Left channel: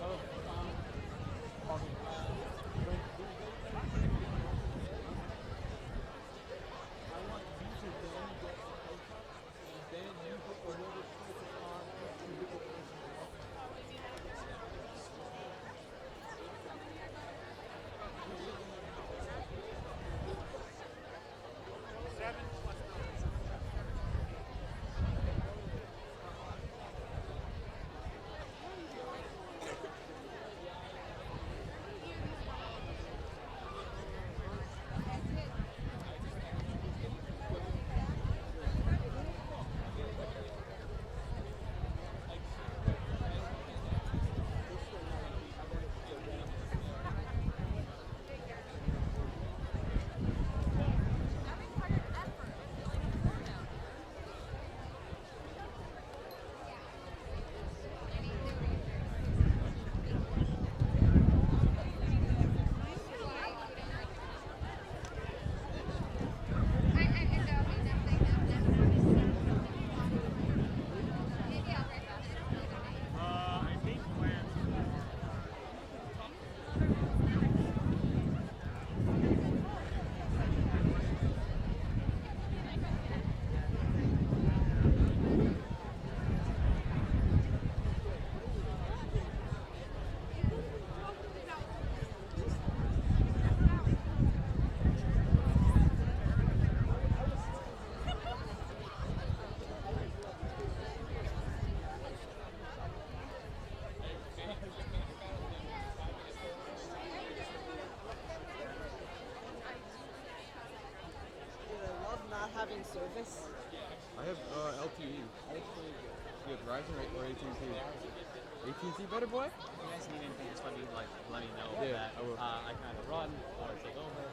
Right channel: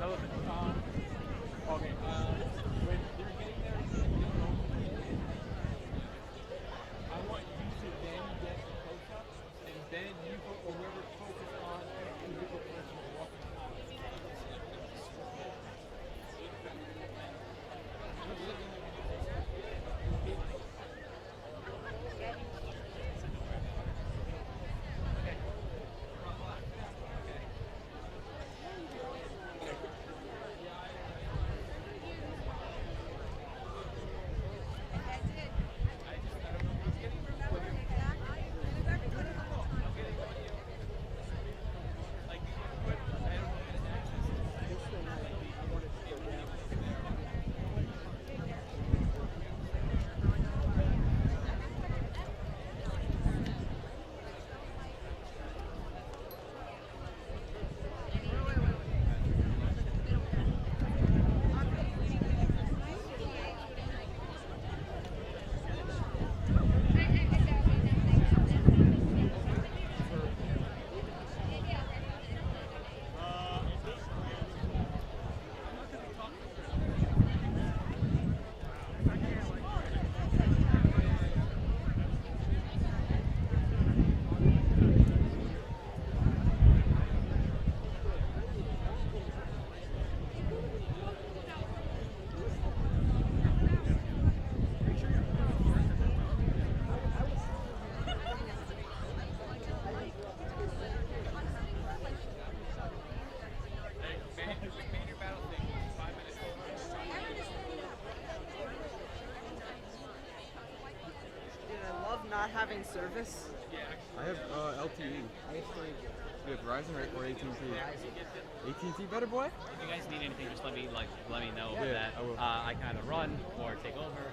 Okay. When they're getting there, I want you to then get the close up, and then you or whoever's closest on each individual person walking on. I love not having service. I have LTE. You have Verizon or AT&T? AT&T better, boy? If you guys need anything, just let me know Yeah, that I will. I kind of run or take over.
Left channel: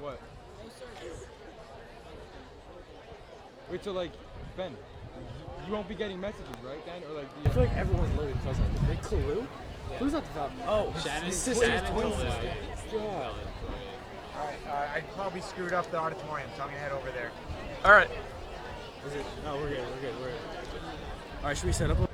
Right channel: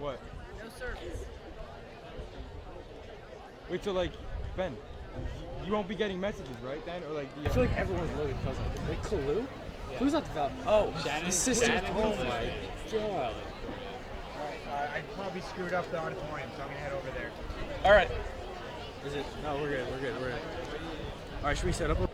What? No service. Wait, so like, Ben, you won't be getting messages, right, then? Or like the... I feel like everyone's Logan Cousin. Wait, Kalu? Kalu's not developed. Oh, Shannon. the sister. Shannon. Oh my god. Alright, I probably screwed up the auditorium, so I'm gonna head over there. All right. Is it? No, we're good. We're good. We're good. All right, should we set up?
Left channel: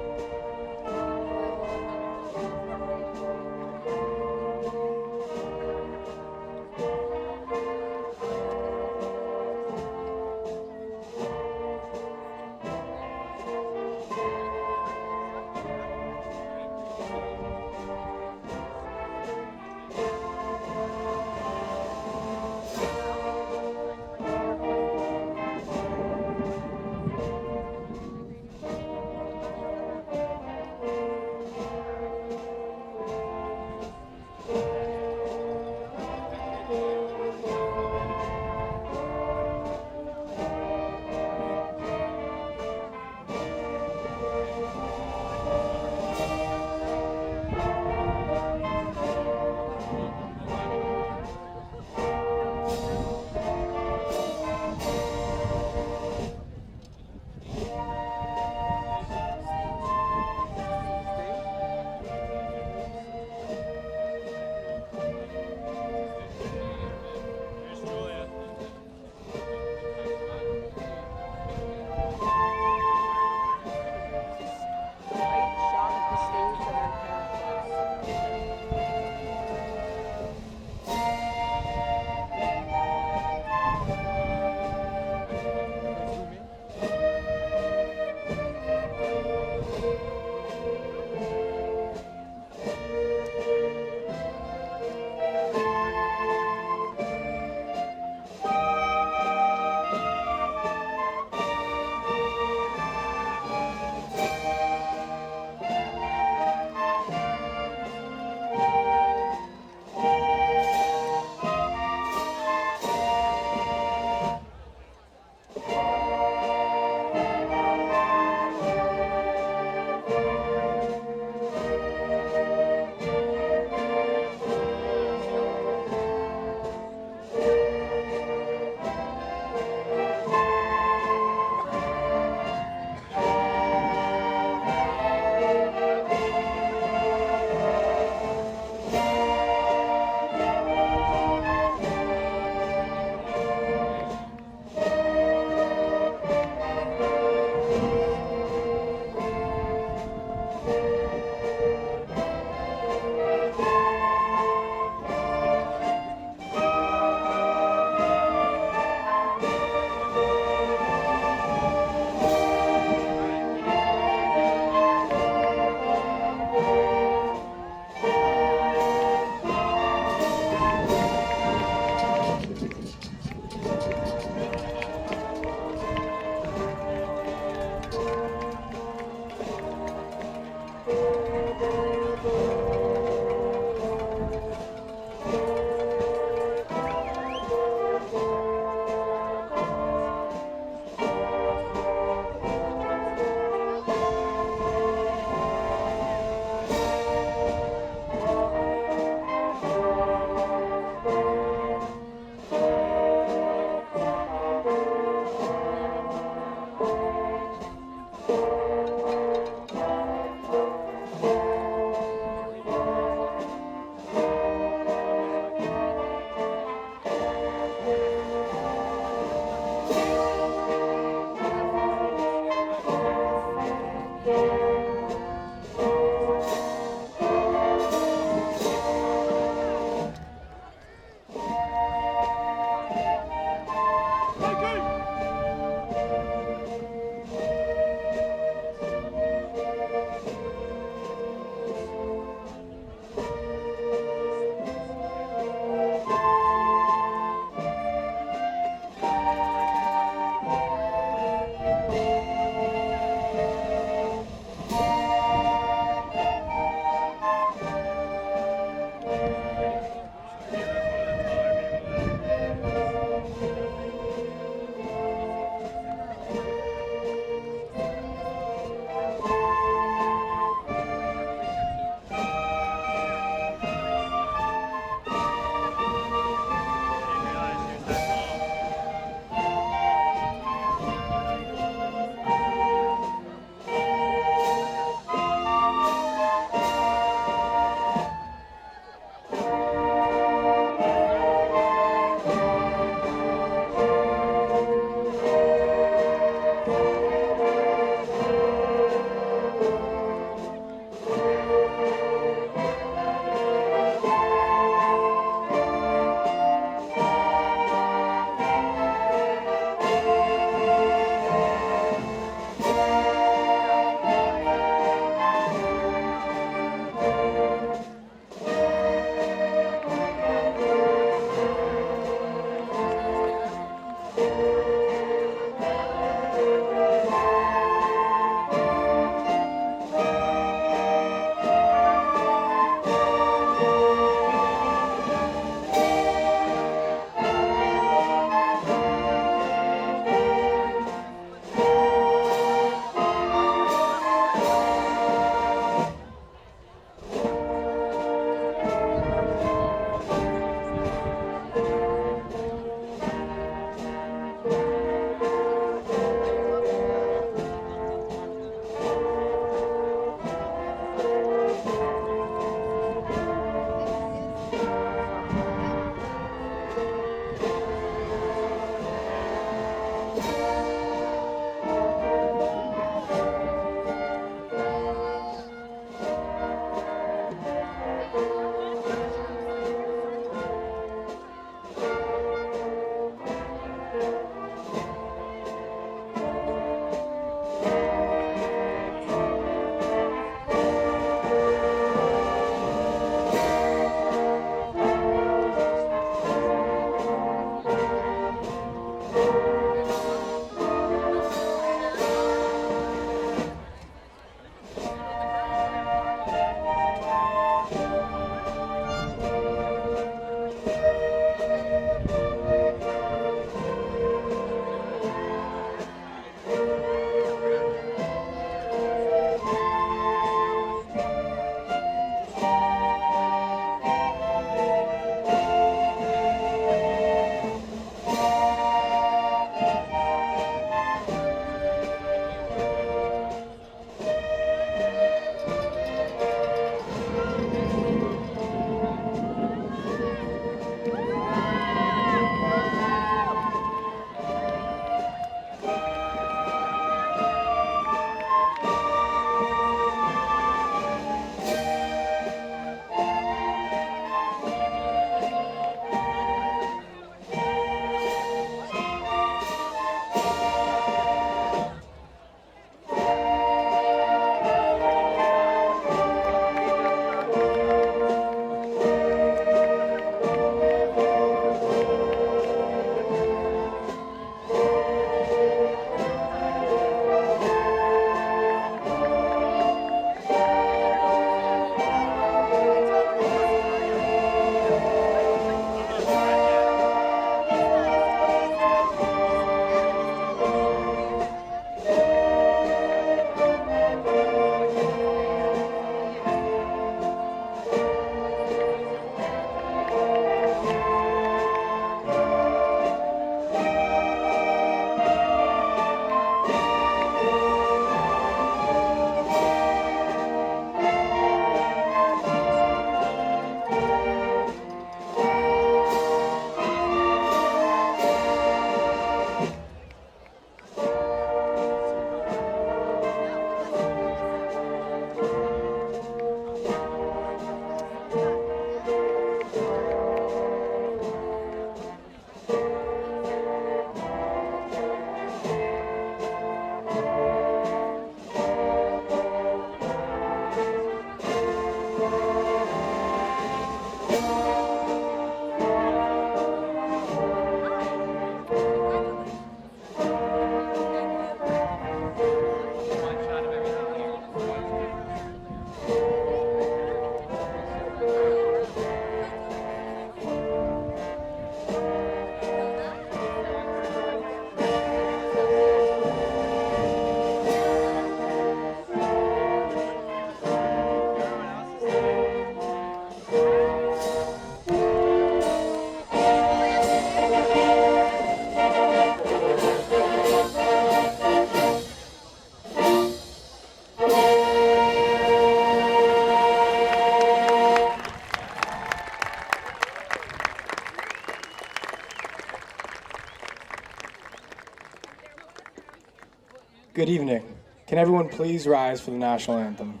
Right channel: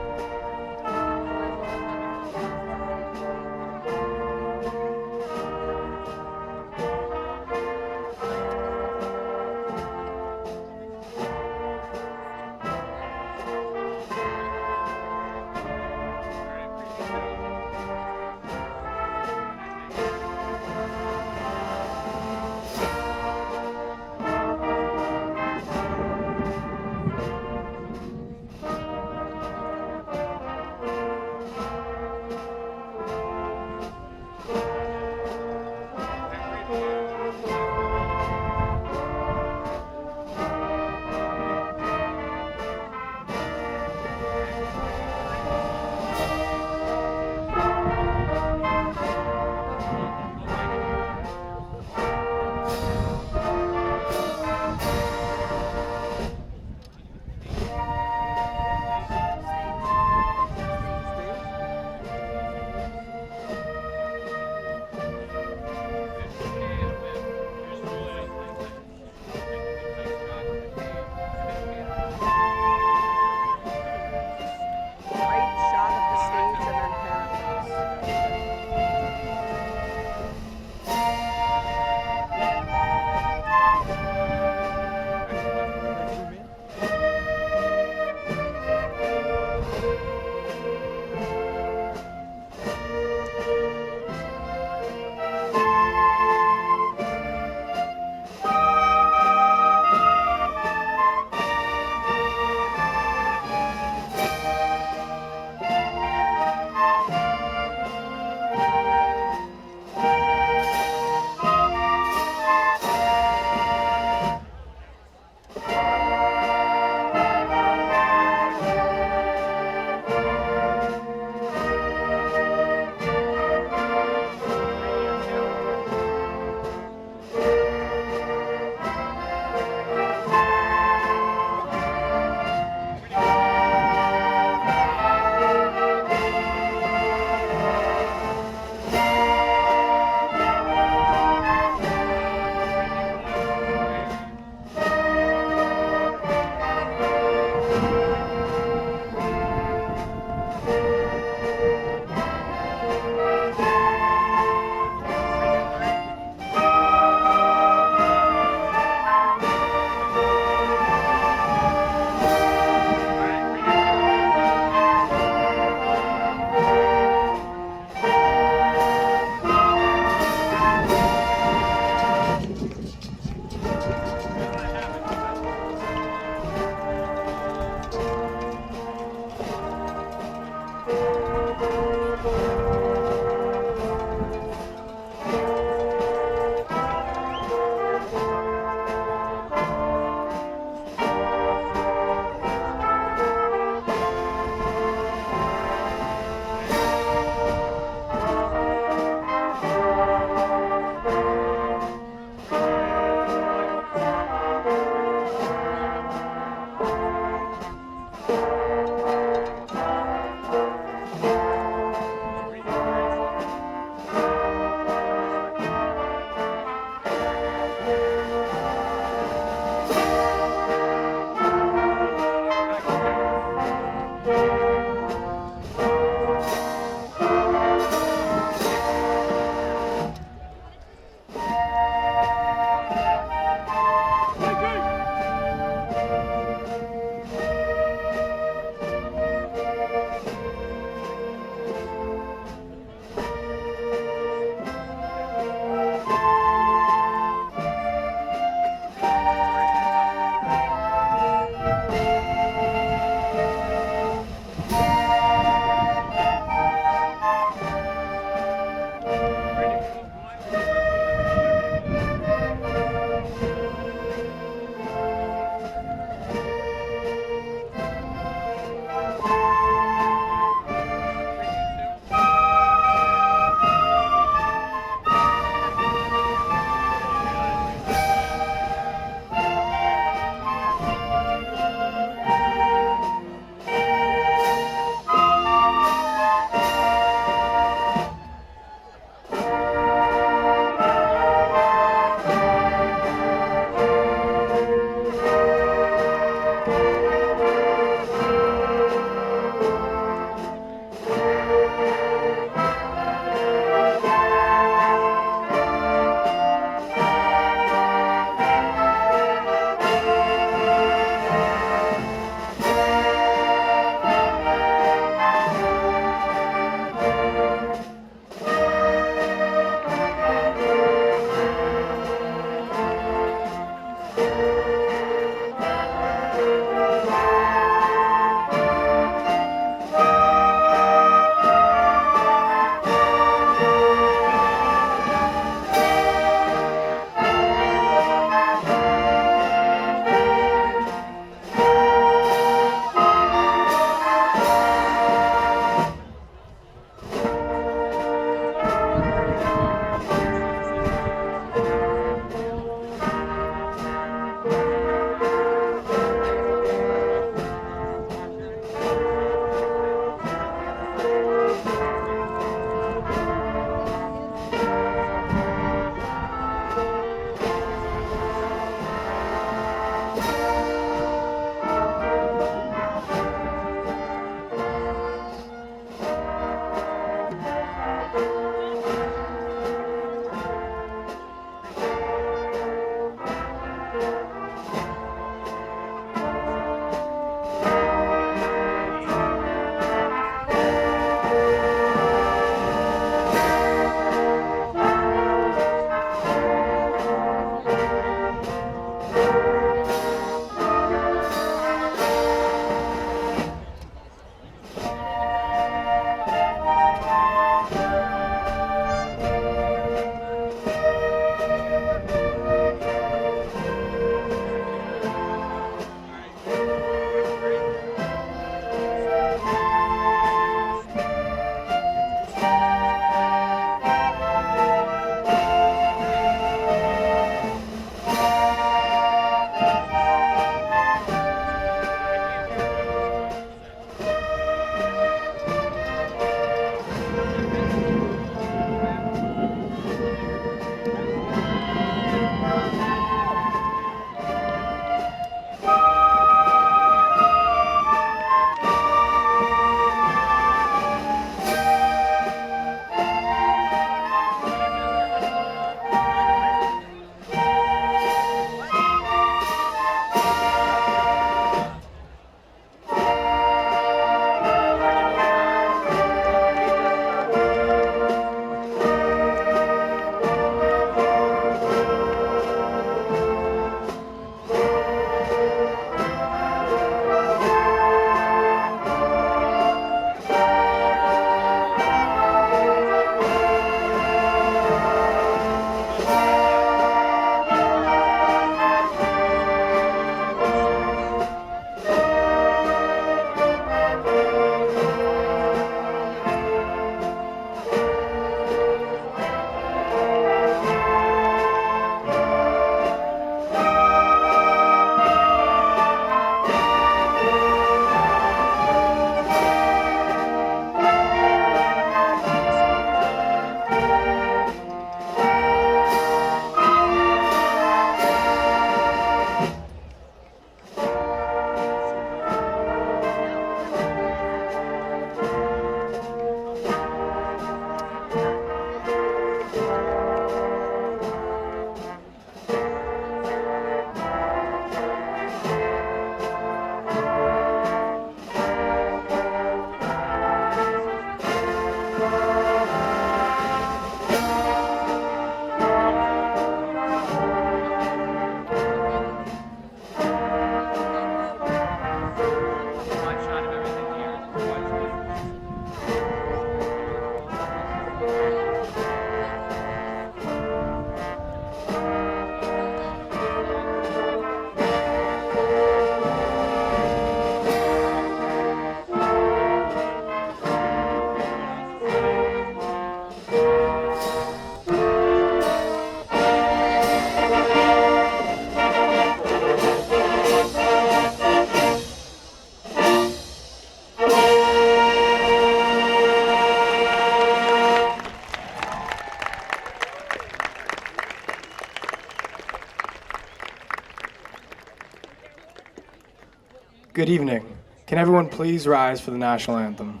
Good evening. Can everyone please rise for the national anthem?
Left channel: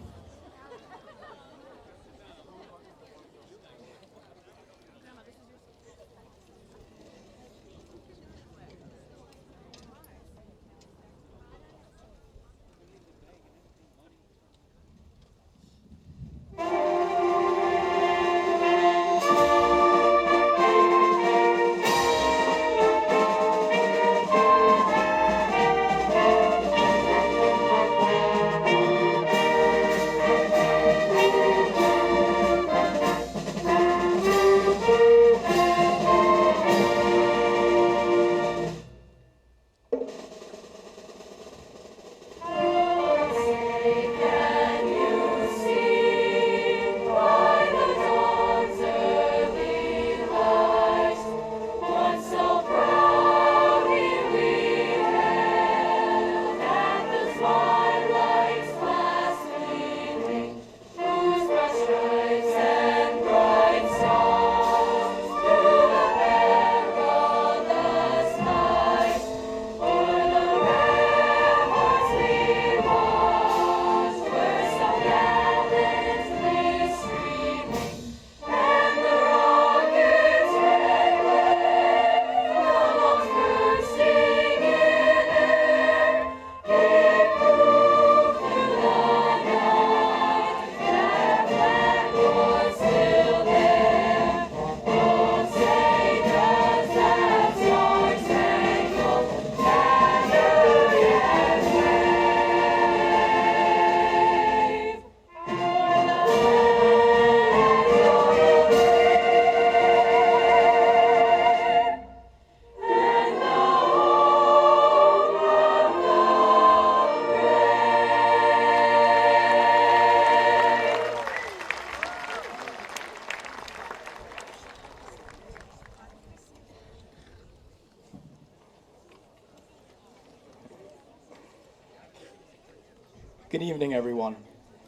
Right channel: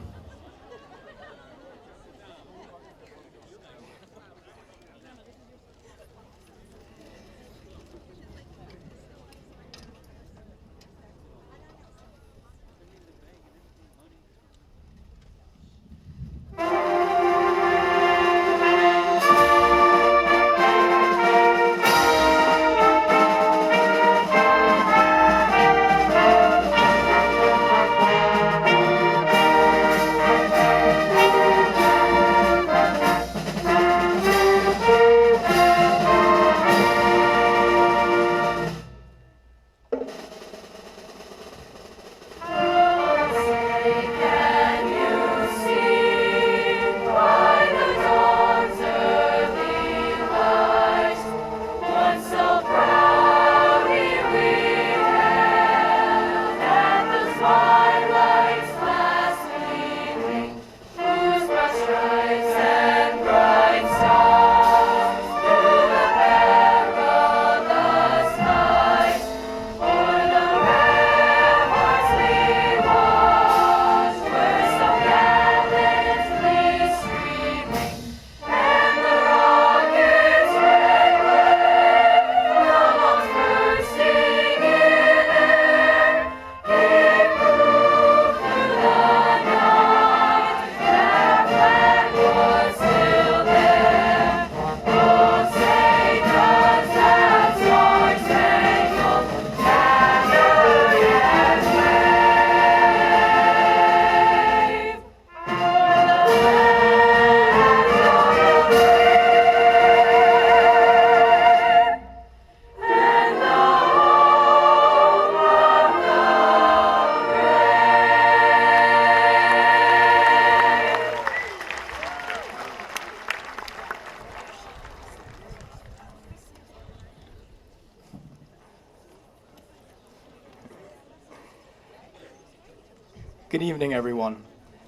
Good evening, everyone,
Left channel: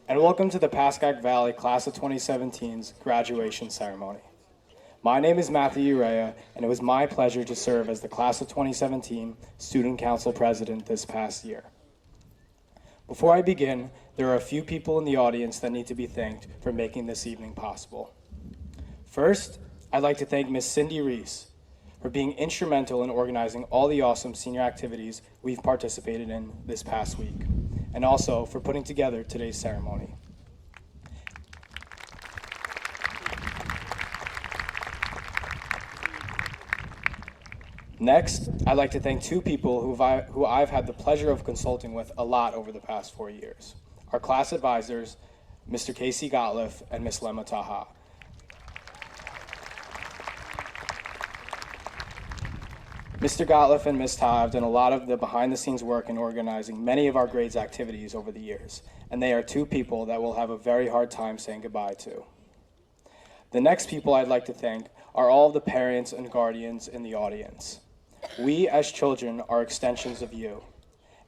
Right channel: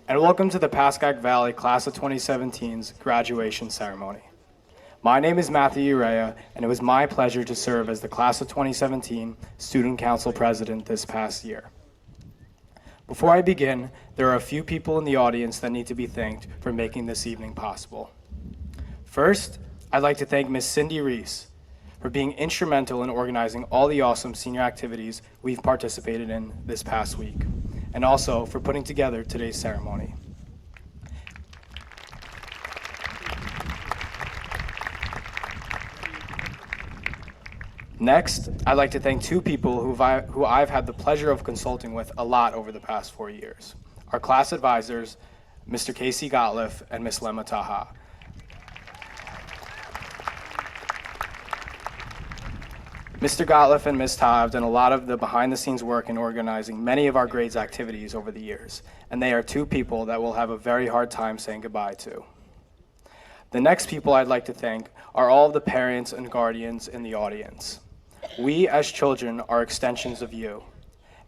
and welcome to the Pascack Valley Class of 2017's graduation ceremony. My name is Matthew Urea, and it was my pleasure to serve as the Class of 2017 Student Council President this past year. Before I begin, there are a few people in the audience that need to be thanked for making this evening possible. First, I'd like to thank Ms. Cindy Reese for being instrumental in organizing all the awesome senior activities we've participated in this past week, and also for putting together today's ceremony. Next, I'd like to thank two people who I've had the pleasure of consulting with a lot over the past 4 years. Our class advisors, Mr. Casey Gottliff and Ms. Lema Taha. Mr. Gottliff and Ms. Taha have done a lot of the behind-the-scenes work in organizing many of our grades activities over the years, and they are two people that we'll have a very hard time saying goodbye to. The next people I'd like to thank are all of the parents and guardians in the audience. We, as children, are extensions of you,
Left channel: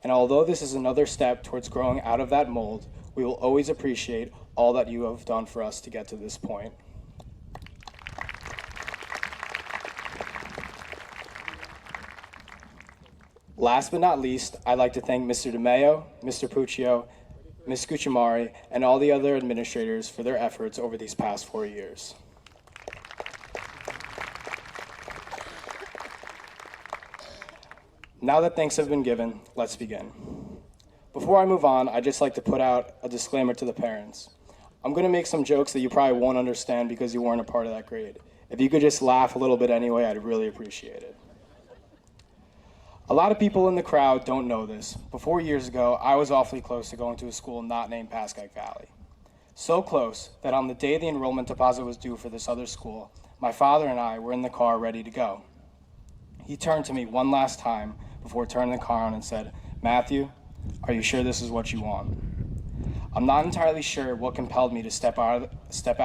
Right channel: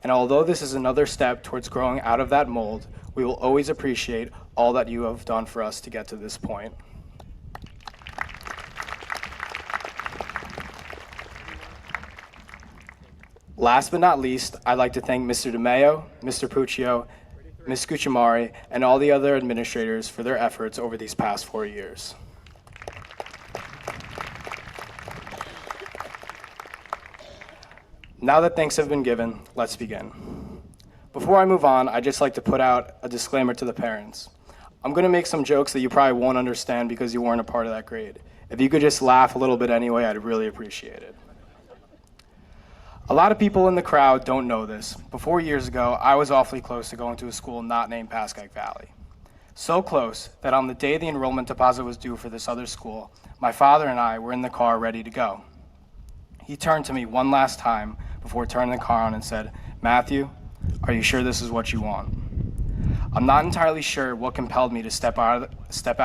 and although this is another step towards growing out of that mold, we will always appreciate all that you have done for us to get to this point. Last but not least, I'd like to thank Mr. DeMeo, Mr. Puccio, Ms. Cucimari, and all the other administrators for their efforts over these past 4 years. Now that thanks have been given, let's begin. Before I move on, I'd just like to put out a disclaimer to the parents. I'm going to make some jokes that you probably won't understand because you weren't a part of that grade. If you could just laugh a little bit anyway, I'd really appreciate it. A lot of people in the crowd don't know this, but 4 years ago, I was awfully close to going to a school not named Pascack Valley. So close that on the day the enrollment deposit was due for this other school, my father and I were in the car ready to go. He turned to me one last time before turning the car on and said, "Matthew, are you sure this is what you want?" I'm not entirely sure what compelled me to step out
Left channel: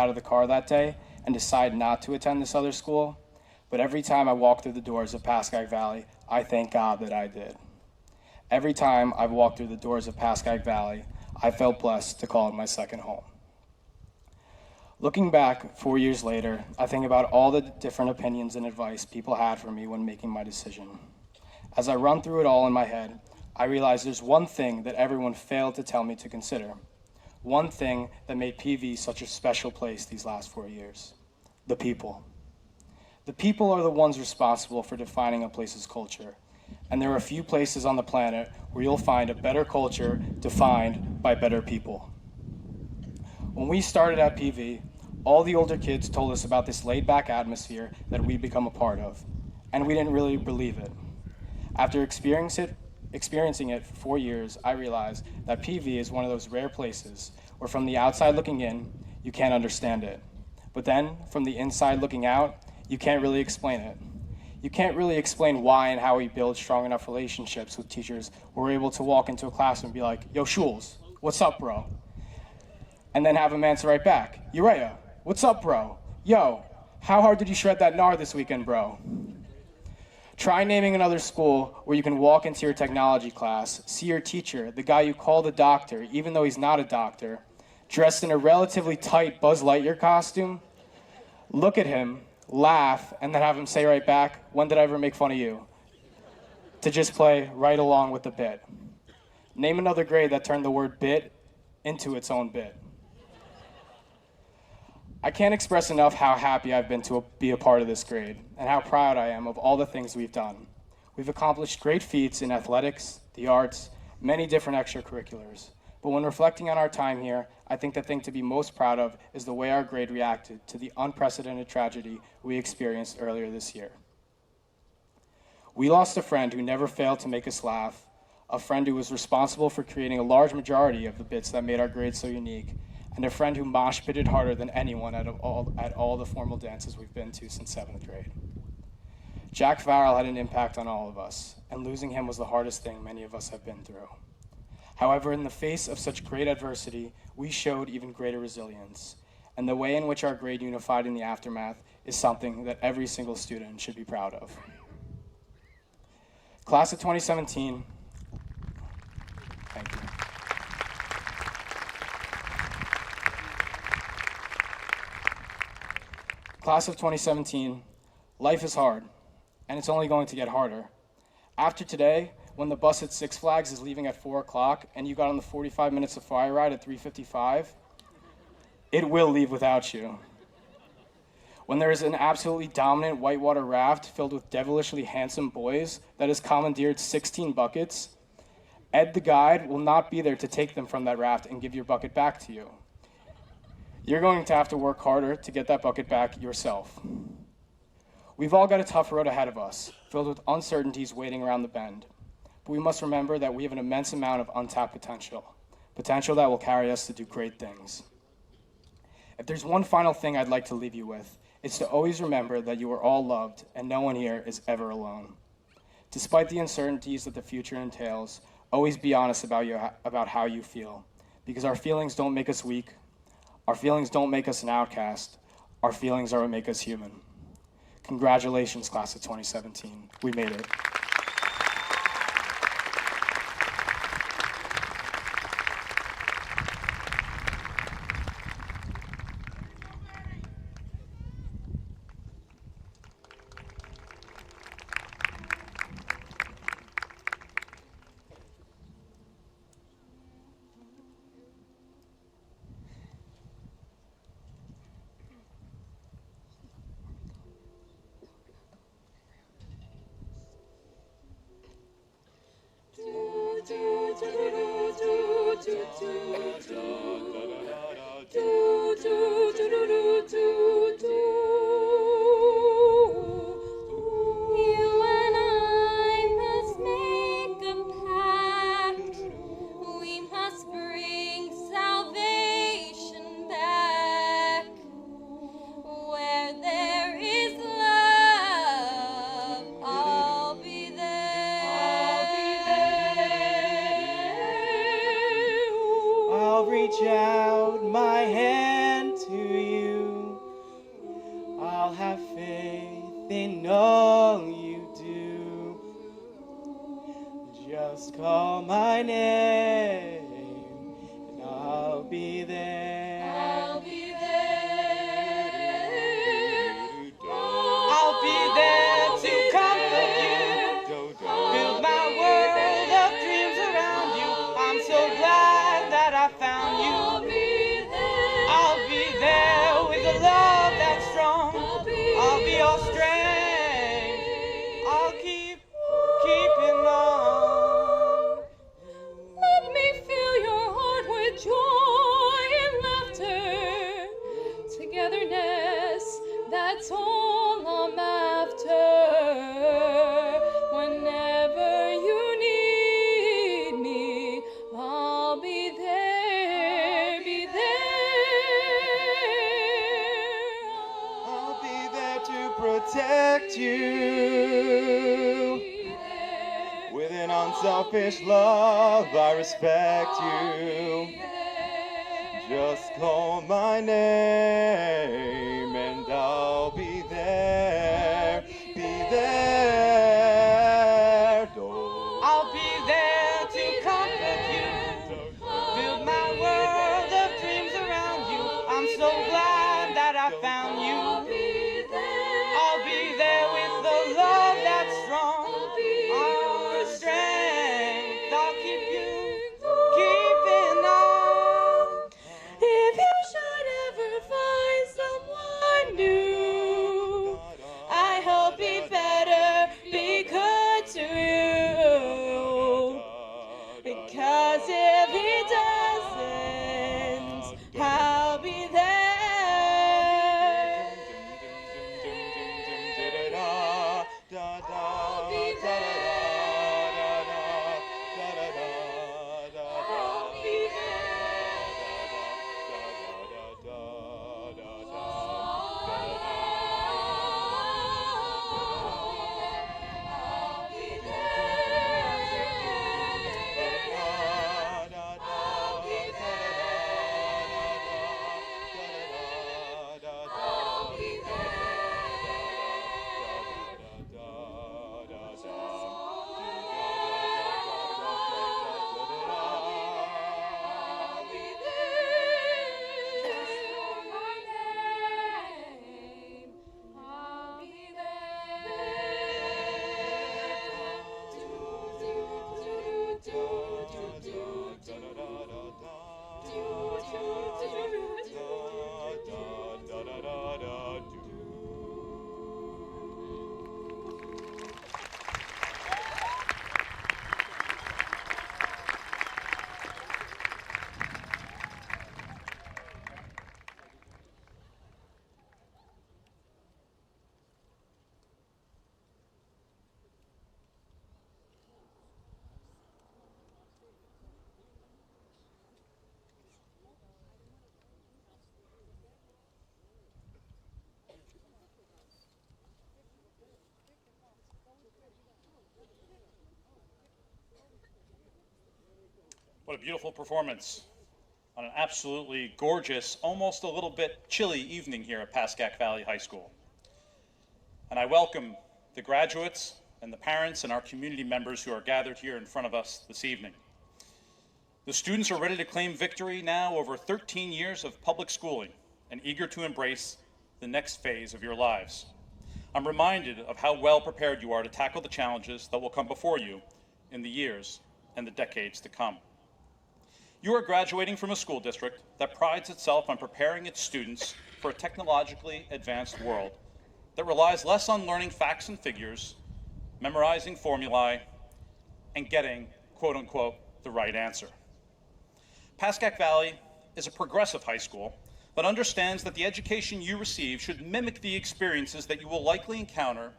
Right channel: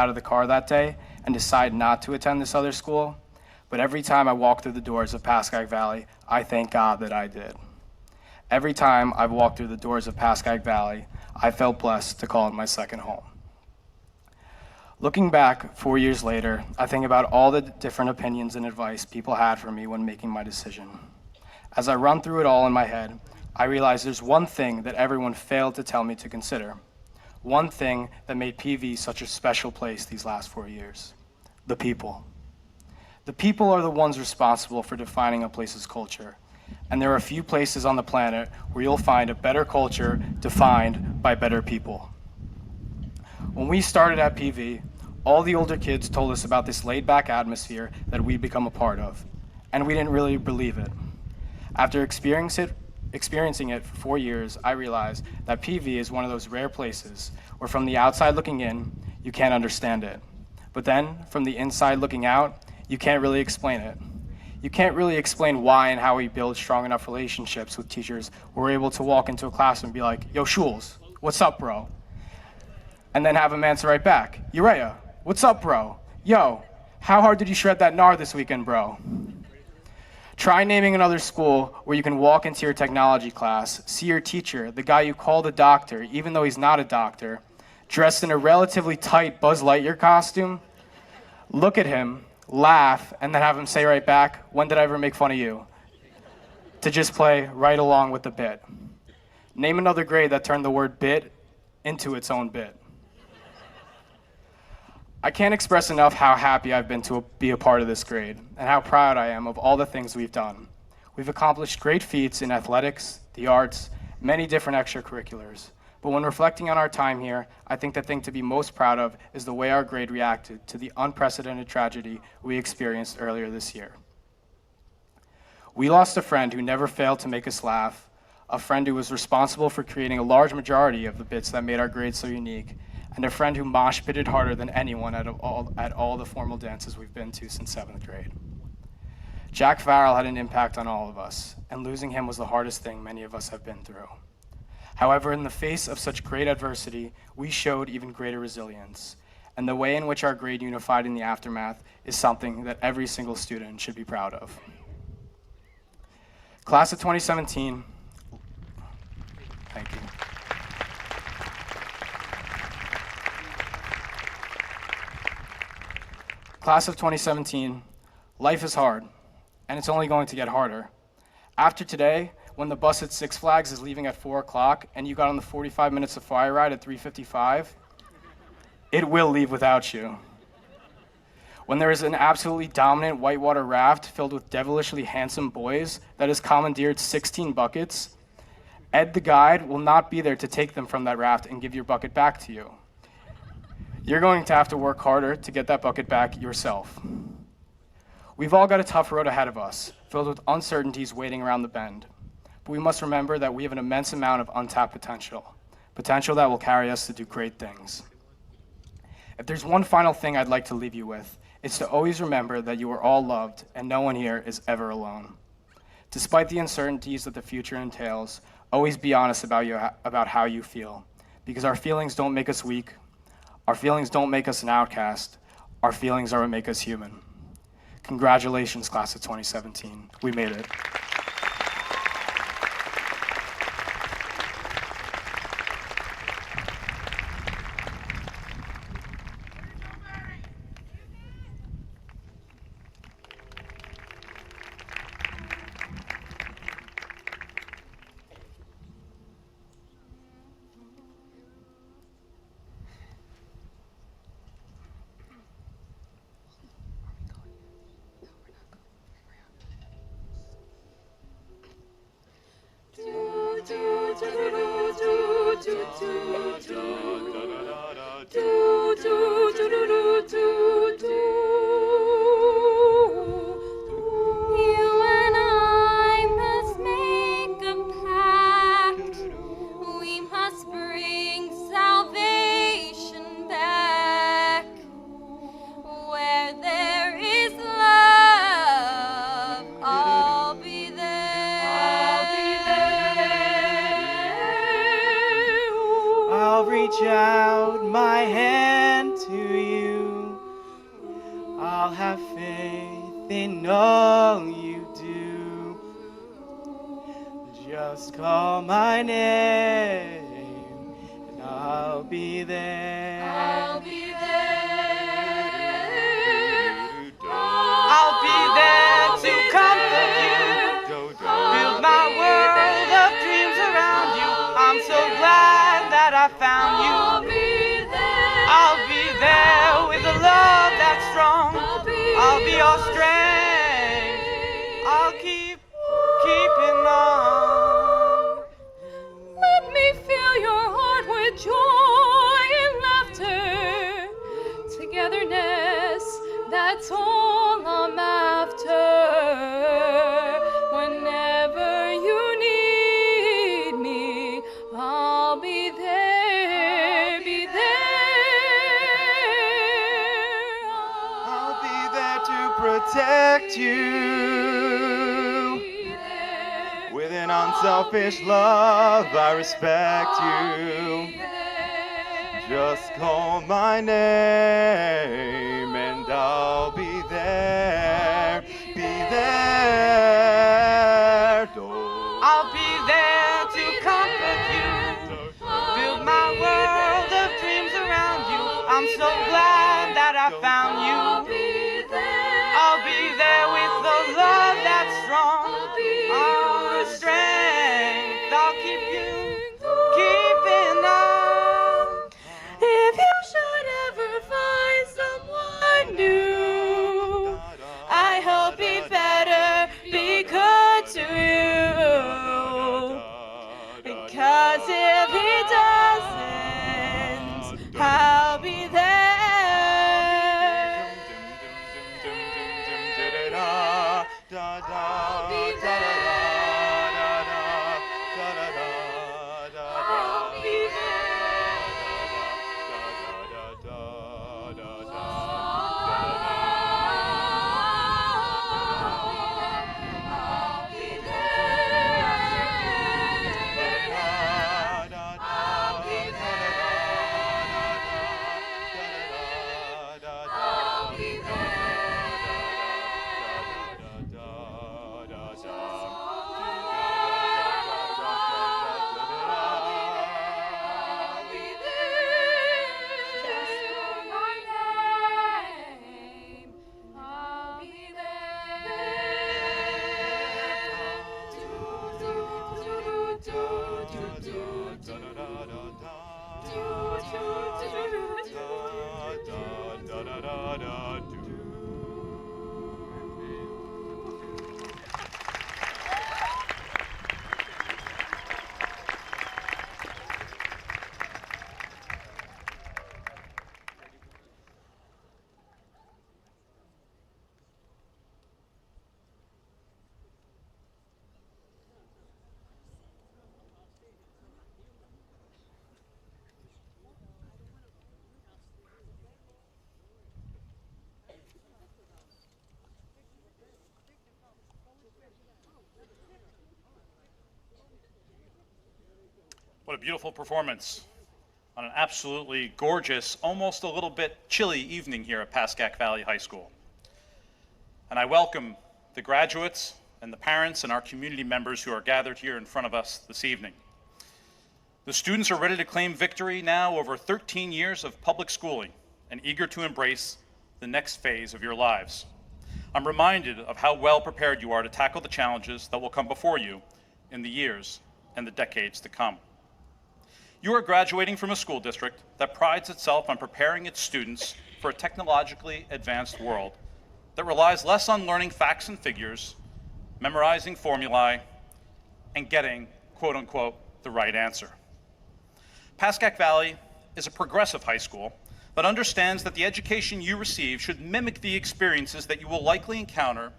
of the car that day and decide not to attend this other school, but every time I walk through the doors of Pascack Valley, I thank God that I did. Every time I've walked through the doors of Pascack Valley, I felt blessed to call it my second home. Looking back 4 years later, I think about all the different opinions and advice people had for me when making my decision. As I run through it all in my head, I realized there's one thing that everyone failed to tell me to consider. One thing that made PV such a special place these last 4 years. The people. The people are the ones responsible for defining a place's culture. And there are few places on the planet where you'll find a better culture defined by better people. When we started at PV, all the older kids told us about this laid-back atmosphere that we'd become a part of, and we didn't really believe it. After experiencing it for 4 years, I realized that PV is one of those rare places where from the outside looking in, you can't understand it. But then, from the inside looking out, you can't really explain it. You can't really explain why and how we build strong enough relationships with teachers where we're able to walk into a classroom and be like, yo, Schulz, what's up, bro? And then have him answer right back, Urea, what's up, bro? Yo, how hard did you shred that NAR this weekend, bro? Try naming another school where you can walk into your technology class, see your teacher, the guy you called a doctor, even though he's not a doctor, dressed in a relatively tight Buzz Lightyear costume, look at him, laugh, and then have him say right back, when did I ever make fun of you? To just play right along with the bit. Name another grade that turned the word bit into its own bit. I can't express enough how happy I've been to be a part of this grade and how proud I am of all the things we've done. We've accomplished great feats in athletics, the arts, many different extracurriculars. But when reflecting on our time here, I think the thing to be most proud of is the way our grade reacted to the unprecedented tragedy we experienced earlier this year. We lost a friend who never failed to make us laugh, a friend who was responsible for creating a large majority of the bits that made our grade so unique, and a friend who mosh pitted harder than anyone at all the formal dances we've been to since 7th grade. Jack Farrell had an impact on all of us, and losing him was the hardest thing many of us have been through. However, in the face of such great adversity, we showed even greater resilience, and the way in which our grade unified in the aftermath is something that every single student should be proud of. Class of 2017, thank you. Class of 2017, life is hard, and it's only going to get harder. After today, when the bus at Six Flags is leaving at 4 o'clock and you got on the 45 minutes of fire ride at 3:55, it will leave without you. When there is an absolutely dominant whitewater raft filled with devilishly handsome boys that has commandeered 16 buckets, Ed the guide will not be there to take them from that raft and give your bucket back to you. You're going to have to work harder to get that bucket back yourself. We've all got a tough road ahead of us, filled with uncertainties waiting around the bend. But we must remember that we have an immense amount of untapped potential that will carry us to do great things. If there's one final thing I'd like to leave you with, it's to always remember that you are all loved and no one here is ever alone. Despite the uncertainties that the future entails, always be honest about how you feel, because our feelings don't make us weak. Our feelings don't make us an outcast. Our feelings are what make us human. Congratulations, class of 2017. We made it. You and I must make a pact. We must bring salvation back. Where there is love, I'll be there. I'll reach out my hand to you. I'll have faith in all you do. Just call my name and I'll be there. I'll be there. I'll be there to comfort you. Build my world of dreams that's all I'm after. Whenever you need me, I'll be there, be there. I'll be there to protect you. With an unselfish love, I respect you. Just call my name and I'll be there, be there. I'll be there to comfort you, build my world of dreams around you. I'm so glad that I found you. I'll be there with the love that's strong, our strength. I'll keep you, keeping on. If you should ever find someone new, I hope he better be good to you. Because if he doesn't, I'll be there. I'll be What a beautiful performance on an absolutely gorgeous, almost a little bit chilly evening here at Pascack Valley High School. And I welcome the graduates and the parents and our community members who are gathered here in front of us this evening. The students are ready to claim victory now over 13 years of public schooling and eager to embrace the next phase of your lives. I'm reminded of how well prepared you are to tackle the challenges that will come before you in the years and the decades to come. You are graduating from a school district that prides itself on preparing its students for a technologically advanced world that relies less on learning facts and figures, memorizing formulae, and getting, quote unquote, the right answer. Pascack Valley is a progressive high school that understands that the education you receive should mimic the experiences that you will likely encounter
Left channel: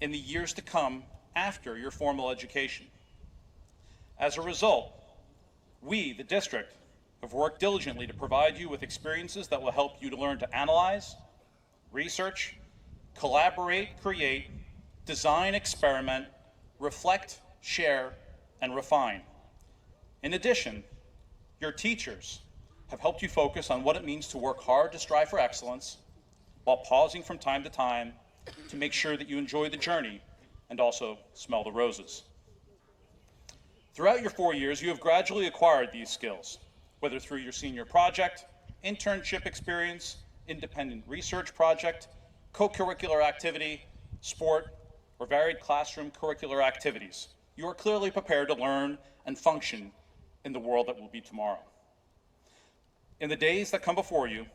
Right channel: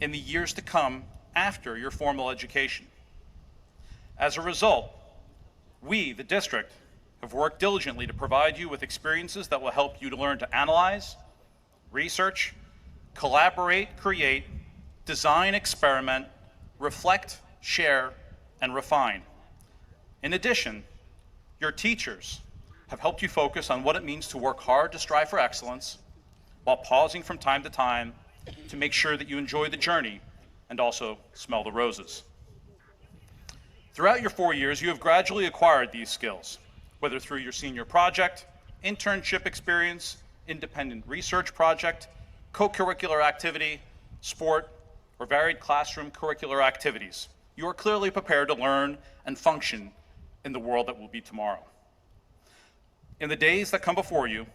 in the years to come after your formal education. As a result, we, the district, have worked diligently to provide you with experiences that will help you to learn to analyze, research, collaborate, create, design, experiment, reflect, share, and refine. In addition, your teachers have helped you focus on what it means to work hard to strive for excellence while pausing from time to time to make sure that you enjoy the journey and also smell the roses. Throughout your 4 years, you have gradually acquired these skills, whether through your senior project, internship experience, independent research project, co-curricular activity, sport, or varied classroom curricular activities. You are clearly prepared to learn and function in the world that will be tomorrow. In the days that come before you,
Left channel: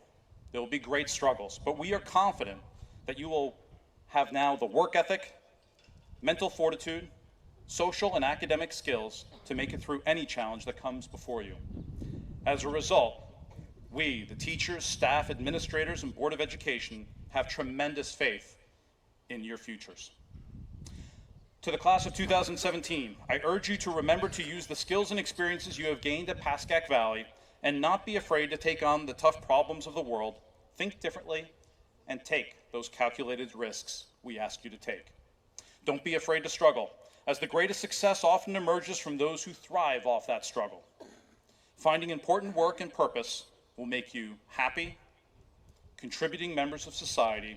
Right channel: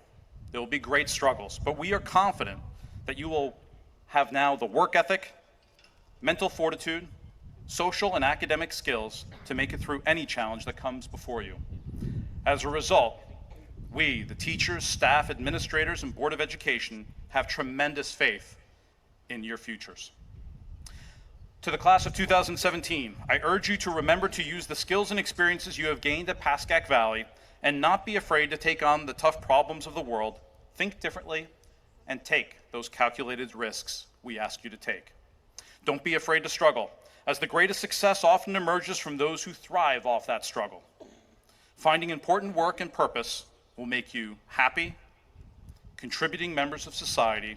there will be great struggles, but we are confident that you will have now the work ethic, mental fortitude, social and academic skills to make it through any challenge that comes before you. As a result, We, the teachers, staff, administrators, and Board of Education, have tremendous faith in your futures. To the class of 2017, I urge you to remember to use the skills and experiences you have gained at Pascack Valley and not be afraid to take on the tough problems of the world, think differently, and take those calculated risks we ask you to take. Don't be afraid to struggle, as the greatest success often emerges from those who thrive off that struggle. Finding important work and purpose will make you happy, contributing members of society,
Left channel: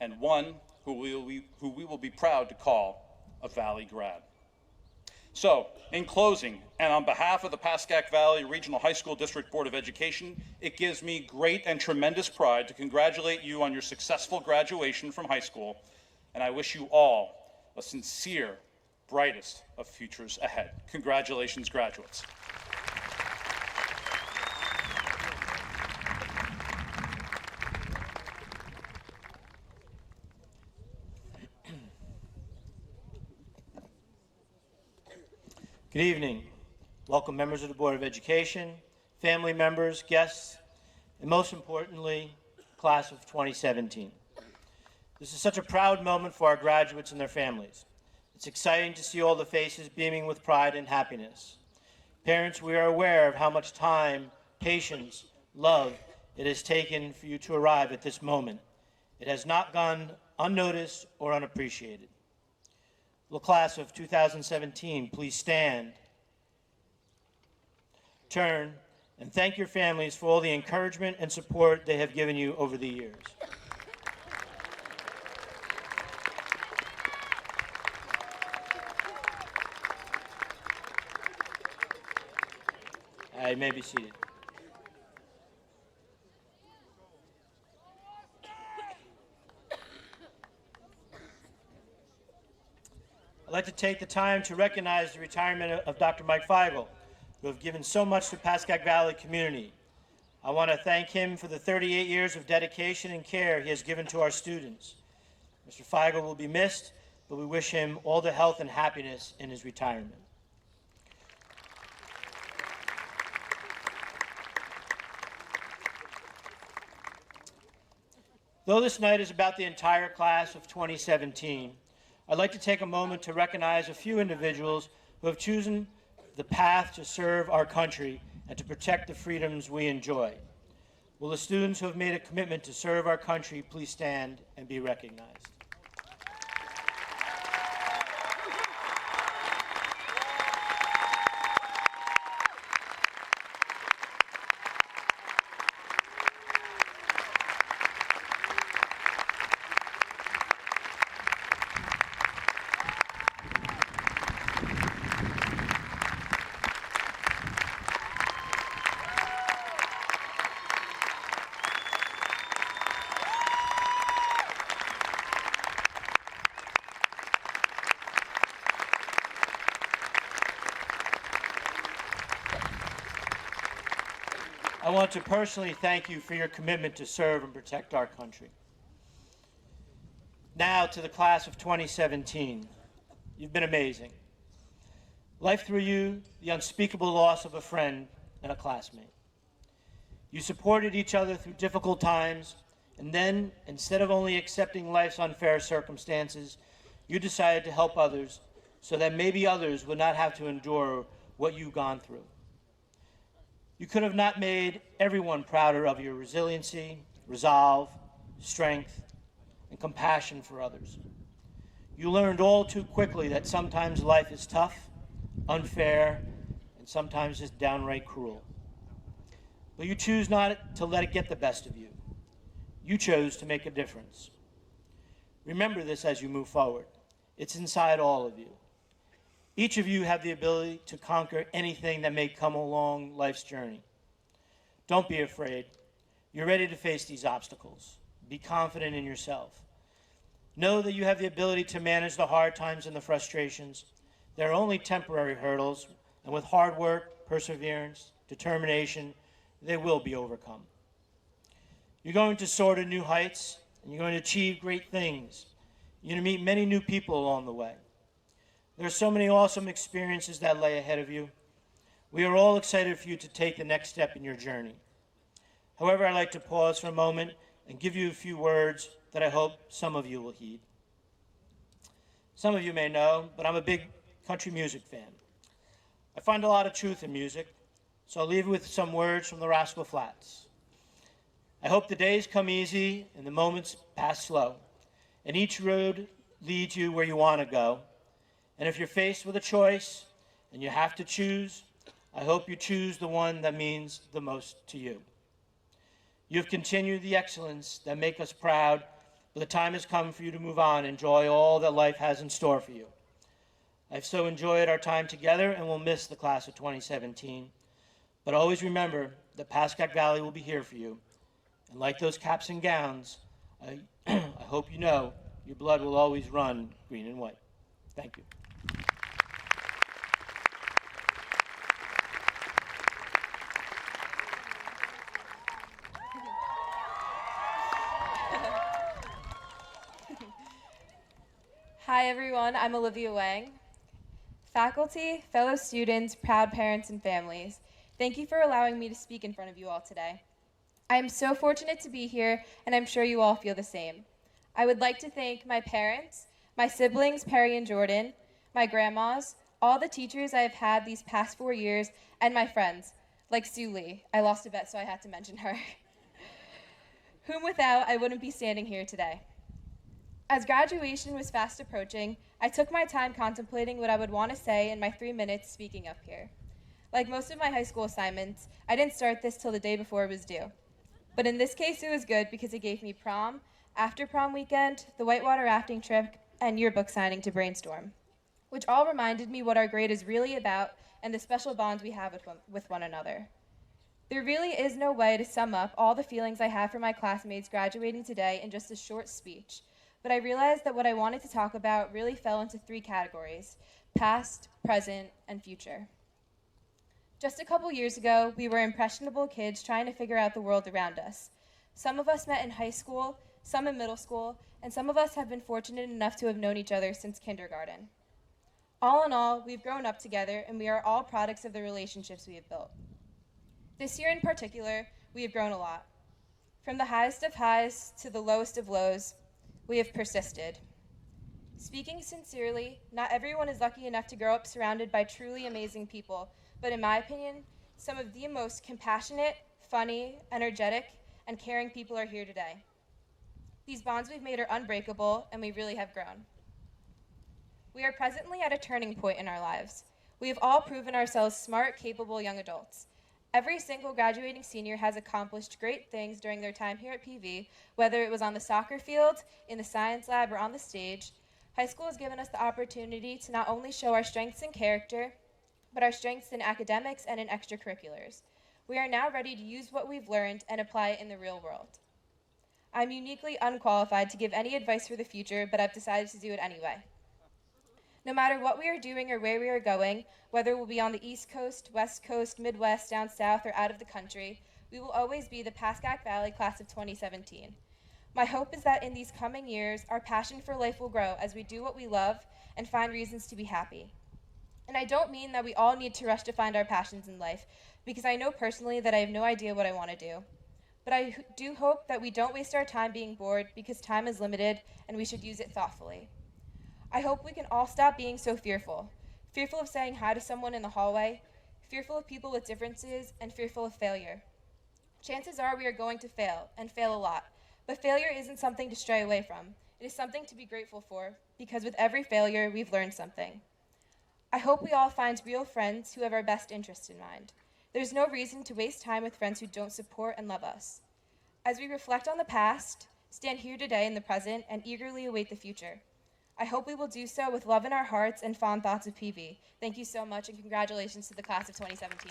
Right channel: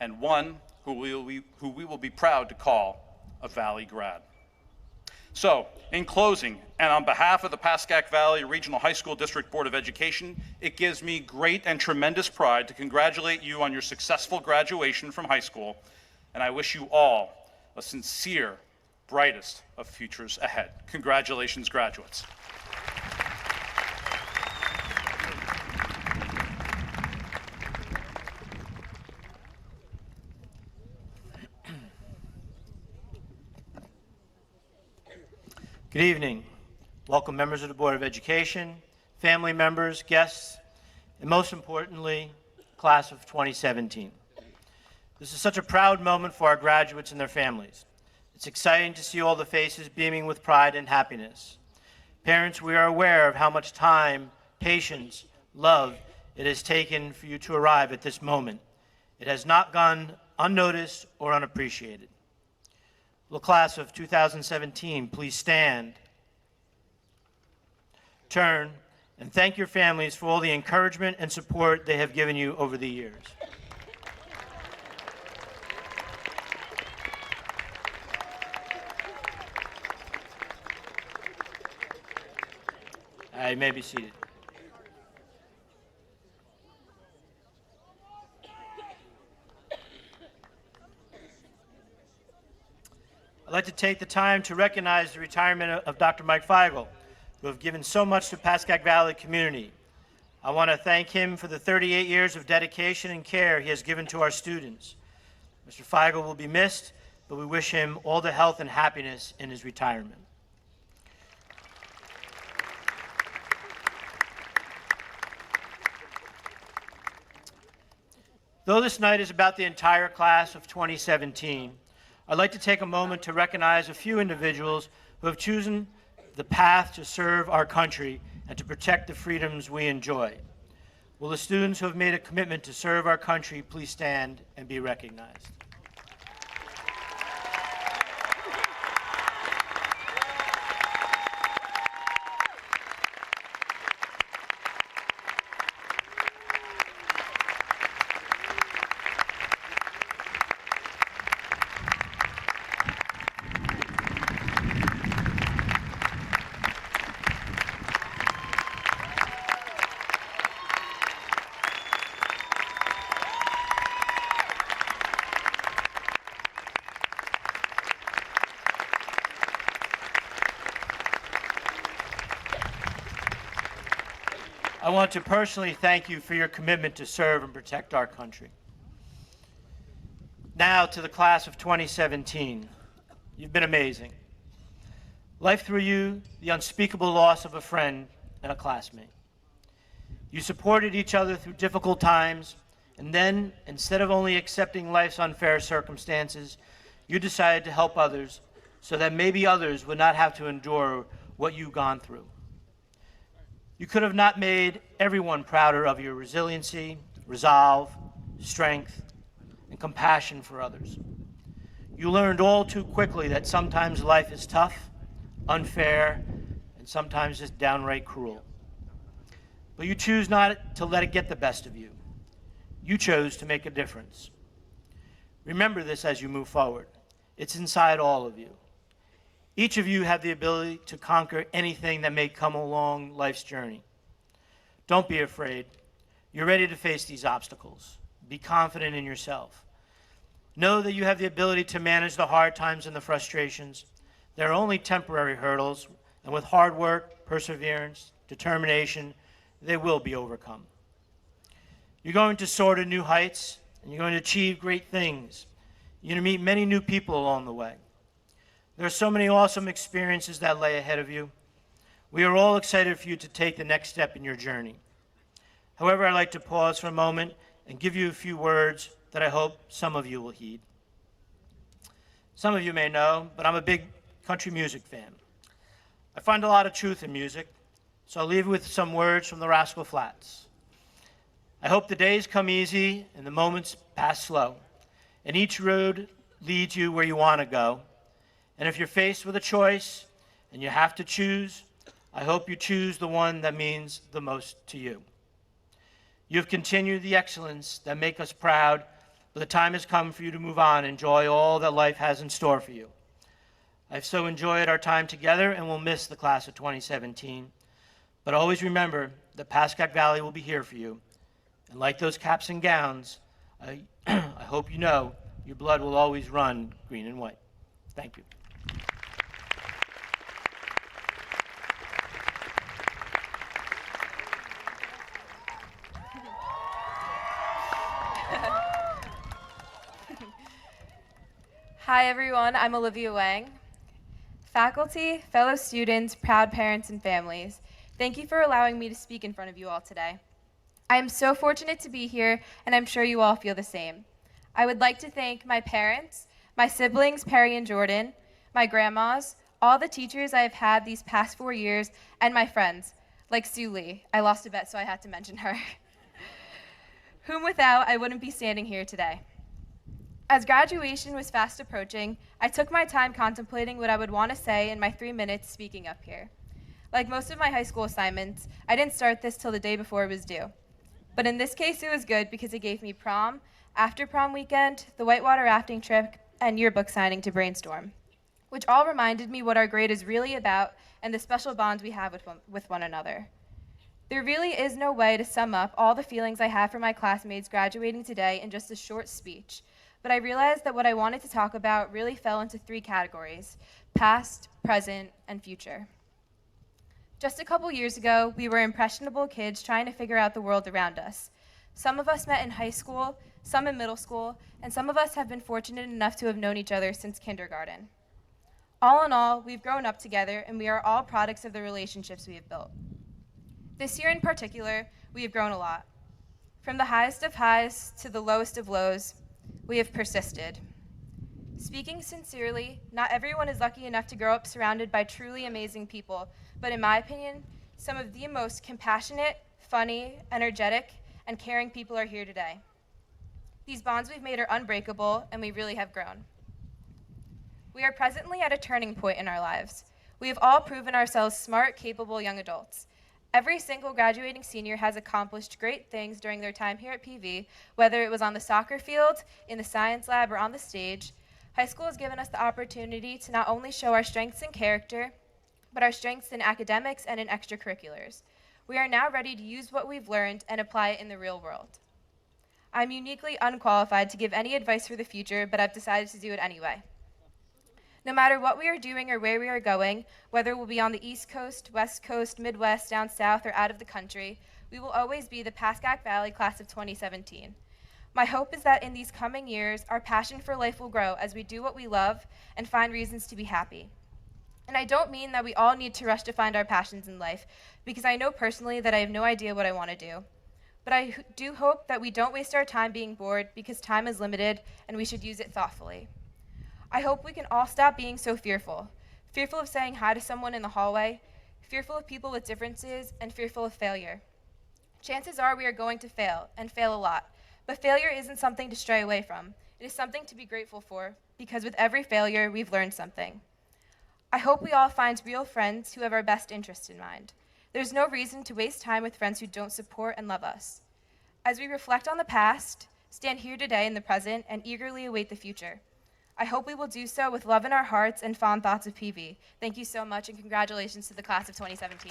and one who we will be proud to call a Valley grad. So, in closing, and on behalf of the Pascack Valley Regional High School District Board of Education, it gives me great and tremendous pride to congratulate you on your successful graduation from high school, and I wish you all a sincere, brightest of futures ahead. Congratulations, graduates. Good evening. Welcome members of the Board of Education, family members, guests, and most importantly, class of 2017. This is such a proud moment for our graduates and their families. It's exciting to see all the faces beaming with pride and happiness. Parents, we are aware of how much time, patience, love it has taken for you to arrive at this moment. It has not gone unnoticed or unappreciated. Will the class of 2017 please stand, turn, and thank your families for all the encouragement and support they have given you over the years. You may be seated. I'd like to take the time to recognize the retirement of Dr. Mike Feigl, who have given so much to the Pascack Valley community. I want to thank him for the 38 years of dedication and care he has given to our students. Mr. Feigl will be missed, but we wish him all the health and happiness in his retirement. Though this night is about the entire class of 2017, I'd like to take a moment to recognize a few individuals who have chosen the path to serve our country and to protect the freedoms we enjoy. Will the students who have made a commitment to serve our country please stand and be recognized? I want to personally thank you for your commitment to serve and protect our country. Now to the class of 2017. You've been amazing. Life threw you the unspeakable loss of a friend and a classmate. You supported each other through difficult times, and then, instead of only accepting life's unfair circumstances, you decided to help others so that maybe others would not have to endure what you've gone through. You could have not made everyone prouder of your resiliency, resolve, strength, and compassion for others. You learned all too quickly that sometimes life is tough, unfair, and sometimes just downright cruel. But you choose not to let it get the best of you. You chose to make a difference. Remember this as you move forward. It's inside all of you. Each of you have the ability to conquer anything that may come along life's journey. Don't be afraid. You're ready to face these obstacles. Be confident in yourself. Know that you have the ability to manage the hard times and the frustrations. They're only temporary hurdles, and with hard work, perseverance, determination, they will be overcome. You're going to soar to new heights, and you're going to achieve great things. You're going to meet many new people along the way. There are so many awesome experiences that lay ahead of you. We are all excited for you to take the next step in your journey. However, I'd like to pause for a moment and give you a few words that I hope some of you will heed. Some of you may know, but I'm a big country music fan. I find a lot of truth in music, so I'll leave you with some words from the Rascal Flatts. I hope the days come easy and the moments pass slow, and each road leads you where you want to go. And if you're faced with a choice and you have to choose, I hope you choose the one that means the most to you. You've continued the excellence that make us proud, but the time has come for you to move on and enjoy all that life has in store for you. I've so enjoyed our time together and will miss the class of 2017. But always remember that Pascack Valley will be here for you. And like those caps and gowns, I hope you know your blood will always run green and white. Thank you. Hi everyone, I'm Olivia Wang. Faculty, fellow students, proud parents, and families, thank you for allowing me to speak in front of you all today. I am so fortunate to be here, and I'm sure you all feel the same. I would like to thank my parents, my siblings, Perry and Jordan, my grandmas, all the teachers I have had these past 4 years, and my friends, like Sue Lee. I lost a bet, so I had to mention her. Whom without, I wouldn't be standing here today. As graduation was fast approaching, I took my time contemplating what I would want to say in my 3 minutes speaking up here. Like most of my high school assignments, I didn't start this till the day before it was due. But in this case, it was good because it gave me prom, after prom weekend, the whitewater rafting trip, and yearbook signing to brainstorm, which all reminded me what our grade is really about and the special bonds we have with one another. There really is no way to sum up all the feelings I have for my classmates graduating today in just a short speech, but I realized that what I wanted to talk about really fell into 3 categories: past, present, and future. Just a couple years ago, we were impressionable kids trying to figure out the world around us. Some of us met in high school, some in middle school, and some of us have been fortunate enough to have known each other since kindergarten. All in all, we've grown up together, and we are all products of the relationships we have built. This year in particular, we have grown a lot. From the highest of highs to the lowest of lows, we have persisted. Speaking sincerely, not everyone is lucky enough to grow up surrounded by truly amazing people, but in my opinion, some of the most compassionate, funny, energetic, and caring people are here today. These bonds we've made are unbreakable, and we really have grown. We are presently at a turning point in our lives. We have all proven ourselves smart, capable young adults. Every single graduating senior has accomplished great things during their time here at PV, whether it was on the soccer field, in the science lab, or on the stage. High school has given us the opportunity to not only show our strengths in character, but our strengths in academics and in extracurriculars. We are now ready to use what we've learned and apply it in the real world. I'm uniquely unqualified to give any advice for the future, but I've decided to do it anyway. No matter what we are doing or where we are going, whether we'll be on the East Coast, West Coast, Midwest, down south, or out of the country, we will always be the Pascack Valley class of 2017. My hope is that in these coming years, our passion for life will grow as we do what we love and find reasons to be happy. And I don't mean that we all need to rush to find our passions in life, because I know personally that I have no idea what I want to do. But I do hope that we don't waste our time being bored, because time is limited and we should use it thoughtfully. I hope we can all stop being so fearful of saying hi to someone in the hallway, fearful of people with differences, and fearful of failure. Chances are we are going to fail, and fail a lot, but failure isn't something to stray away from. It is something to be grateful for, because with every failure, we've learned something. I hope we all find real friends who have our best interests in mind. There's no reason to waste time with friends who don't support and love us. As we reflect on the past, stand here today in the present, and eagerly await the future. I hope we will do so with love in our hearts and fond thoughts of PV. Thank you so much, and congratulations to the class of 2017.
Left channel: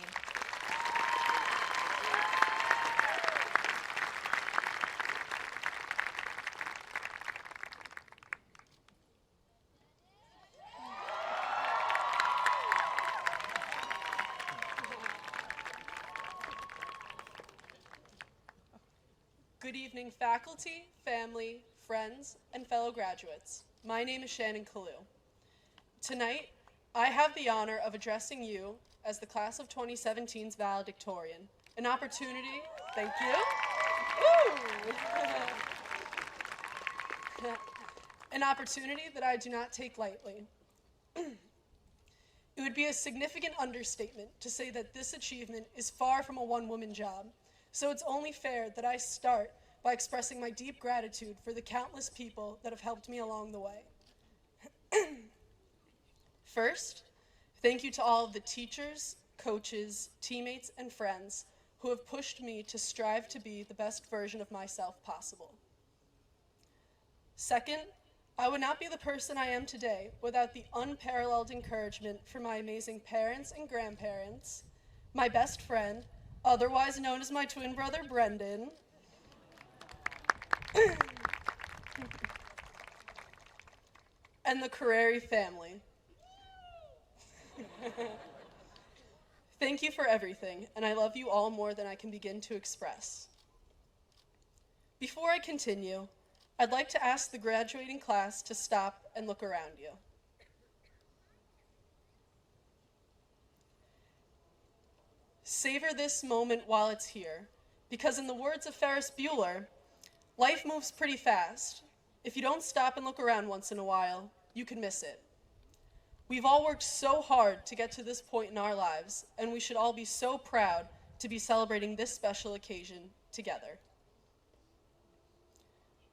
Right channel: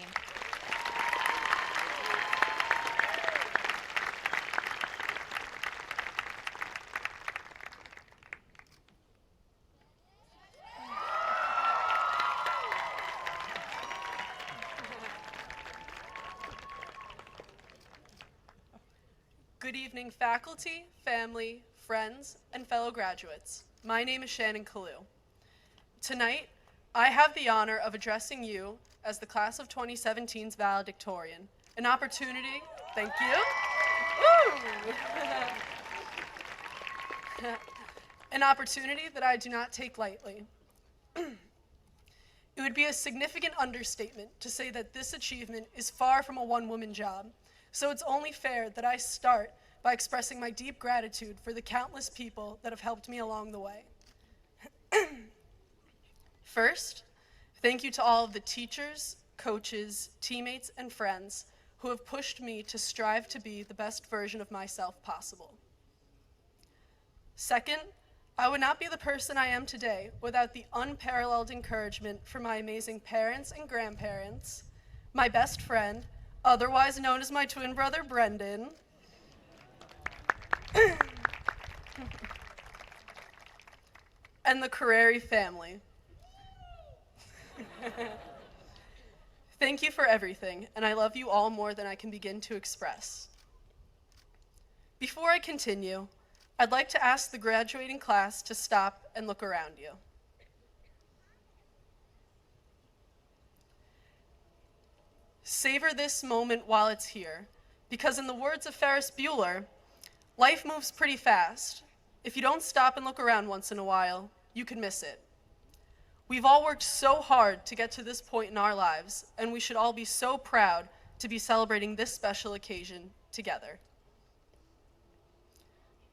Good evening, faculty, family, friends, and fellow graduates. My name is Shannon Kalu. Tonight, I have the honor of addressing you as the class of 2017's valedictorian, An opportunity, thank you. Woo! An opportunity that I do not take lightly. It would be a significant understatement to say that this achievement is far from a one-woman job, so it's only fair that I start by expressing my deep gratitude for the countless people that have helped me along the way. First, thank you to all of the teachers, coaches, teammates, and friends who have pushed me to strive to be the best version of myself possible. Second, I would not be the person I am today without the unparalleled encouragement from my amazing parents and grandparents, my best friend, otherwise known as my twin brother, Brendan, and the Carreri family. Thank you for everything, and I love you all more than I can begin to express. Before I continue, I'd like to ask the graduating class to stop and look around you. Savor this moment while it's here, because in the words of Ferris Bueller, life moves pretty fast. If you don't stop and look around once in a while, you can miss it. We've all worked so hard to get to this point in our lives, and we should all be so proud to be celebrating this special occasion together.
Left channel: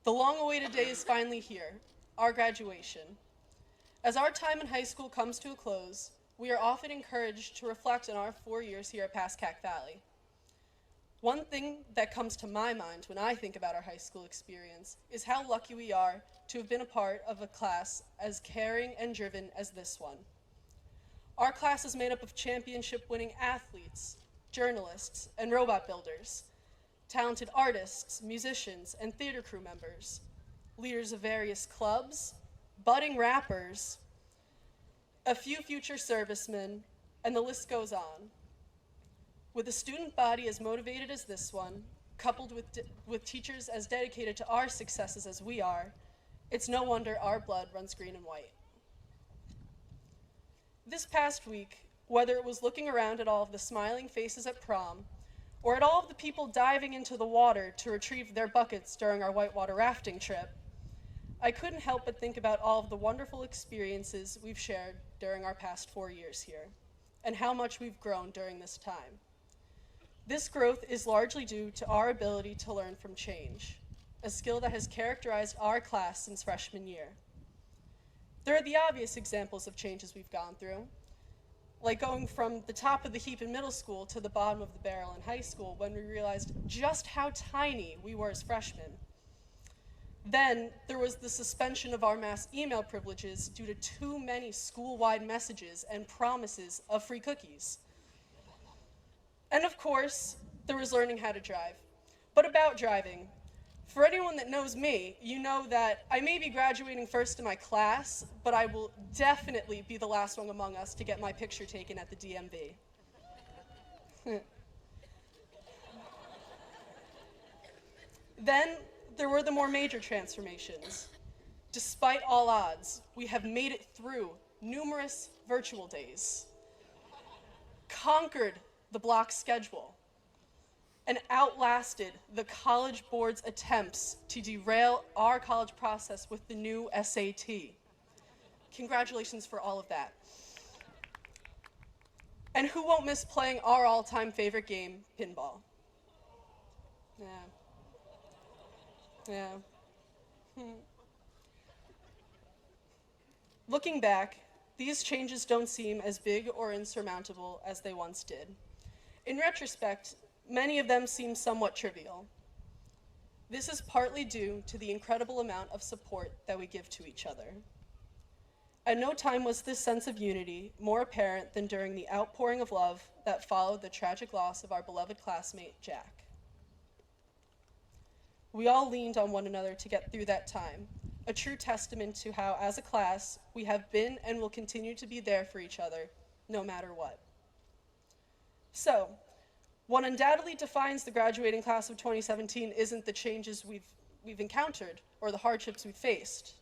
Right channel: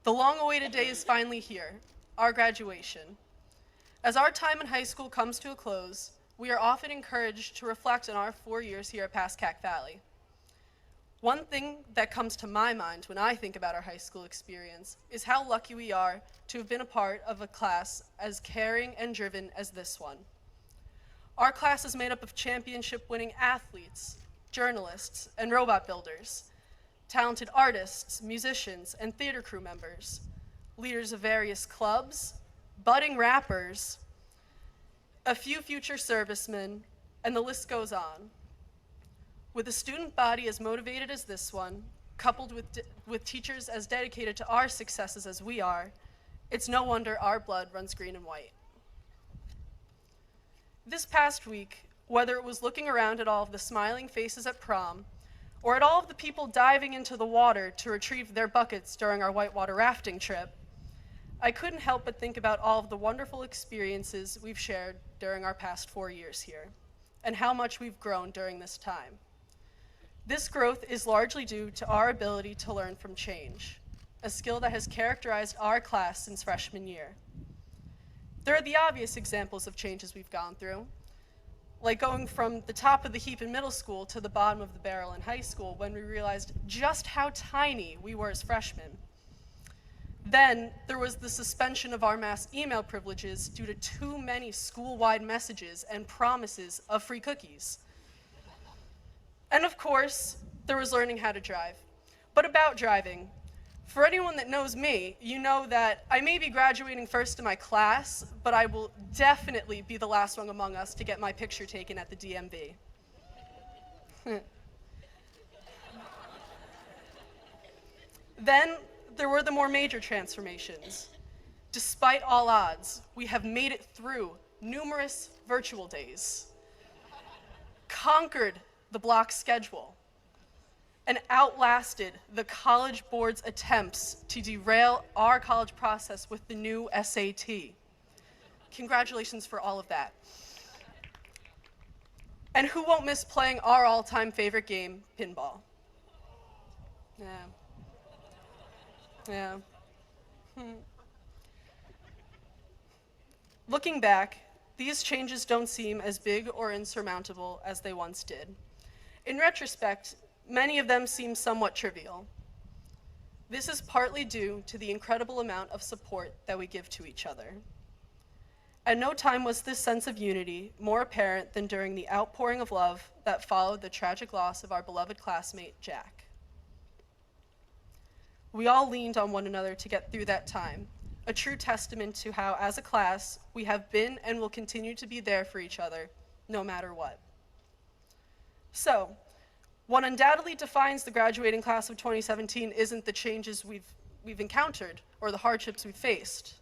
The long-awaited day is finally here, our graduation. As our time in high school comes to a close, we are often encouraged to reflect on our 4 years here at Pascack Valley. One thing that comes to my mind when I think about our high school experience is how lucky we are to have been a part of a class as caring and driven as this one. Our class is made up of championship-winning athletes, journalists, and robot builders, talented artists, musicians, and theater crew members, leaders of various clubs, budding rappers, a few future servicemen, and the list goes on. With a student body as motivated as this one, coupled with teachers as dedicated to our successes as we are, it's no wonder our blood runs green and white. This past week, whether it was looking around at all of the smiling faces at prom, or at all of the people diving into the water to retrieve their buckets during our whitewater rafting trip, I couldn't help but think about all of the wonderful experiences we've shared during our past 4 years here, and how much we've grown during this time. This growth is largely due to our ability to learn from change, a skill that has characterized our class since freshman year. There are the obvious examples of changes we've gone through, like going from the top of the heap in middle school to the bottom of the barrel in high school when we realized just how tiny we were as freshmen. Then there was the suspension of our mass email privileges due to too many school-wide messages and promises of free cookies. And of course, there was learning how to drive. But about driving, for anyone that knows me, you know that I may be graduating first in my class, but I will definitely be the last one among us to get my picture taken at the DMV. Then there were the more major transformations. Despite all odds, we have made it through numerous virtual days, conquered the block schedule, and outlasted the College Board's attempts to derail our college process with the new SAT. Congratulations for all of that. And who won't miss playing our all-time favorite game, pinball? Yeah. Looking back, these changes don't seem as big or insurmountable as they once did. In retrospect, many of them seem somewhat trivial. This is partly due to the incredible amount of support that we give to each other. At no time was this sense of unity more apparent than during the outpouring of love that followed the tragic loss of our beloved classmate, Jack. We all leaned on one another to get through that time, a true testament to how, as a class, we have been and will continue to be there for each other, no matter what. So, what undoubtedly defines the graduating class of 2017 isn't the changes we've encountered or the hardships we've faced.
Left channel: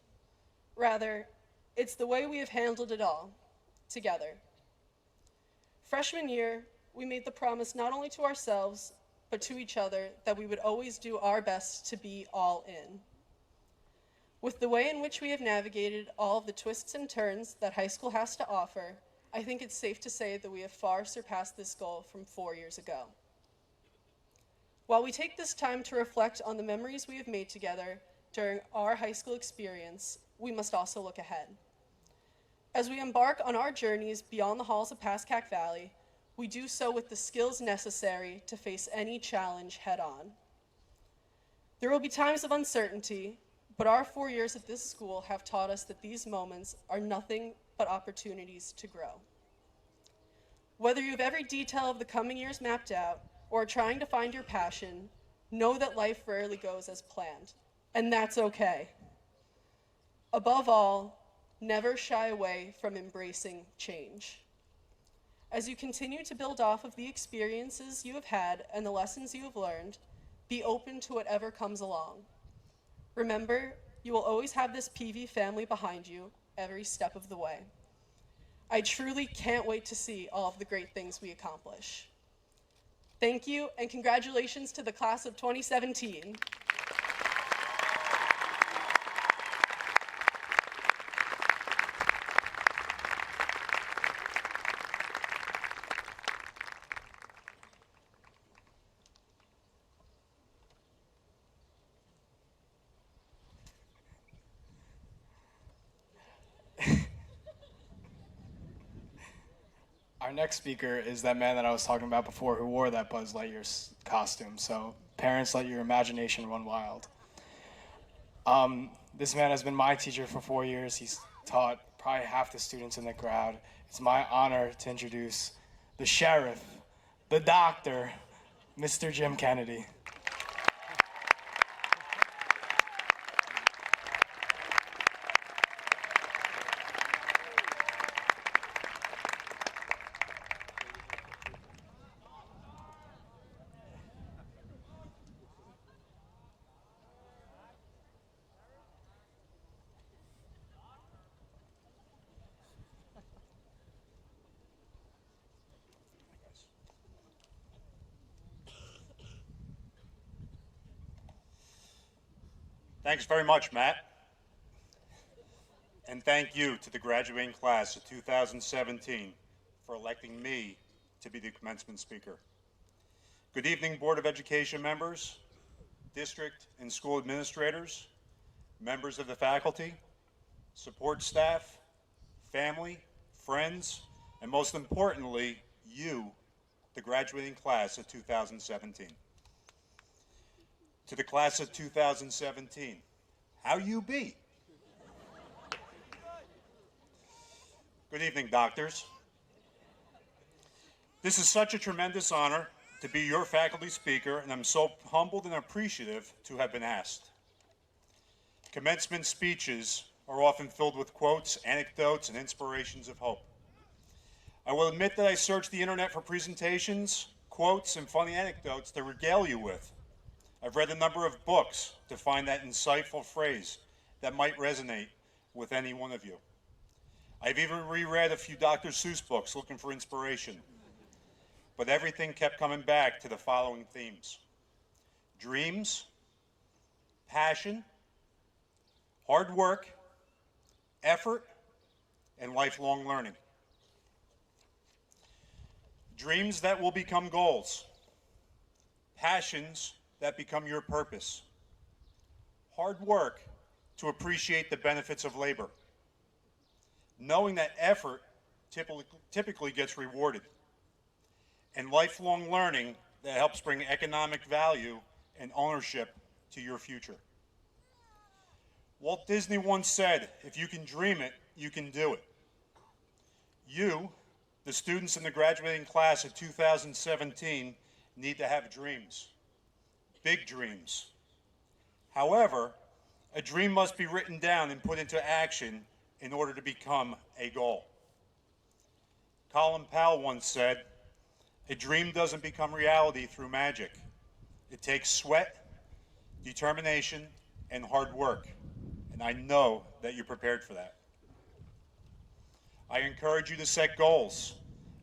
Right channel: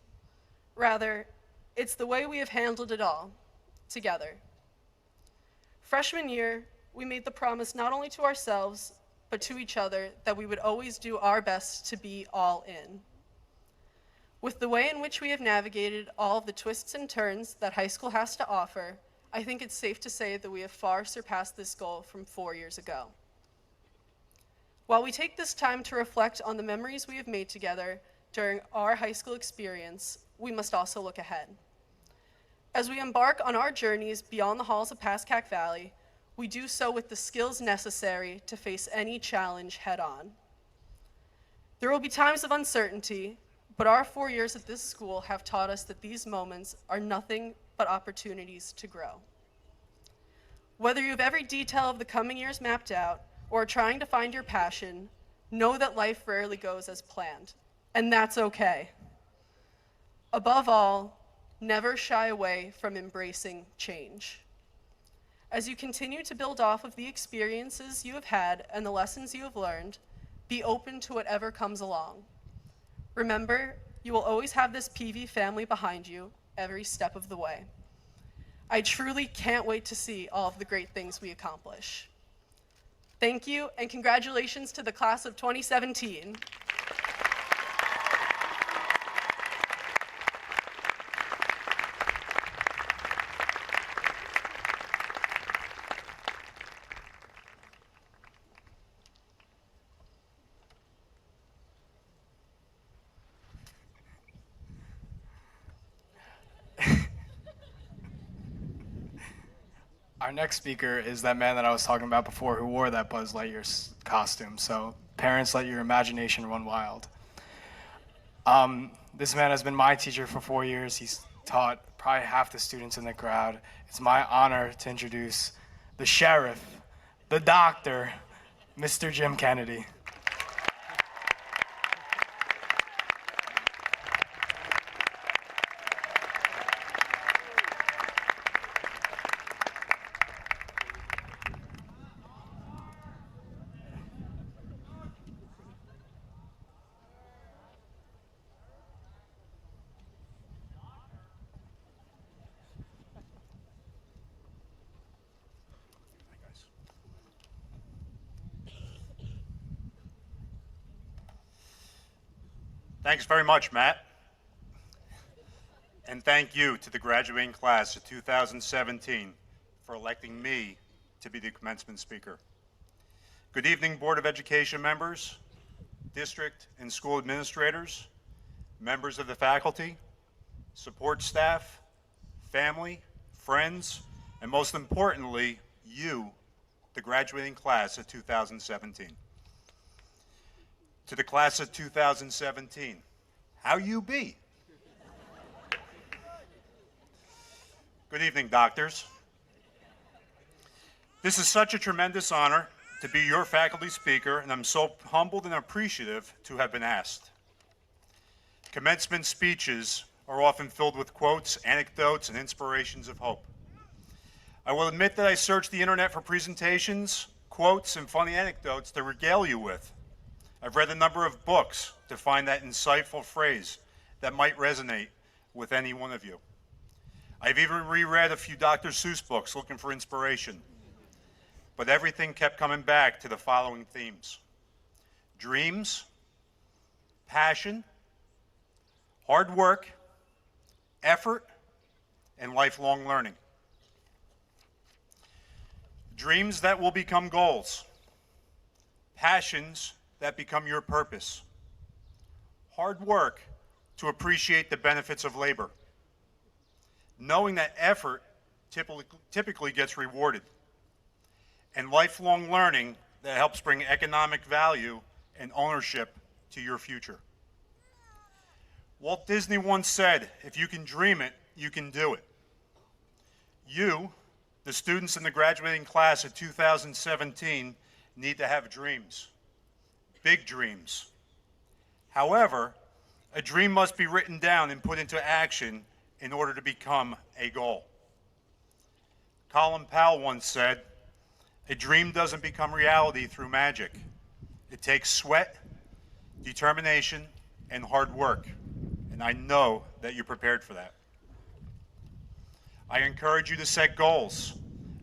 Rather, it's the way we have handled it all, together. Freshman year we made the promise not only to ourselves, but to each other that we would always do our best to be all in. With the way in which we have navigated all of the twists and turns that high school has to offer, I think it's safe to say that we have far surpassed this goal from 4 years ago. While we take this time to reflect on the memories we have made together during our high school experience, we must also look ahead. As we embark on our journeys beyond the halls of Pascack Valley, we do so with the skills necessary to face any challenge head-on. There will be times of uncertainty, but our 4 years at this school have taught us that these moments are nothing but opportunities to grow. Whether you have every detail of the coming years mapped out or are trying to find your passion, know that life rarely goes as planned, and that's okay. Above all, never shy away from embracing change. As you continue to build off of the experiences you have had and the lessons you have learned, be open to whatever comes along. Remember, you will always have this PV family behind you every step of the way. I truly can't wait to see all of the great things we accomplish. Thank you, and congratulations to the class of 2017. Our next speaker is that man that I was talking about before who wore that Buzz Lightyear costume. So parents, let your imagination run wild. This man has been my teacher for 4 years. He's taught probably half the students in the crowd. It's my honor to introduce the sheriff, the doctor, Mr. Jim Kennedy. Thanks very much, Matt. And thank you to the graduating class of 2017 for electing me to be the commencement speaker. Good evening, Board of Education members, district and school administrators, members of the faculty, support staff, family, friends, and most importantly, you, the graduating class of 2017. To the class of 2017, how you be? Good evening, doctors. This is such a tremendous honor to be your faculty speaker, and I'm so humbled and appreciative to have been asked. Commencement speeches are often filled with quotes, anecdotes, and inspirations of hope. I will admit that I searched the internet for presentations, quotes, and funny anecdotes to regale you with. I've read a number of books to find that insightful phrase that might resonate with any one of you. I've even reread a few Dr. Seuss books looking for inspiration. But everything kept coming back to the following themes: dreams, passion, hard work, effort, and lifelong learning. Dreams that will become goals. Passions that become your purpose. Hard work to appreciate the benefits of labor. Knowing that effort typically gets rewarded. And lifelong learning that helps bring economic value and ownership to your future. Walt Disney once said, if you can dream it, you can do it. You, the students in the graduating class of 2017, need to have dreams. Big dreams. However, a dream must be written down and put into action in order to become a goal. Colin Powell once said, a dream doesn't become reality through magic. It takes sweat, determination, and hard work, and I know that you're prepared for that. I encourage you to set goals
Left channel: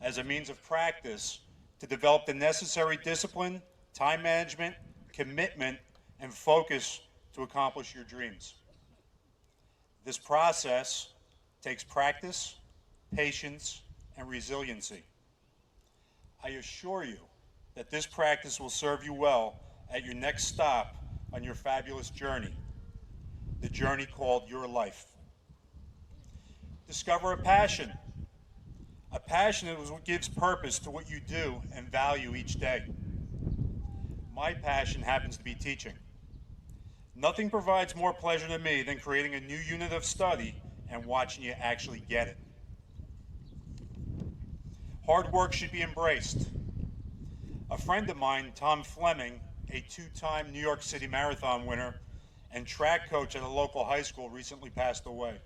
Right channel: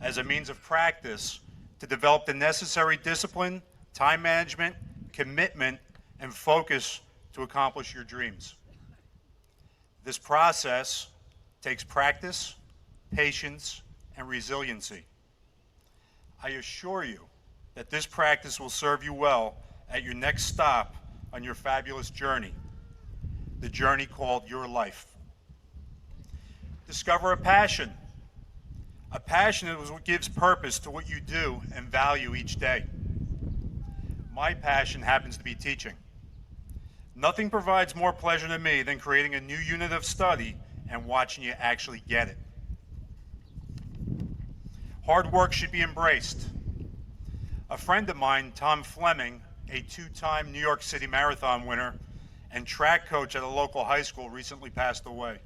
as a means of practice to develop the necessary discipline, time management, commitment, and focus to accomplish your dreams. This process takes practice, patience, and resiliency. I assure you that this practice will serve you well at your next stop on your fabulous journey, the journey called your life. Discover a passion. A passion is what gives purpose to what you do and value each day. My passion happens to be teaching. Nothing provides more pleasure to me than creating a new unit of study and watching you actually get it. Hard work should be embraced. A friend of mine, Tom Fleming, a two-time New York City Marathon winner and track coach at a local high school, recently passed away.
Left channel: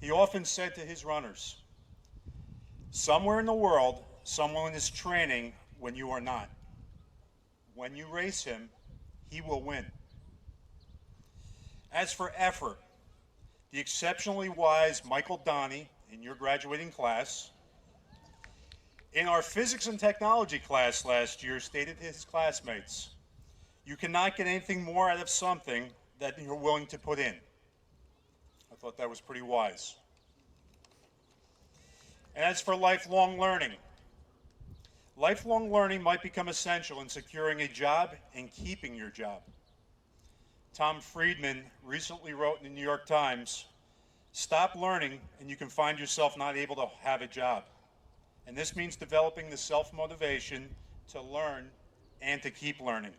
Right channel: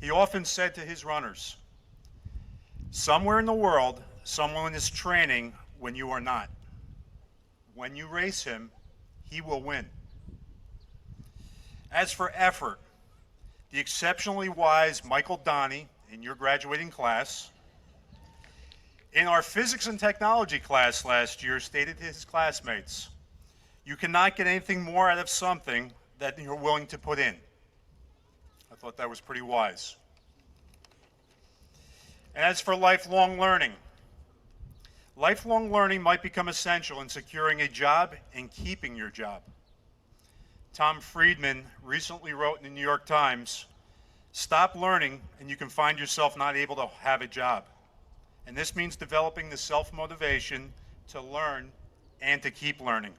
He often said to his runners, "Somewhere in the world, someone is training when you are not. When you race him, he will win." As for effort, the exceptionally wise Michael Donnie, in your graduating class, in our physics and technology class last year, stated to his classmates, "You cannot get anything more out of something that you're willing to put in." I thought that was pretty wise. And as for lifelong learning might become essential in securing a job and keeping your job. Tom Friedman recently wrote in the New York Times, "Stop learning and you can find yourself not able to have a job." And this means developing the self-motivation to learn and to keep learning.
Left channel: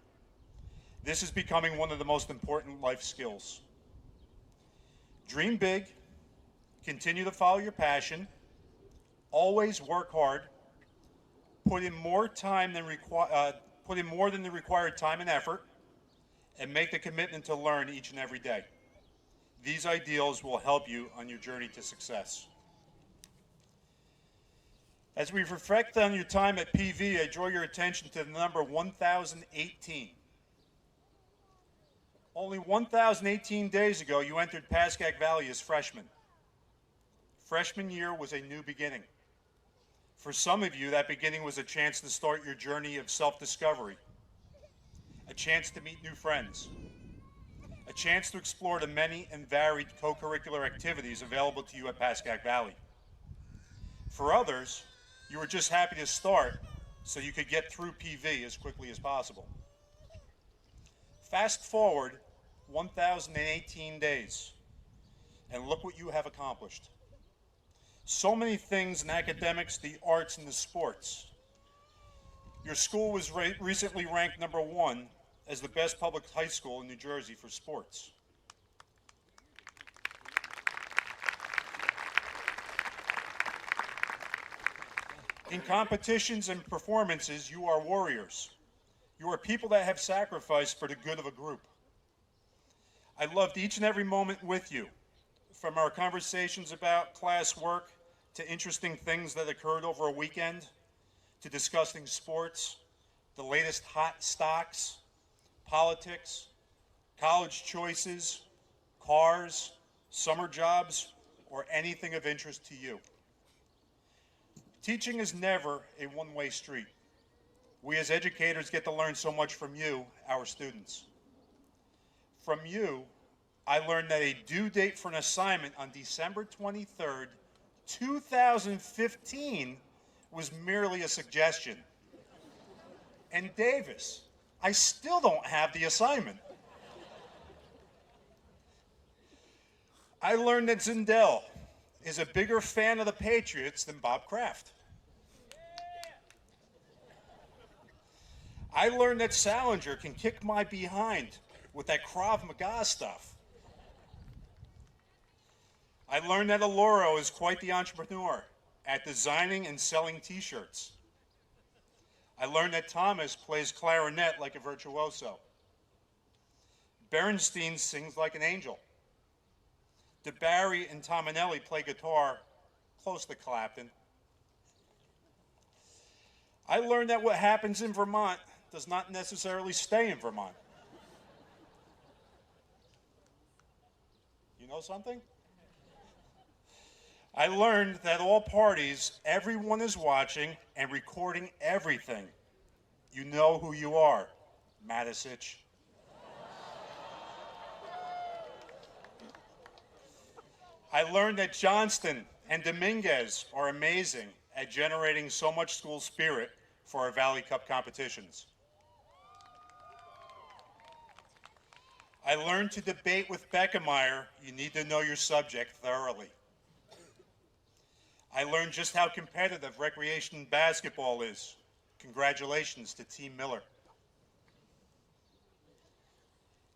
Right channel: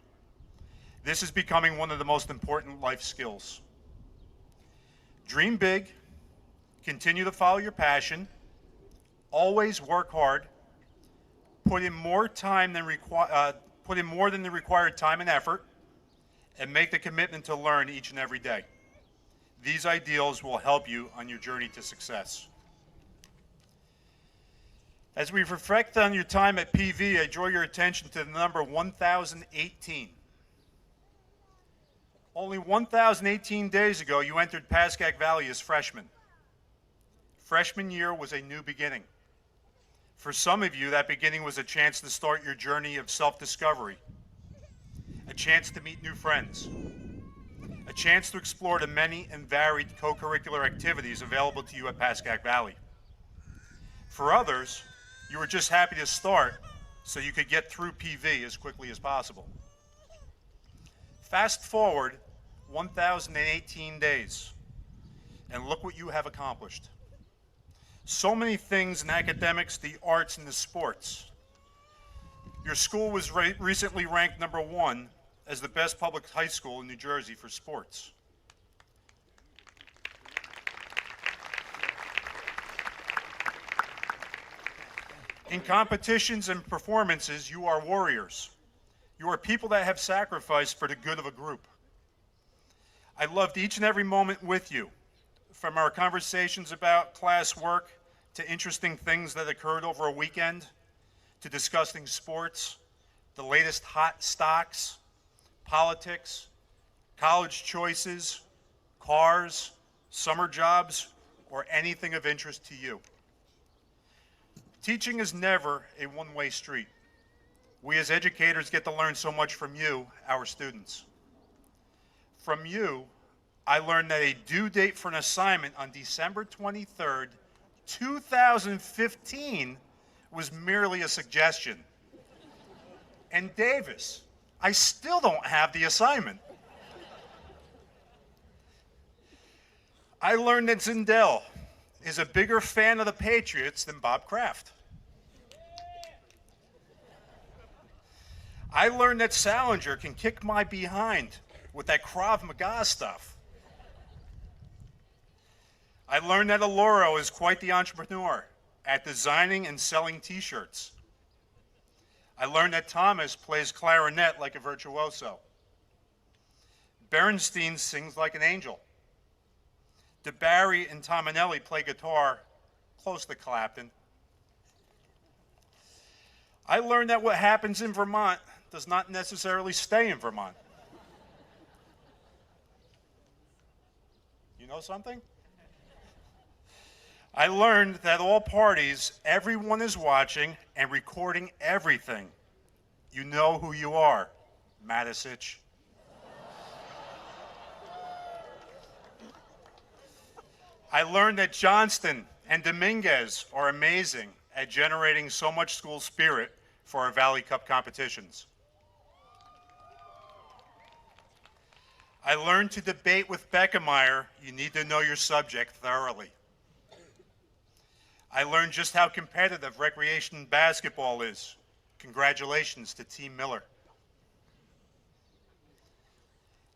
This is becoming one of the most important life skills. Dream big, continue to follow your passion, always work hard, put in more than the required time and effort, and make the commitment to learn each and every day. These ideals will help you on your journey to success. As we reflect on your time at PV, I draw your attention to the number 1018. Only 1018 days ago, you entered Pascack Valley as freshmen. Freshman year was a new beginning. For some of you, that beginning was a chance to start your journey of self-discovery, a chance to meet new friends, a chance to explore the many and varied co-curricular activities available to you at Pascack Valley. For others, you were just happy to start so you could get through PV as quickly as possible. Fast forward 1,018 days, and look what you have accomplished. So many things in academics, the arts, and the sports. Your school was recently ranked #1 as the best public high school in New Jersey for sports. In competitions and performances, you are warriors. You are people that have sacrificed for the good of a group. I loved each and every moment with you, from our conversations about class work to interesting things that occurred over a weekend, to discussing sports, the latest hot stocks, politics, college choices, cars, summer jobs, or anything of interest to you. Teaching is never a one-way street. We as educators get to learn so much from you, our students. From you, I learned that a due date for an assignment on December 23rd, 2015 was merely a suggestion. And Davis, I still don't have the assignment. I learned that Zindel is a bigger fan of the Patriots than Bob Kraft. I learned that Salinger can kick my behind with that Krav Maga stuff. I learned that Aloro is quite the entrepreneur at designing and selling t-shirts. I learned that Thomas plays clarinet like a virtuoso. Berenstein sings like an angel. DeBarry and Tominelli play guitar close to Clapton. I learned that what happens in Vermont does not necessarily stay in Vermont. You know something? I learned that all parties, everyone is watching, and recording everything. You know who you are, Matisich. I learned that Johnston and Dominguez are amazing at generating so much school spirit for our Valley Cup competitions. I learned to debate with Beckemeyer, you need to know your subject thoroughly. I learned just how competitive recreation basketball is. Congratulations to Team Miller.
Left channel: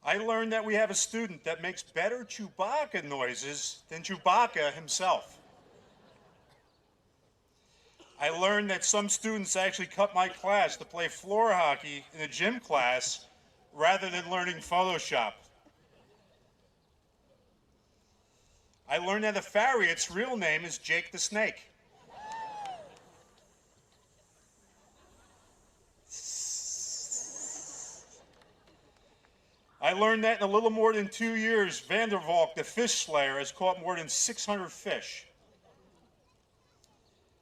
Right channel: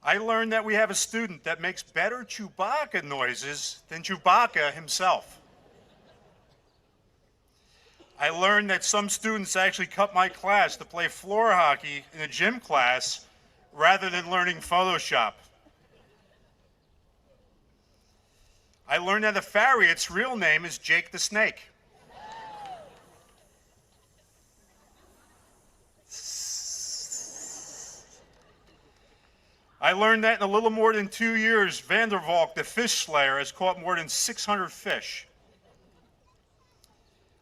I learned that we have a student that makes better Chewbacca noises than Chewbacca himself. I learned that some students actually cut my class to play floor hockey in a gym class rather than learning Photoshop. I learned that a Farriot's real name is Jake the Snake. I learned that in a little more than 2 years, Vandervalk, the fish slayer, has caught more than 600 fish.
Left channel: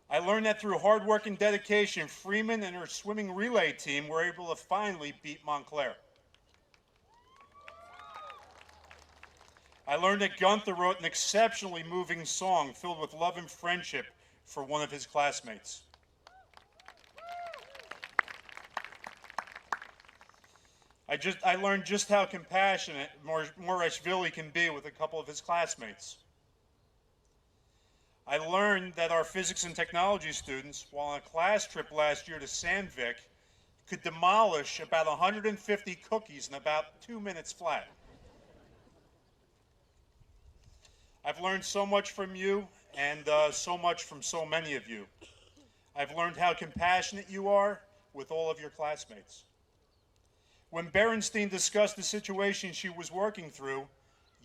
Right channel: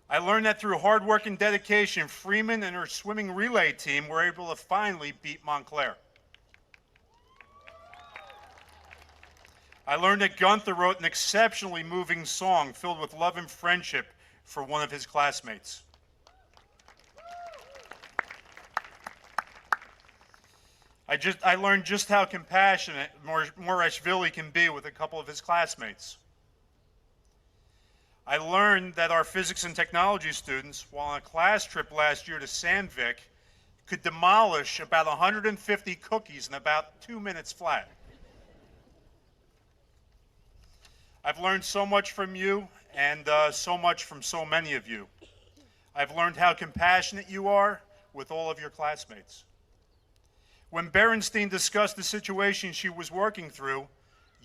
I learned that through hard work and dedication, Freeman and her swimming relay team were able to finally beat Montclair. I learned that Gunther wrote an exceptionally moving song filled with love and friendship for one of his classmates. I learned just how compassionate Morashvili can be with a couple of his classmates. I learned that our physics and technology students, while on a class trip last year to Sandvik, could demolish about 150 cookies in about 2 minutes flat. I've learned so much from you and so much from so many of you. I've learned how compassionate you are with all of your classmates. When Berenstein discussed the situation she was working through,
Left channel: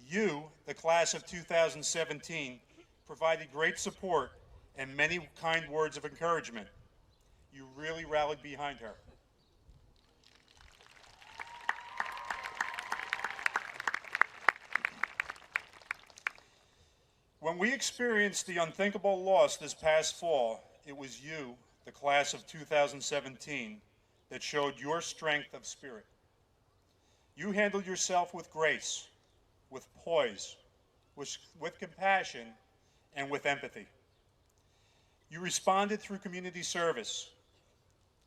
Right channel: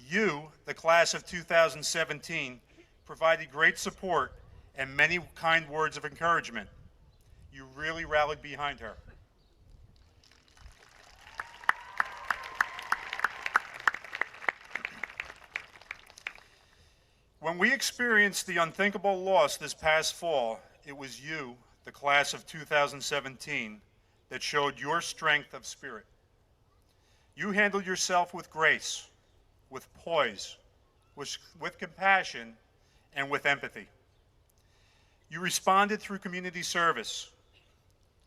you, the class of 2017, provided great support and many kind words of encouragement. You really rallied behind her. When we experienced the unthinkable loss this past fall, it was you, the class of 2017, that showed your strength of spirit. You handled yourself with grace, with poise, with compassion, and with empathy. You responded through community service.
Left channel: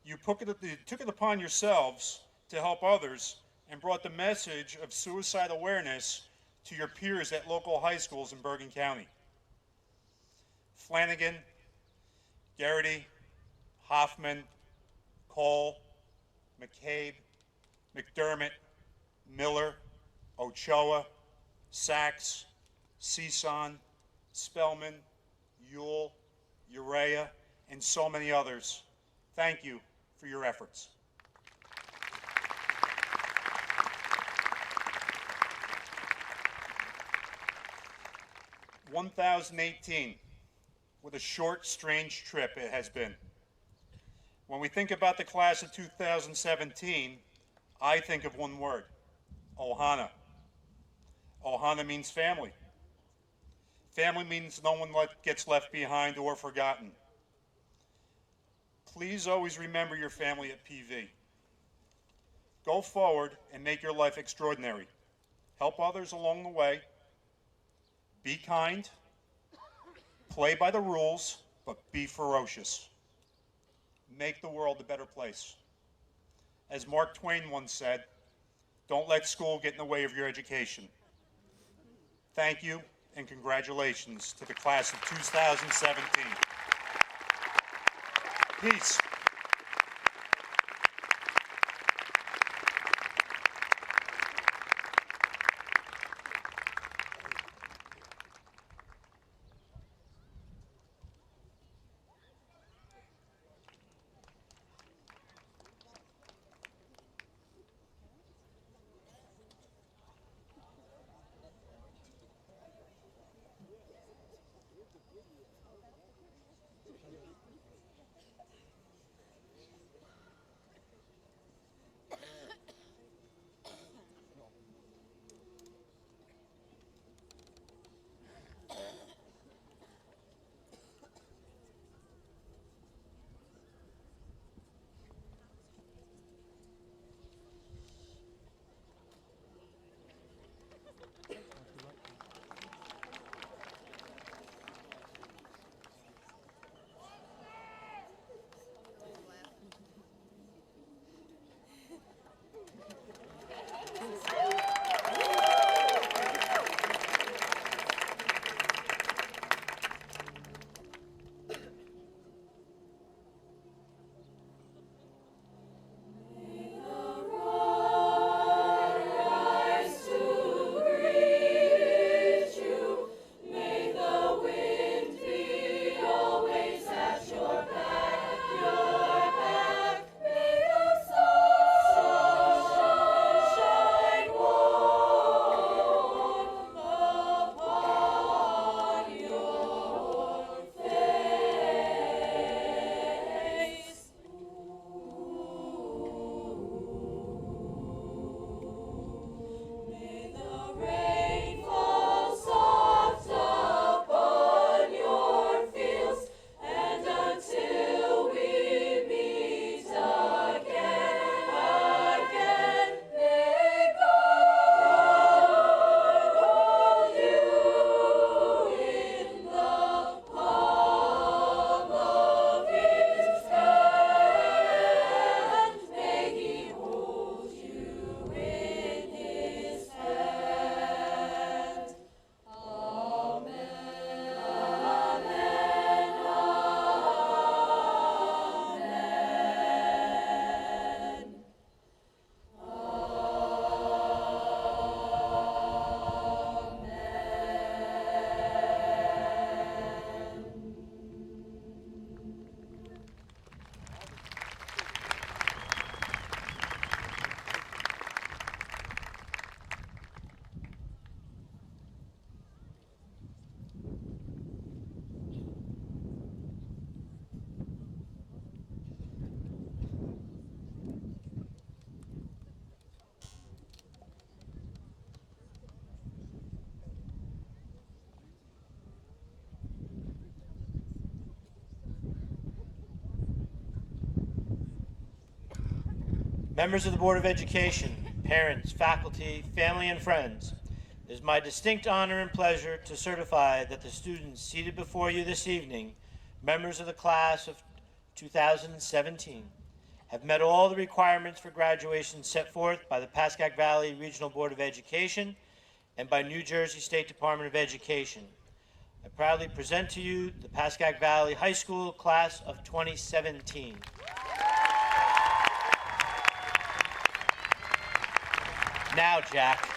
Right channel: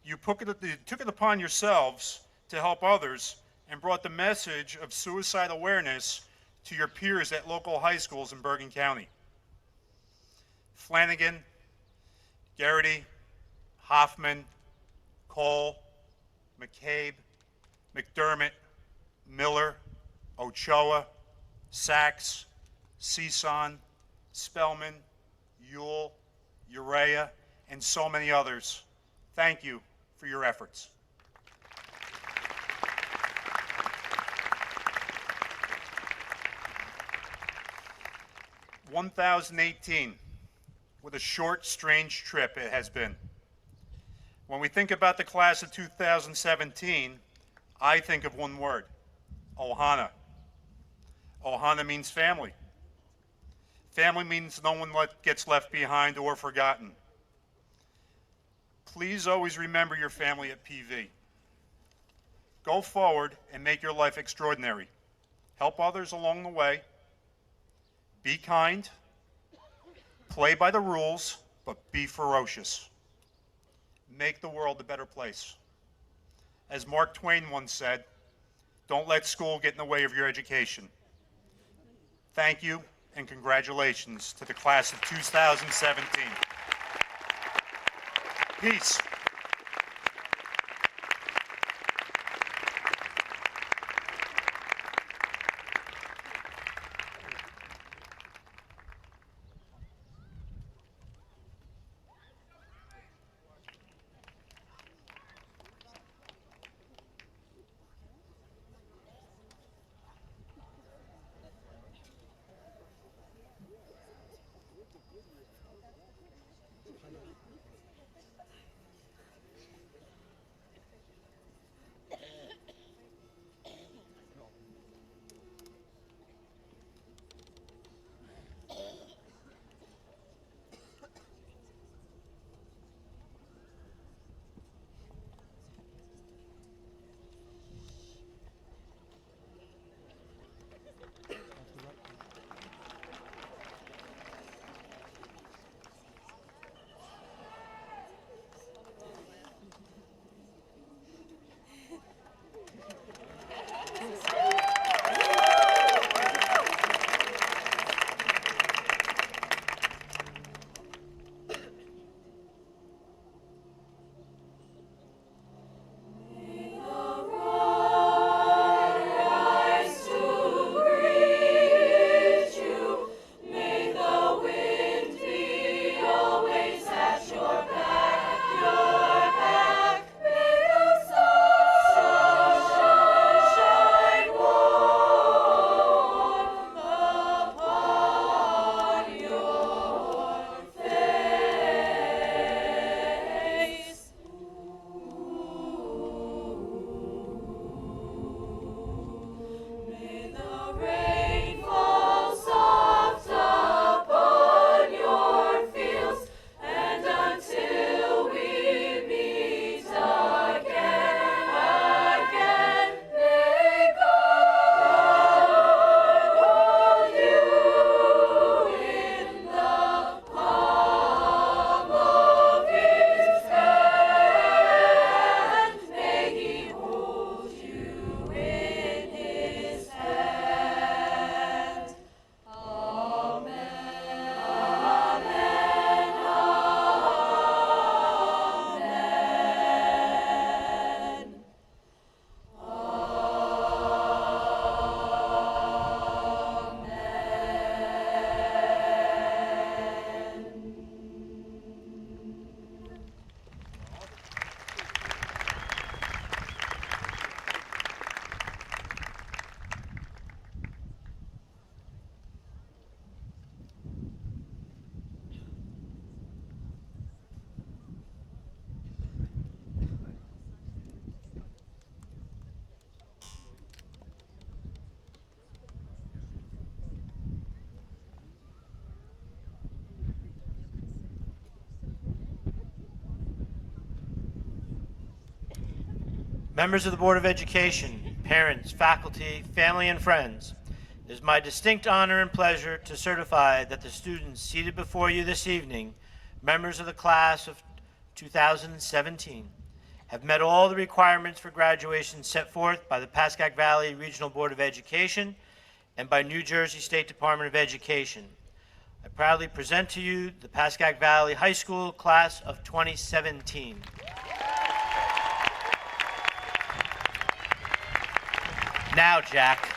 You took it upon yourselves to help others and brought the message of suicide awareness to your peers at local high schools in Bergen County. Flanagan, Garrity, Hoffman, Cole, McCabe, McDermott, Miller, Ochoa, Sachs, Cison, Spellman, Ewell, Urea, and so many others. Thank you for your efforts. "2018, what a short, strange trip it has been. When we think about the class of 2017, I think of one word, Ohana. Ohana means family. Family means no one gets left behind or forgotten. Please always remember your family at PV. Go forward and make your life extraordinary. Help others along the way. Be kind. Play by the rules, but be ferocious. Make the world a better place. As Mark Twain once said, don't let school get in the way of your education. Thank you and congratulations to the class of 2017. Peace. Members of the Board of Education, parents, faculty, family, and friends, it is my distinct honor and pleasure to certify that the students seated before you this evening, members of the class of 2017, have met all the requirements for graduation set forth by the Pascack Valley Regional Board of Education and by New Jersey State Department of Education. I proudly present to you the Pascack Valley High School class of 2017. Now, Jack.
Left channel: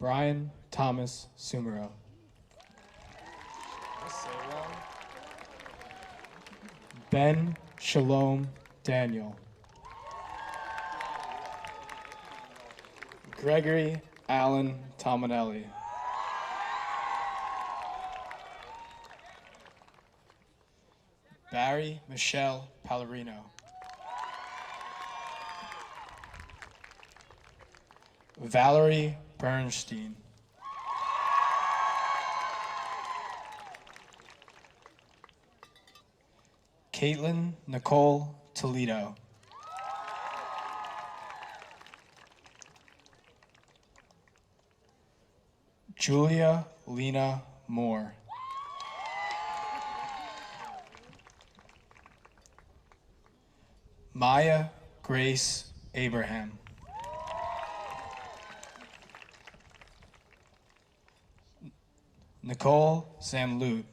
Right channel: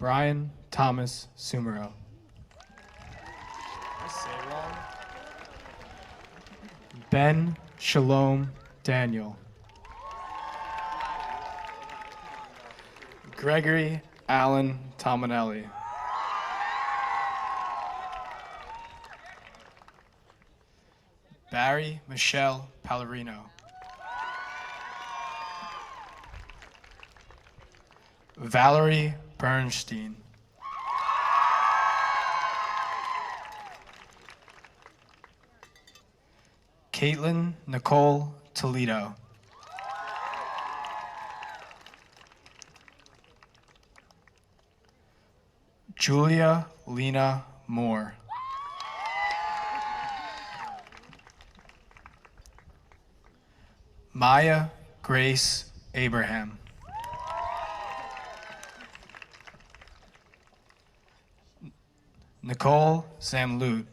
Brian Thomas Sumero. Ben Shalom Daniel. Gregory Allen Tominelli. Barry Michelle Pallarino. Valerie Bernstein. Caitlin Nicole Toledo. Julia Lena Moore. Maya Grace Abraham. Nicole Zamlut.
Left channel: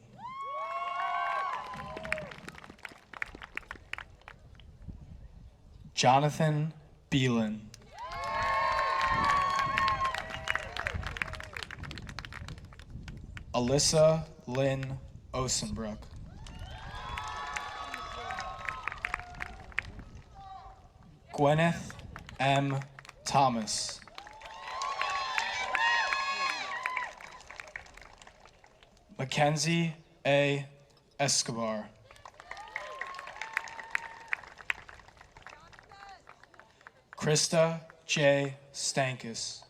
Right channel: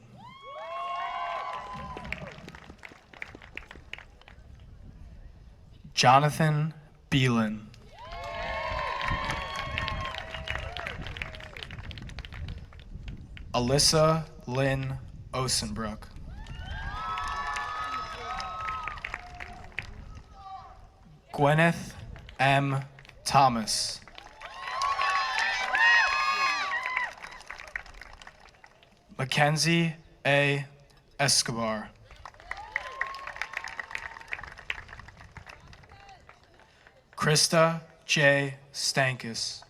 Jonathan Beelan. Alyssa Lynn Osenbrook. Gwyneth M. Thomas. Mackenzie A. Escobar. Krista J. Stankus.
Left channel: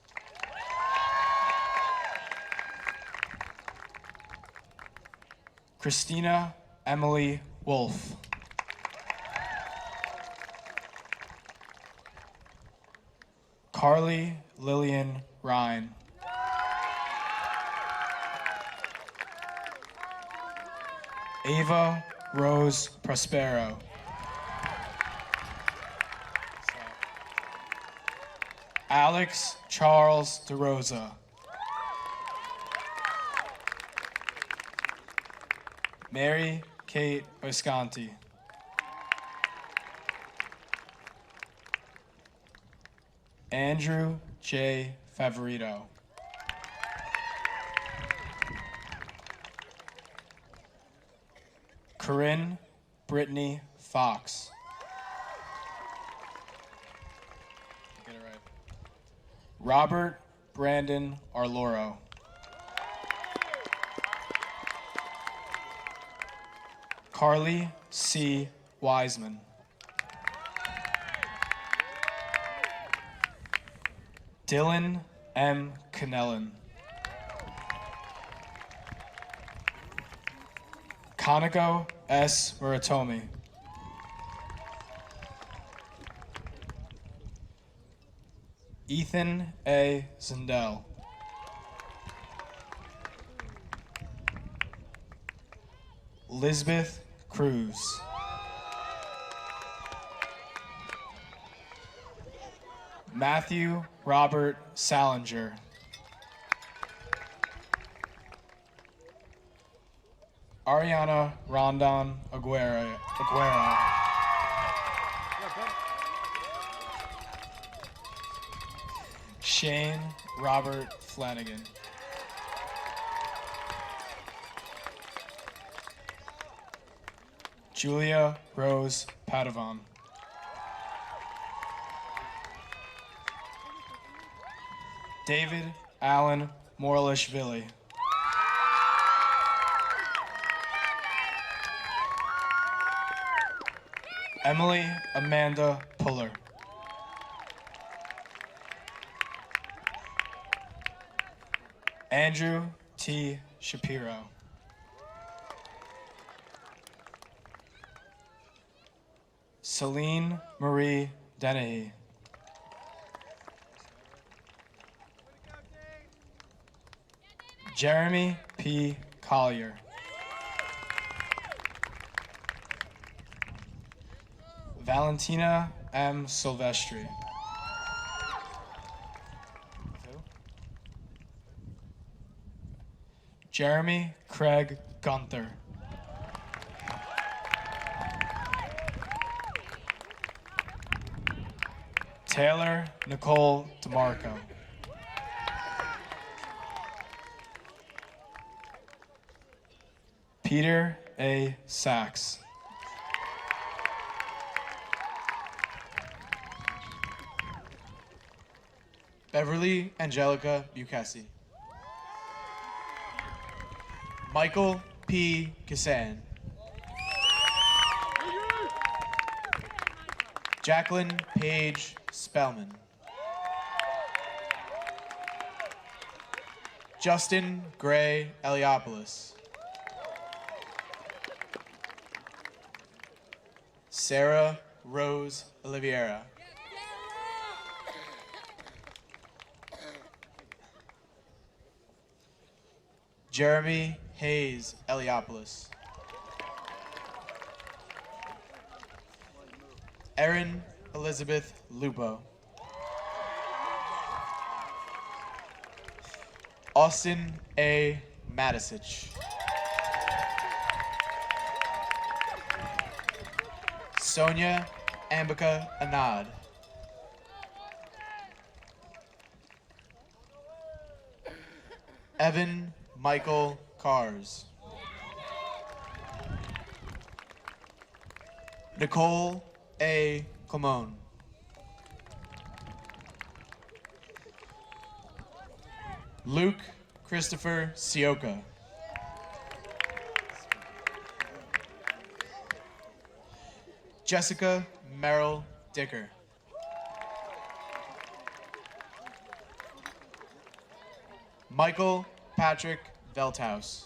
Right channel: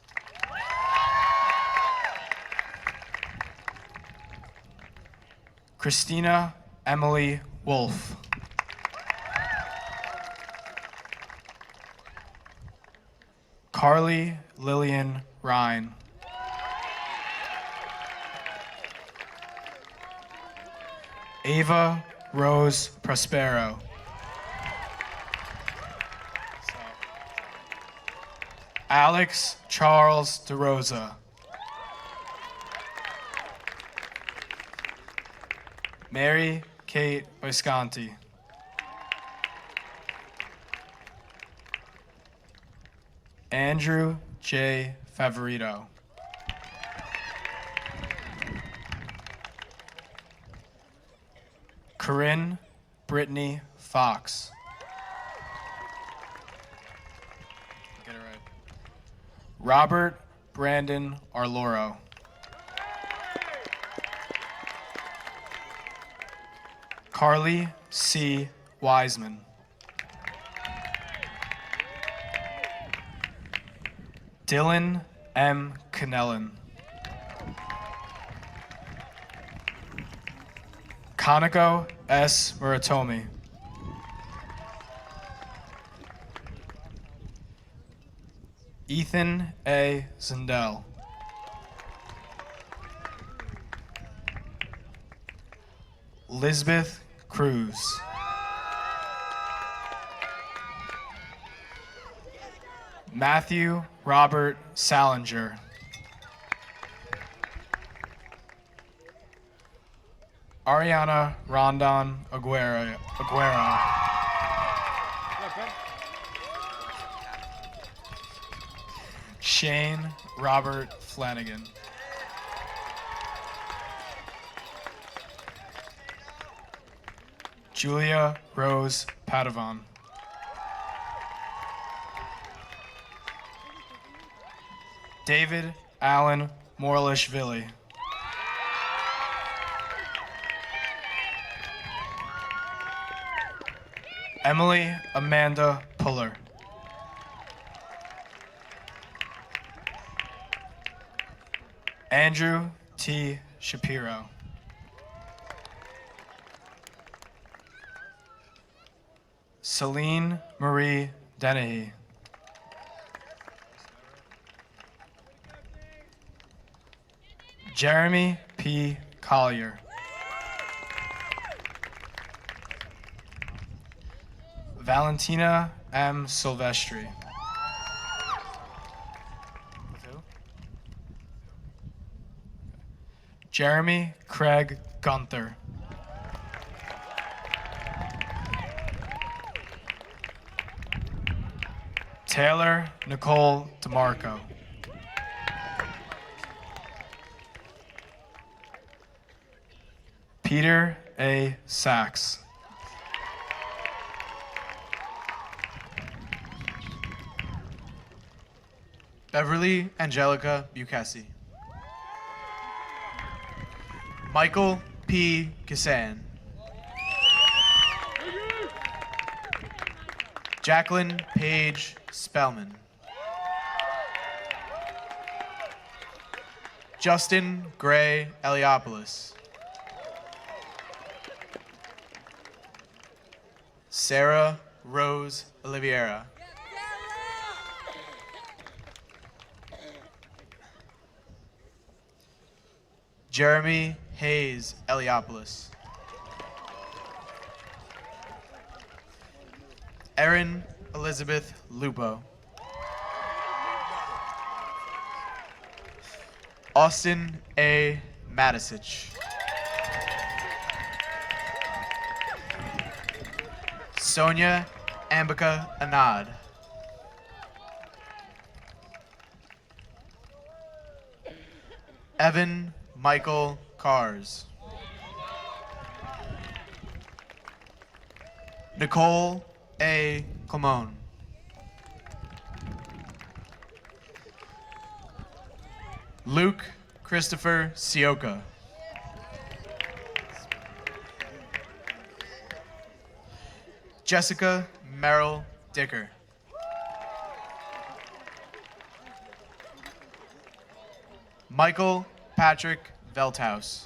Christina Emily Wolf. Carly Lillian Ryan. Ava Rose Prospero. Alex Charles DeRosa. Mary Kate Visconti. Andrew J. Favorito. Corinne Brittany Fox. Get it right. Robert Brandon Arloro. Carly C. Wiseman. Dylan M. Canellan. Kanako S. Muratomi. Ethan A. Zindel. Lisbeth Cruz. Matthew Robert Salinger. Ariana Rondon Aguero. Shane Robert Flanagan. Julia Rose Padavon. David Allen Morlishvili. Emily Amanda Puller. Andrew T. Shapiro. Celine Marie Dennehy. Jeremy P. Collier. Valentina M. Silvestri. Jeremy Craig Gunther. Taylor Nicole DeMarco. Peter A. Sachs. Beverly Angelica Bukesi. Michael P. Kisan. Jacqueline Paige Spellman. Justin Gray Eliopoulos. Sarah Rose Oliveira. Jeremy Hayes Eliopoulos. Erin Elizabeth Lupo. Austin A. Matisich. Sonia Ambika Anad. Evan Michael Cars. Nicole A. Clemone. Luke Christopher Sioka. Jessica Merrill Dicker. Michael Patrick Velthouse.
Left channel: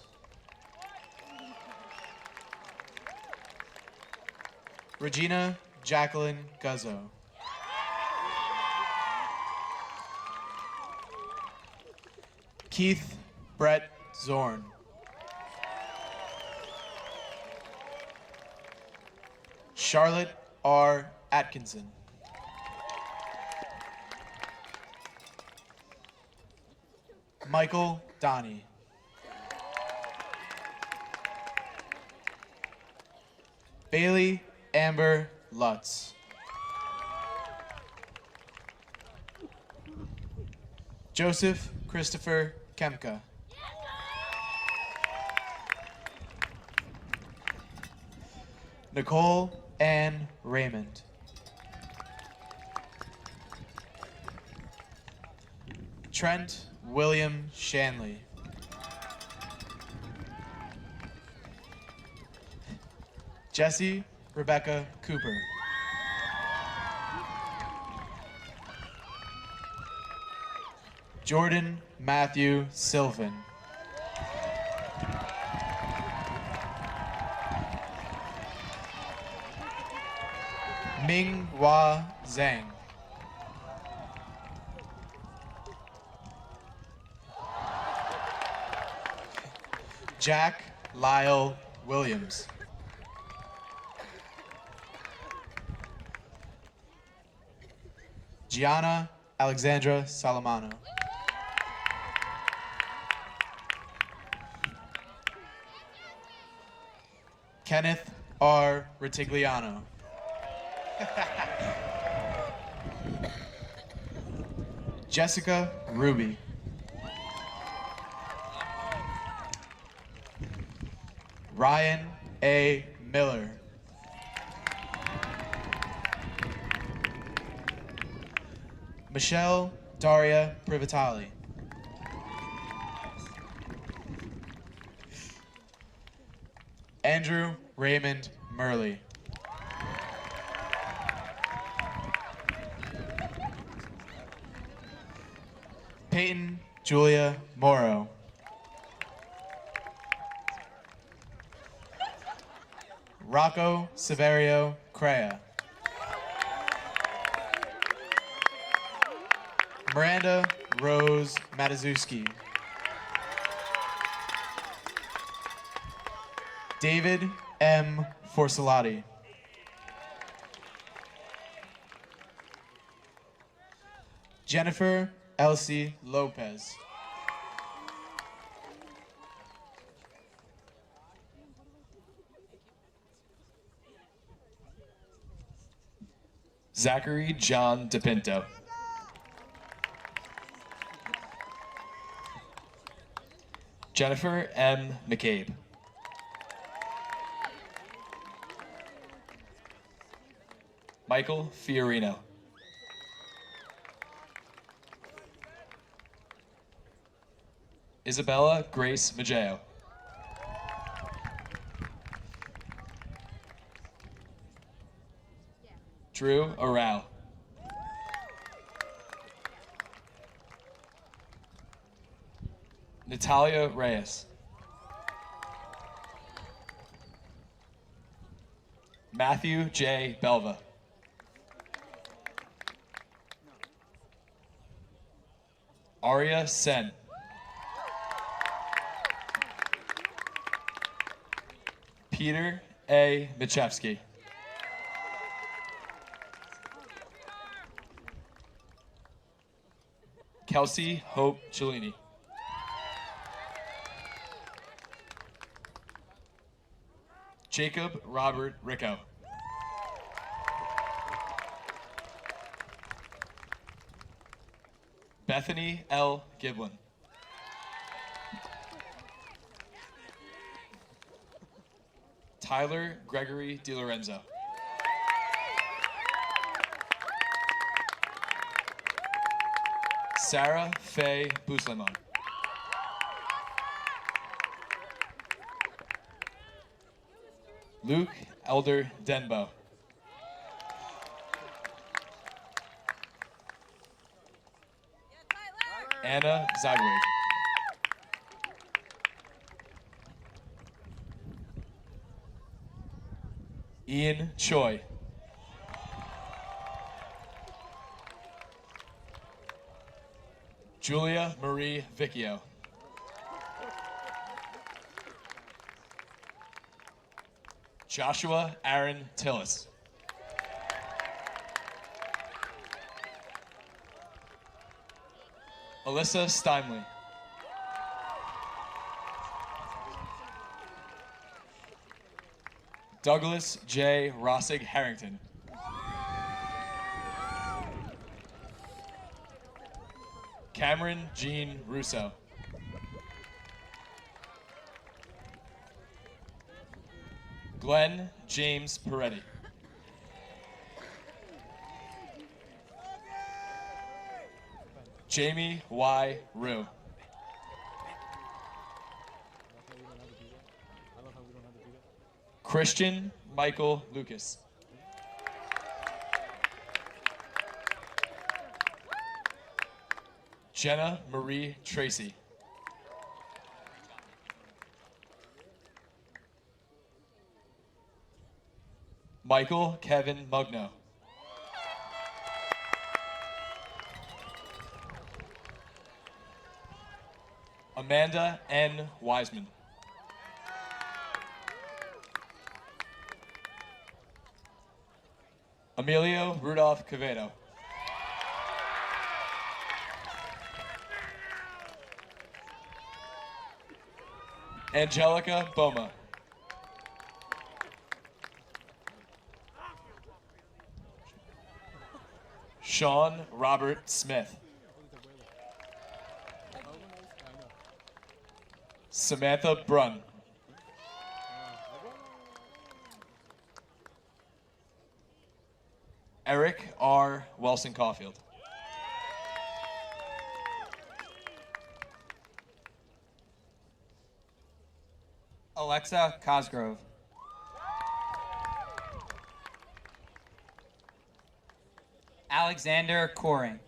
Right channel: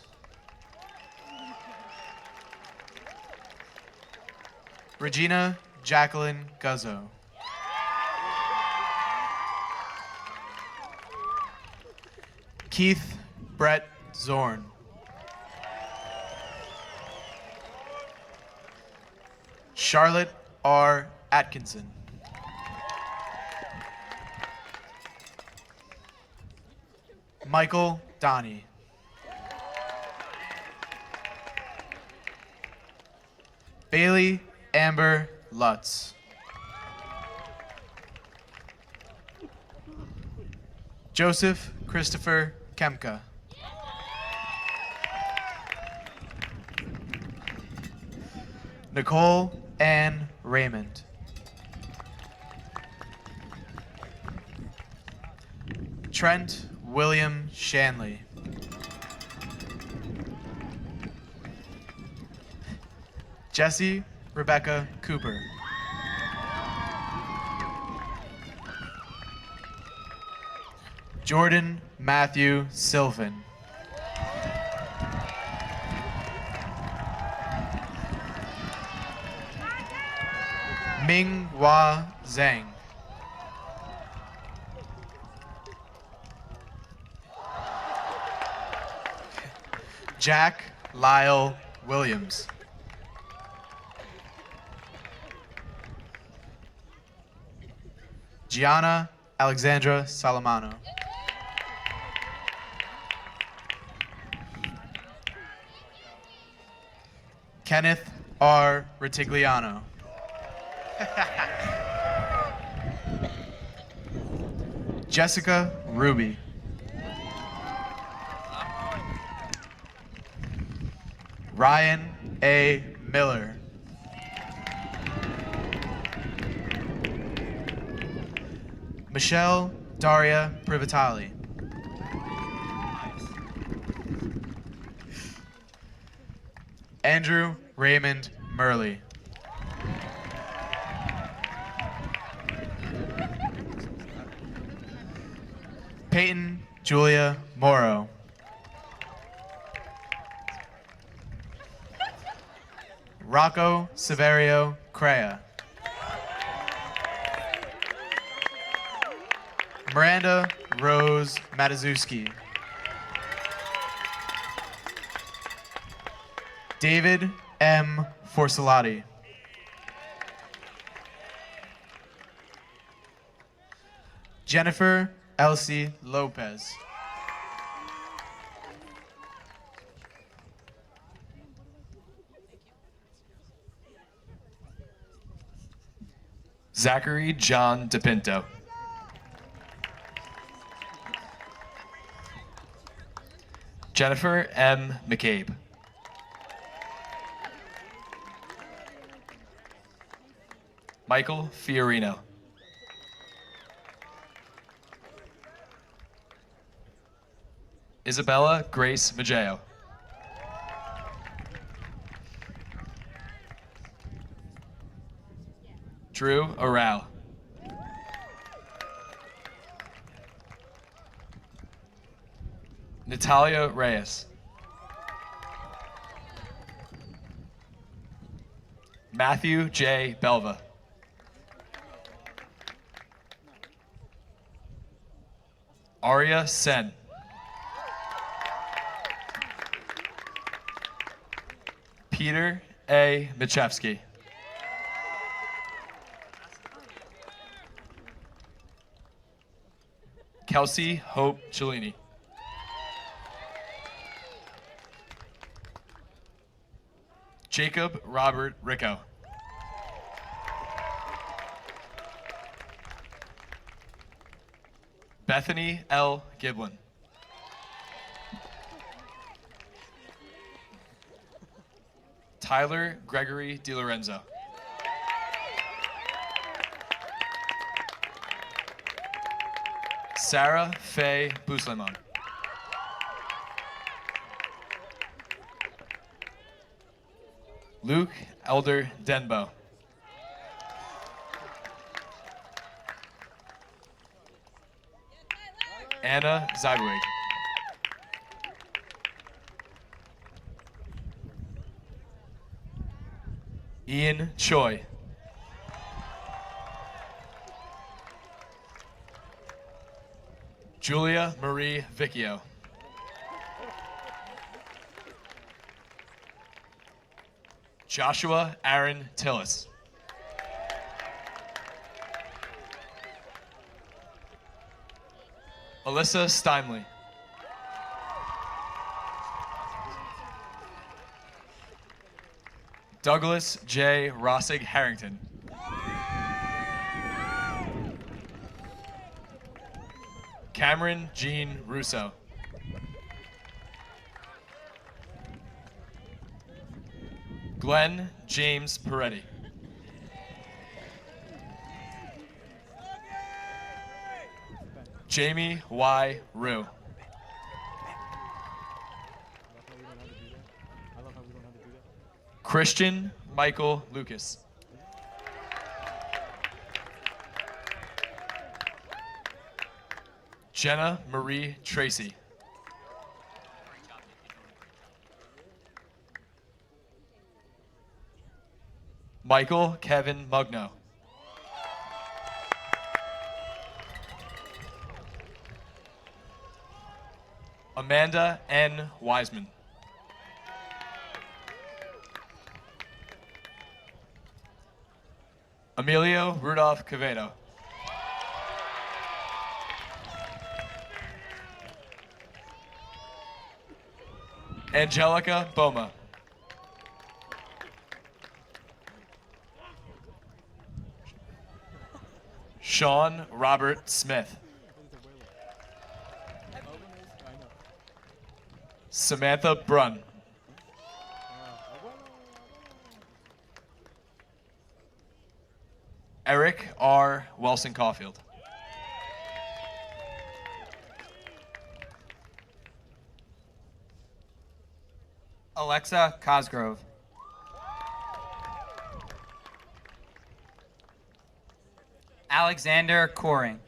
Regina Jacqueline Guzzo. Keith Brett Zorn. Charlotte R. Atkinson. Michael Donnie. Bailey Amber Lutz. Joseph Christopher Kemka. Nicole Ann Raymond. Trent William Shanley. Jesse Rebecca Cooper. Jordan Matthew Sylvan. Ming Hua Zhang. Jack Lyle Williams. Gianna Alexandra Salamano. Kenneth R. Ritigliano. Jessica Ruby. Ryan A. Miller. Michelle Daria Privatali. Andrew Raymond Murley. Peyton Julia Morrow. Rocco Severio Crea. Miranda Rose Matazuski. David M. Forsalati. Jennifer Elsie Lopez. Zachary John DePinto. Jennifer M. McCabe. Michael Fiorino. Isabella Grace Maggio. Drew Arau. Natalia Reyes. Matthew J. Belva. Aria Sen. Peter A. Michevsky. Kelsey Hope Cellini. Jacob Robert Ricco. Bethany L. Giblin. Tyler Gregory DiLorenzo. Sarah Faye Buslemon. Luke Elder Denbo. Anna Zagwig. Ian Choi. Julia Marie Vicchio. Joshua Aaron Tillis. Alyssa Steinley. Douglas J. Rossig Harrington. Cameron Jean Russo. Glenn James Peretti. Jamie Y. Rue. Christian Michael Lucas. Jenna Marie Tracy. Michael Kevin Mugno. Amanda N. Wiseman. Emilio Rudolph Quevedo. Angelica Boma. Sean Robert Smith. Samantha Brunn. Eric R. Wilson Caulfield. Alexa Cosgrove. Alexander Coring.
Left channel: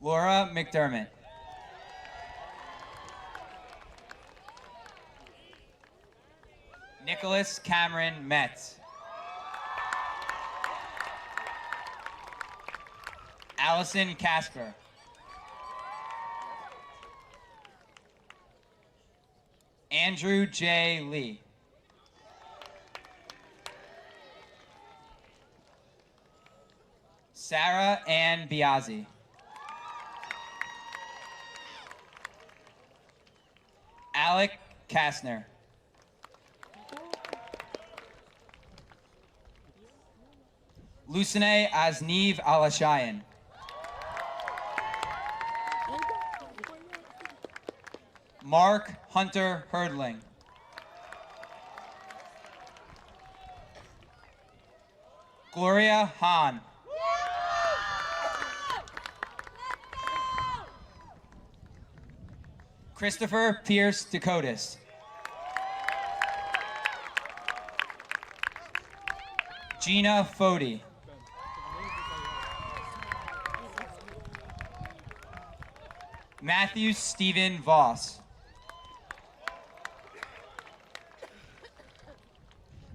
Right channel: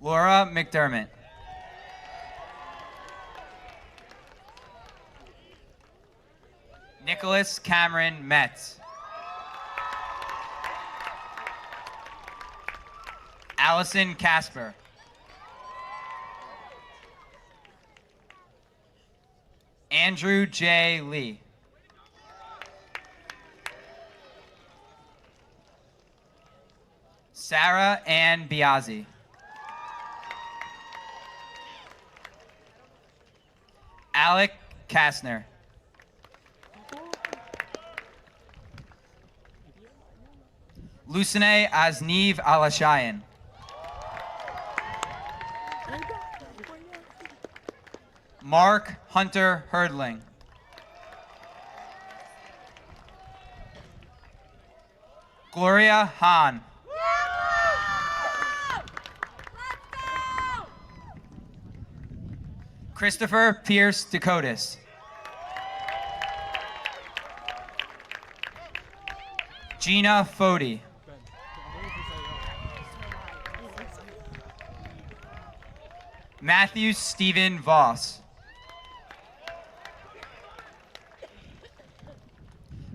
Laura McDermott. Nicholas Cameron Metz. Allison Casper. Andrew J. Lee. Sarah Ann Biazzi. Alec Kastner. Lucine Azniv Alashayan. Mark Hunter Herdling. Gloria Hahn. Christopher Pierce Dakotas. Gina Fody. Matthew Stephen Voss.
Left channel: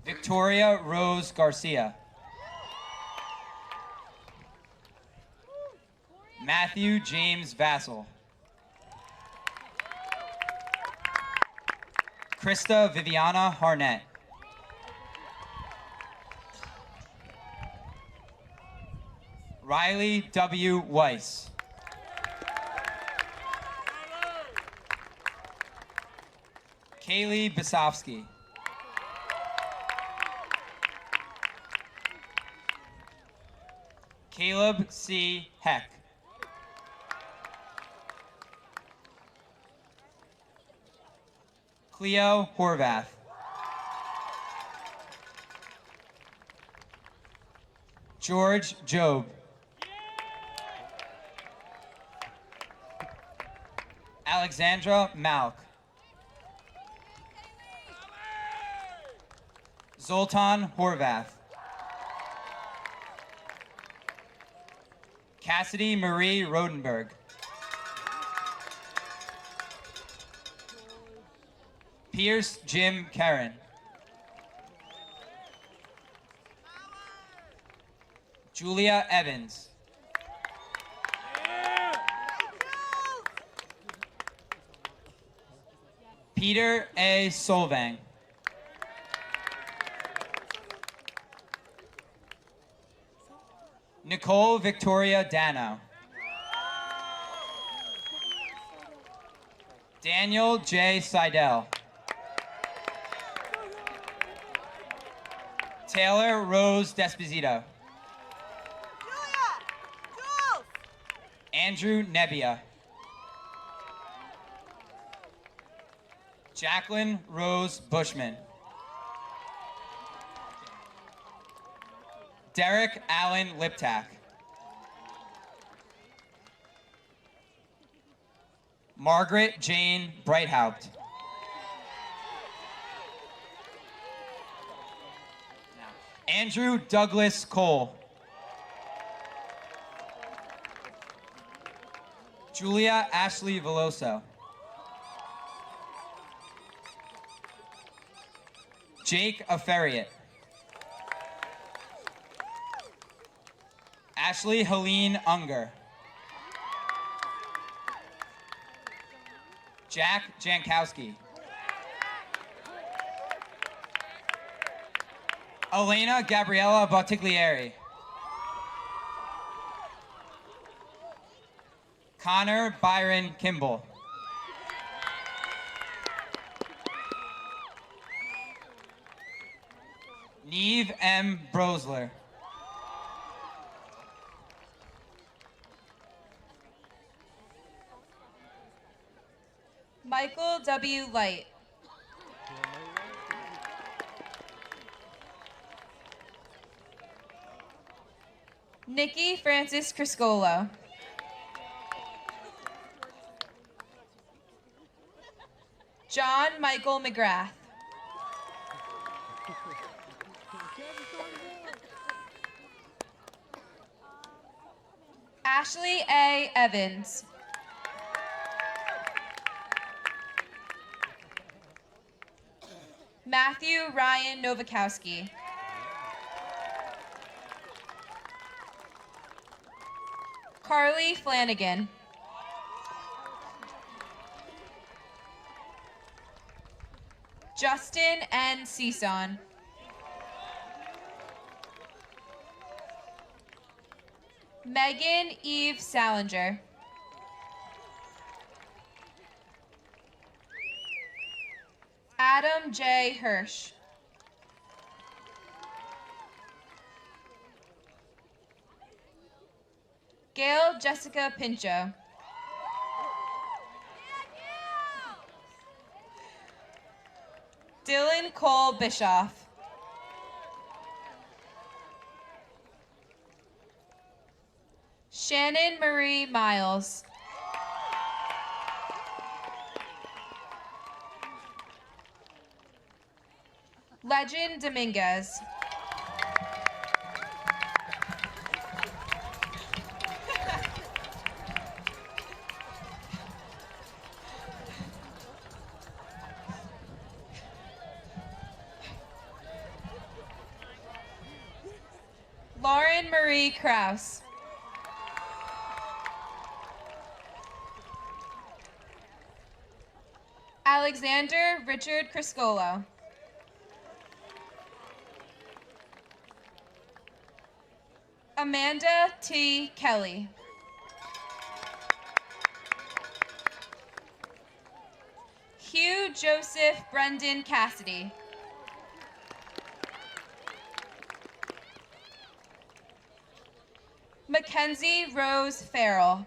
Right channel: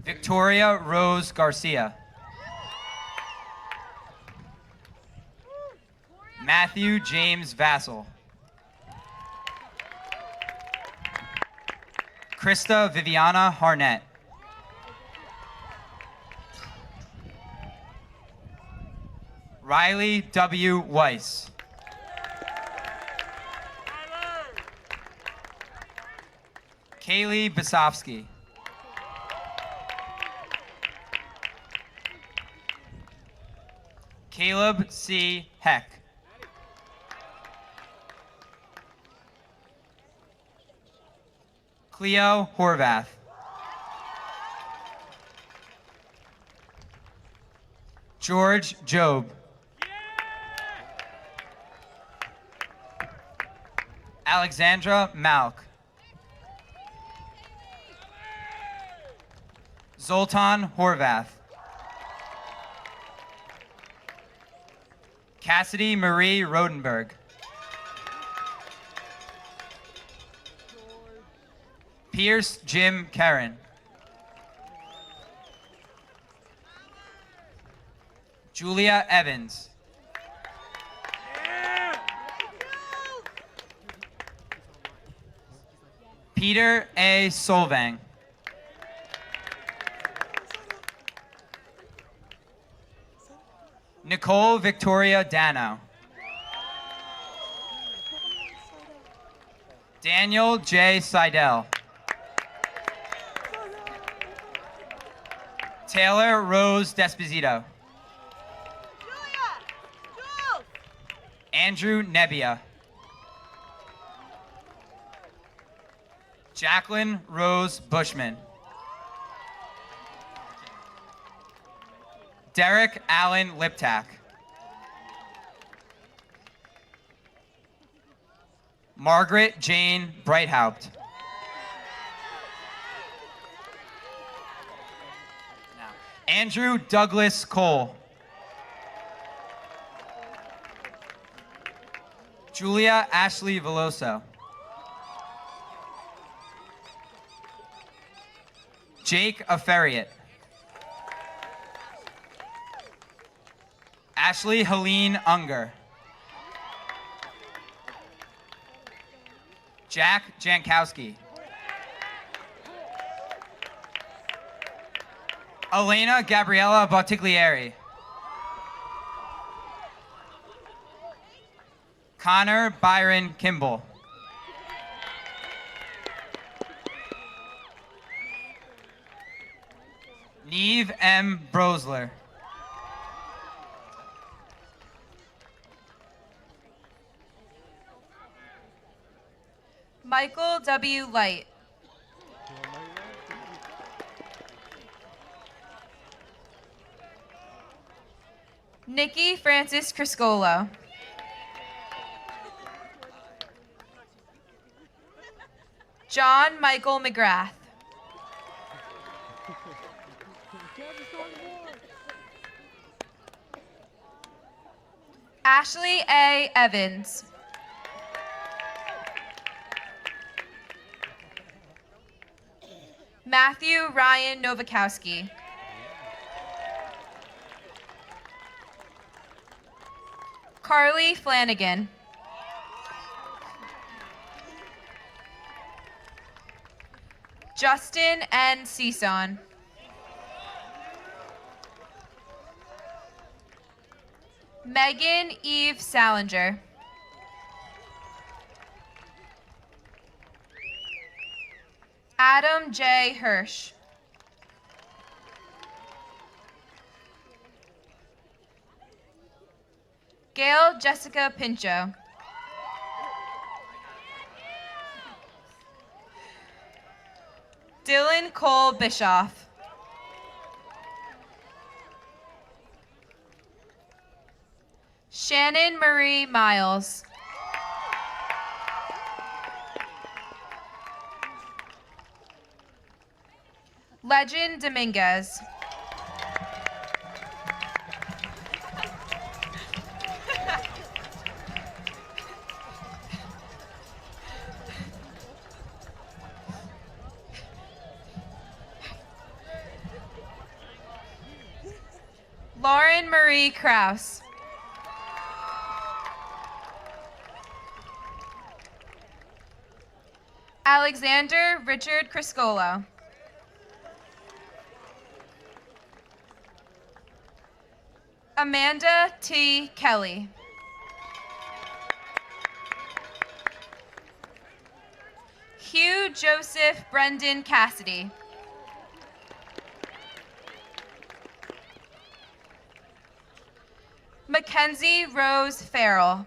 Victoria Rose Garcia. Matthew James Vassell. Krista Viviana Harnett. Riley W. Weiss. Kaylee Basofsky. Caleb C. Heck. Cleo Horvath. George Job. Alexandra Malk. Zoltan Horvath. Cassidy Marie Rodenberg. Pierce Jim Karen. Julia Evans. Peter A. Solvang. Nicole Victoria Dano. Daniel J. Seidel. Taylor Rose Desposito. Andrew Nebbia. Jacqueline Rose Bushman. Derek Allen Liptak. Margaret Jane Breithaupt. Andrew Douglas Cole. Julia Ashley Veloso. Jake Aferiot. Ashley Helene Unger. Jack Jankowski. Elena Gabriella Bottiglieri. Connor Byron Kimball. Neve M. Brosler. Michael W. Light. Nikki Francis Criscolo. John Michael McGrath. Ashley A. Evans. Matthew Ryan Novakowski. Carly Flanagan. Justin N. Cison. Megan Eve Salinger. Adam J. Hirsch. Gail Jessica Pincho. Dylan Cole Bischoff. Shannon Marie Miles. Legend Dominguez. Lauren Marie Kraus. Alexander Richard Criscolo. Amanda T. Kelly. Hugh Joseph Brendan Cassidy. Mackenzie Rose Farrell.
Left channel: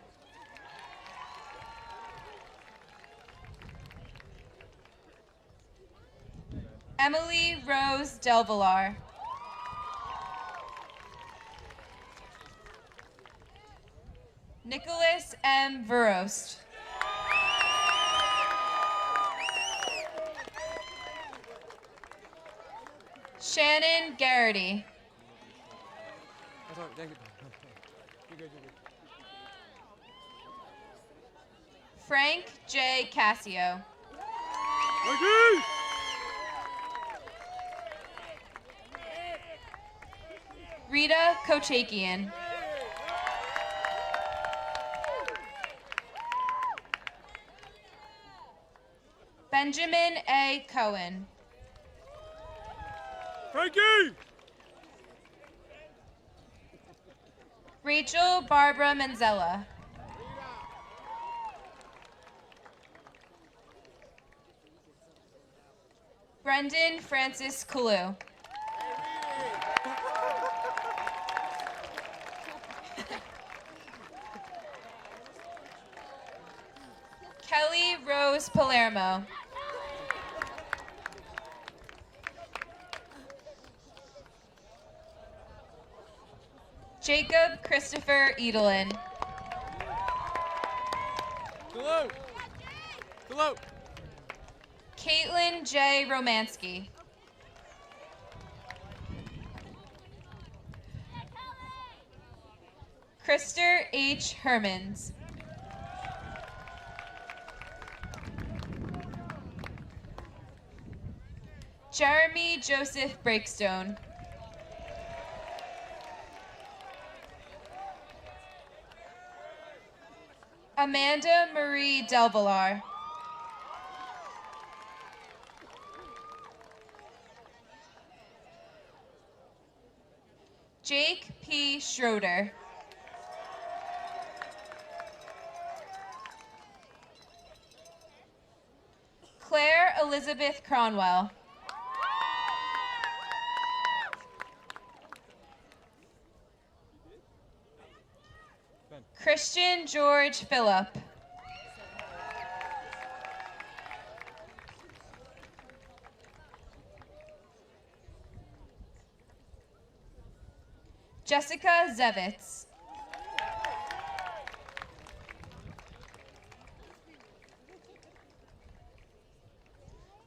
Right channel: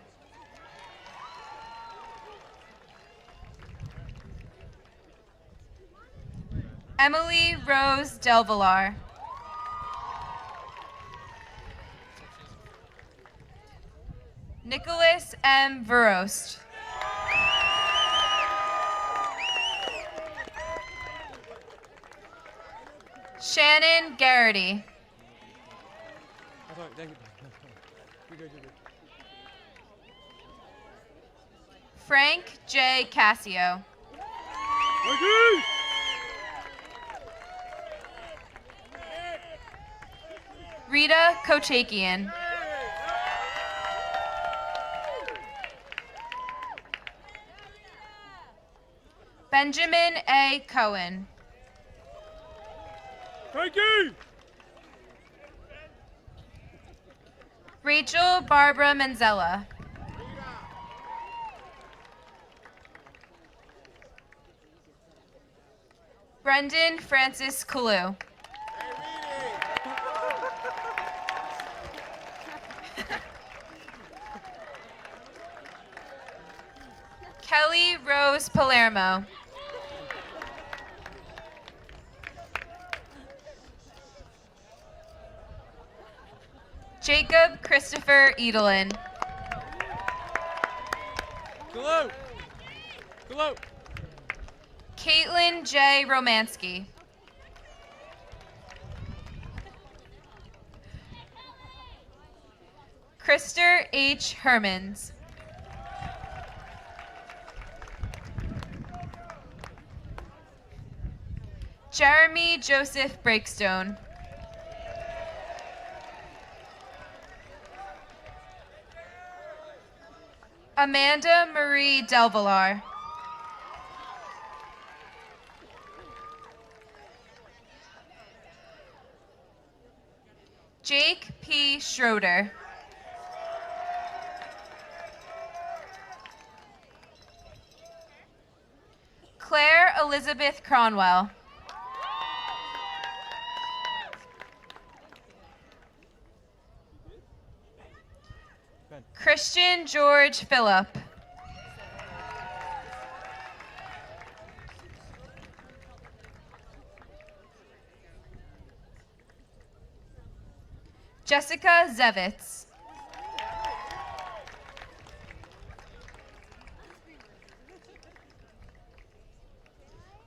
Emily Rose Delvillar. Nicholas M. Verost. Shannon Garrity. Thank you. You're good, you're good. Frank J. Cassio. Rita Kochakian. Benjamin A. Cohen. Frankie! Rachel Barbara Manzella. Brendan Francis Kalu. Kelly Rose Palermo. Jacob Christopher Edelin. Hello. Hello. Caitlin J. Romansky. Krister H. Hermans. Jeremy Joseph Breakstone. Amanda Marie Delvillar. Jake P. Schroeder. Claire Elizabeth Cronwell. Christian George Phillip. Jessica Zevitz.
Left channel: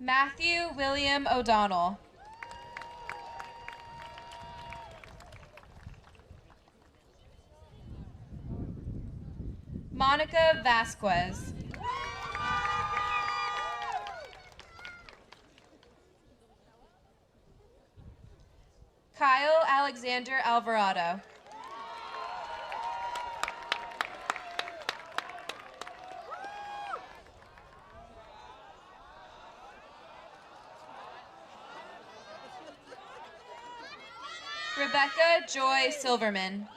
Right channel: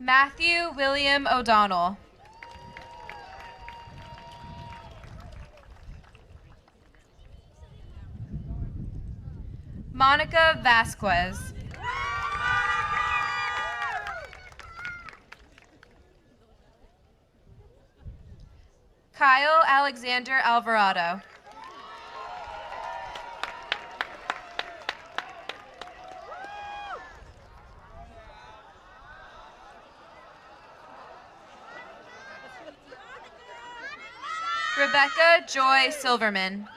Matthew William O'Donnell. Monica Vasquez. Kyle Alexander Alvarado. Rebecca Joy Silverman.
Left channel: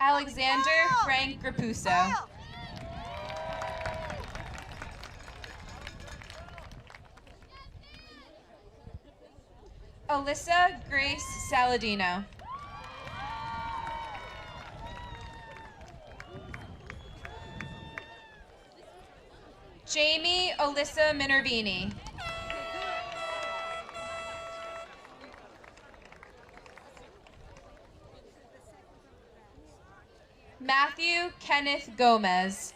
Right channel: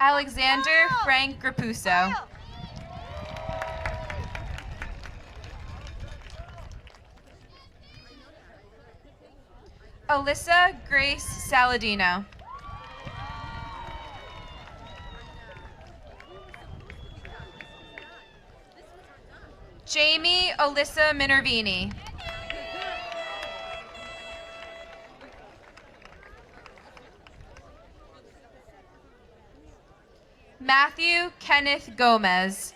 Alexander Frank Grapuso. Alyssa Grace Saladino. Jamie Alyssa Minervini. Matthew Kenneth Gomez.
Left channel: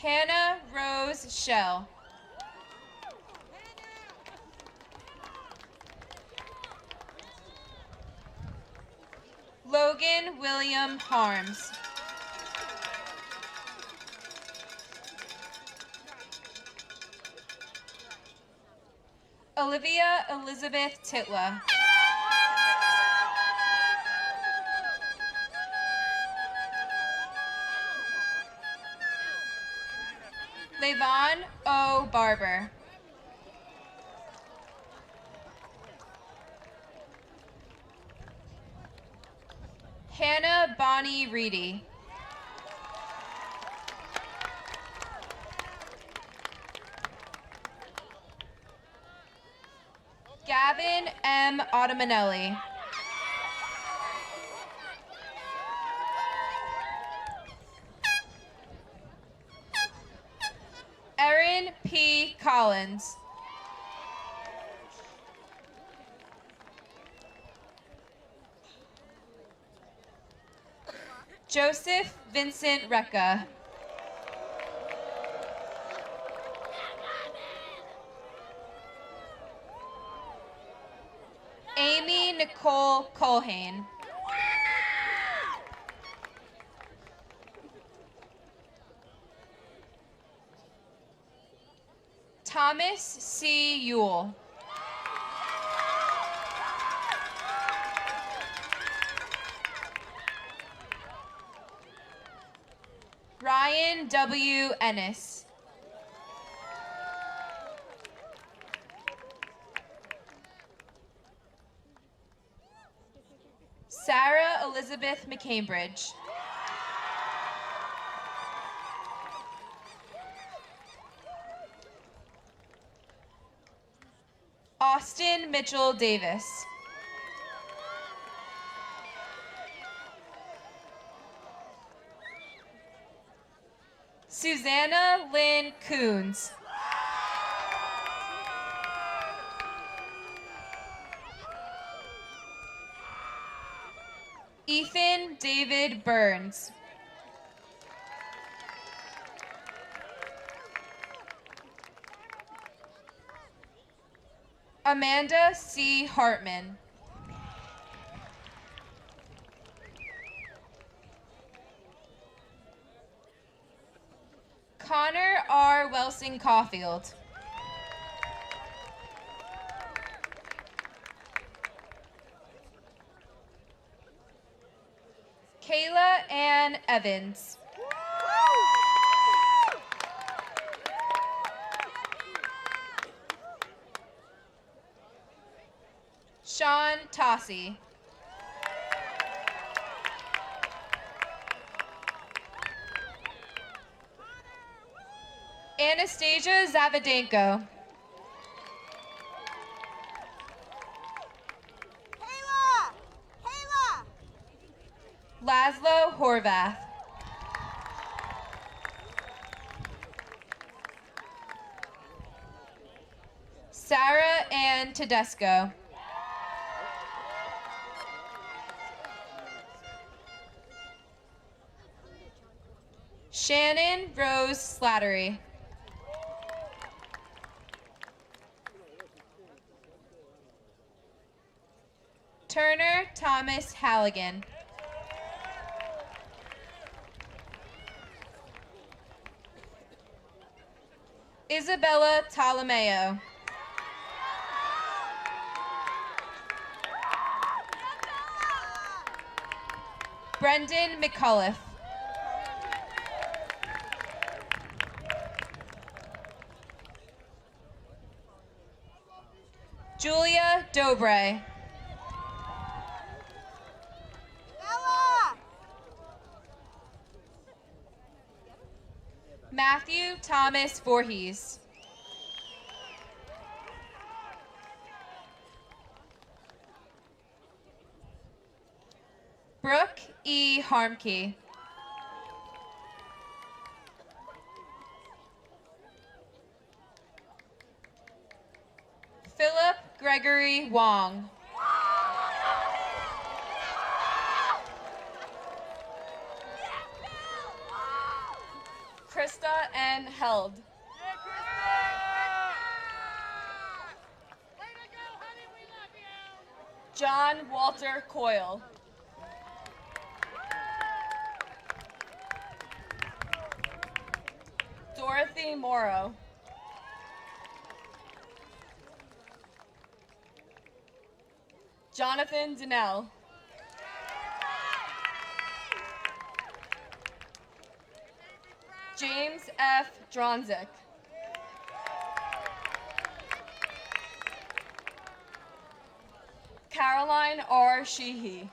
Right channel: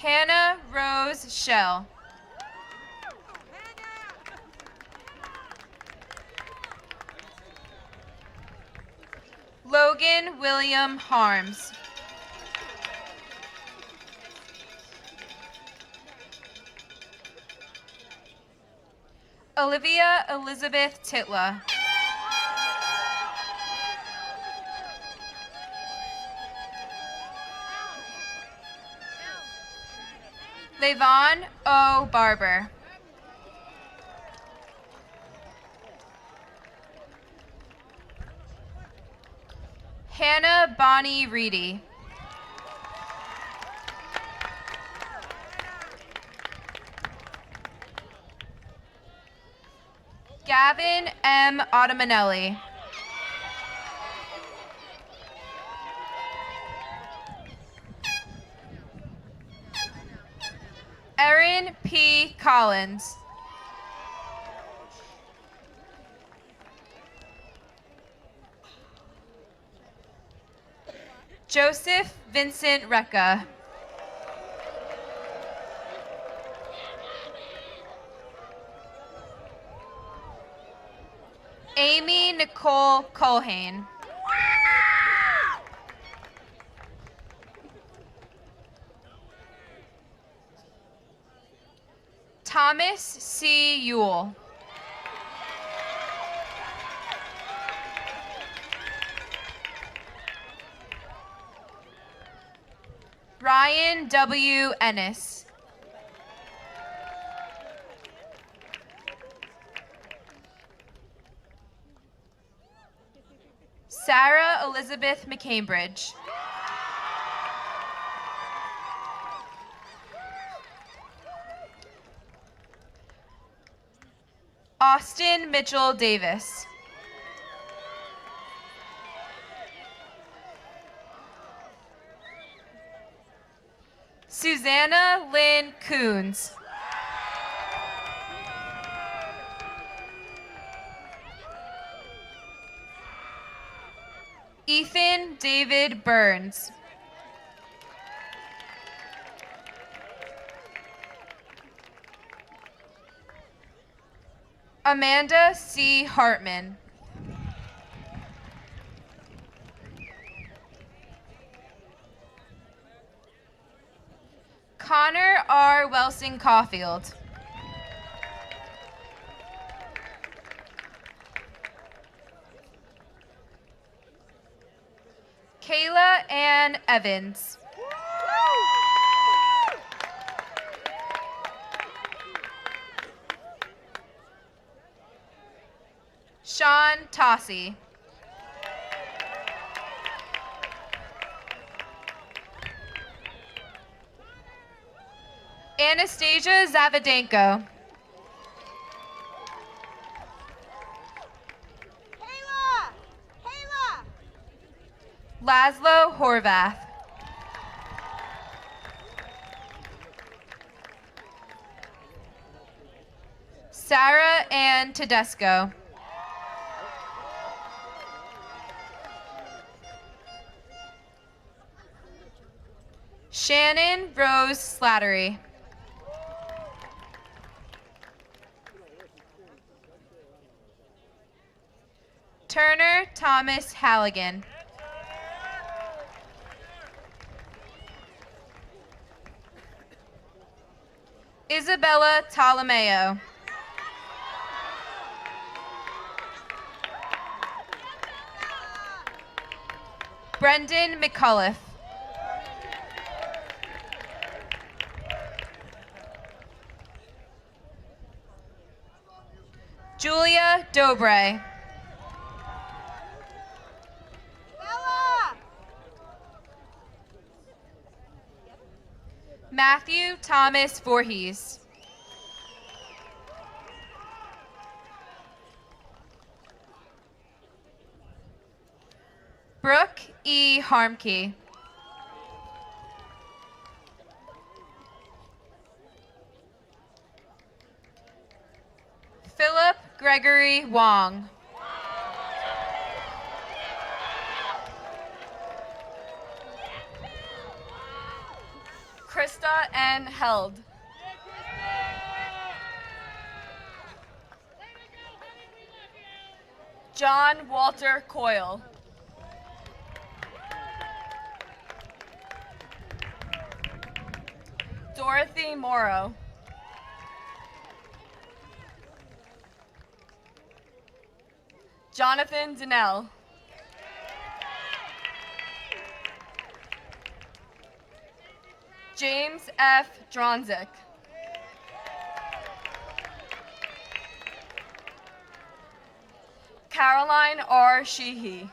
Hannah Rose Shell. Logan William Harms. Olivia Elizabeth Titla. Levon O. Barber. Hannah Bonnie Reedy. Gavin M. Ottamanelli. Erin P. Collins. Joseph Vincent Recca. Amy Nicole Culhane. Thomas C. Ewell. Ryan W. Ennis. Sarah Elizabeth McCambridge. Austin Mitchell Davis. Susanna Lynn Coons. Ethan David Burns. Amanda C. Hartman. Connor R. Welsing Caulfield. Kayla Ann Evans. Sean Tossi. Anastasia Zavadenko. Laszlo Horvath. Sarah Ann Tedesco. Shannon Rose Slattery. Turner Thomas Halligan. Isabella Ptolomeo. Brendan McCullough. Julia Dobre. Matthew Thomas Voorhees. Brooke E. Harmkey. Philip Gregory Wong. Krista N. Held. John Walter Coyle. Dorothy Morrow. Jonathan Donnell. James F. Dronzik. Caroline R. Sheehy.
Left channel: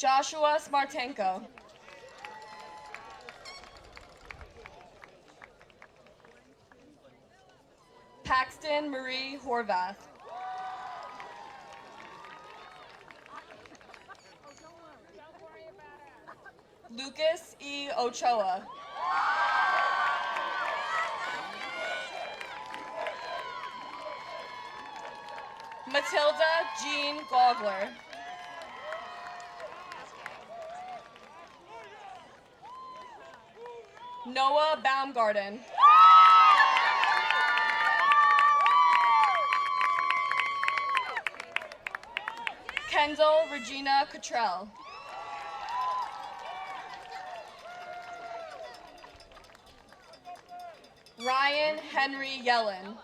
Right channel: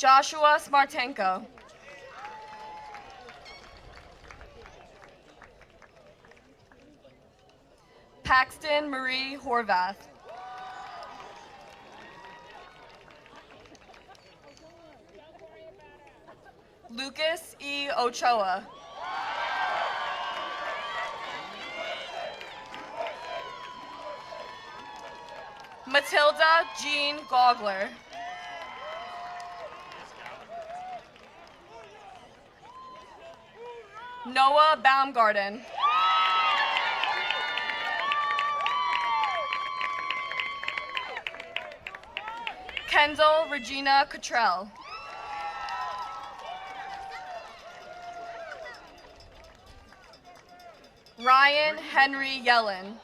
Joshua Smartenko. Paxton Marie Horvath. Lucas E. Ochoa. Matilda Jean Gogler. Noah Baumgarten. Kendall Regina Cottrell. Ryan Henry Yellen.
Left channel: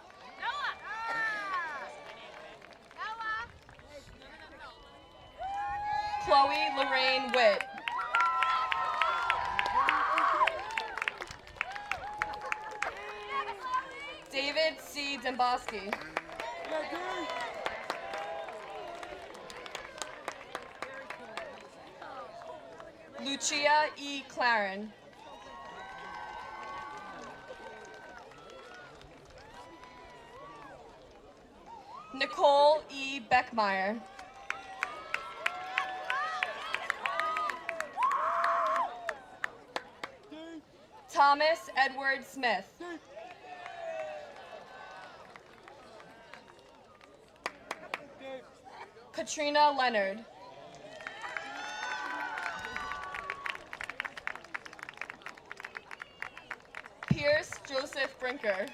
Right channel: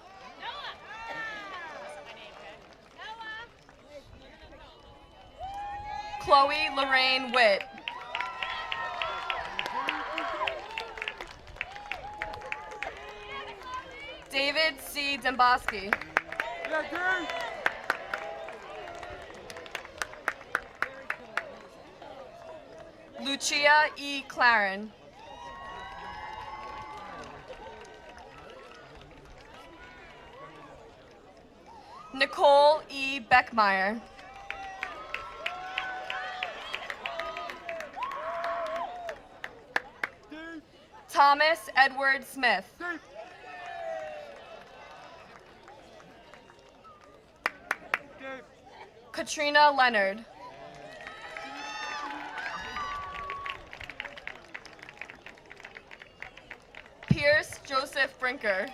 Chloe Lorraine Witt. David C. Demboski. Lucia E. Claren. Nicole E. Beckmeyer. Thomas Edward Smith. Katrina Leonard. Pierce Joseph Brinker.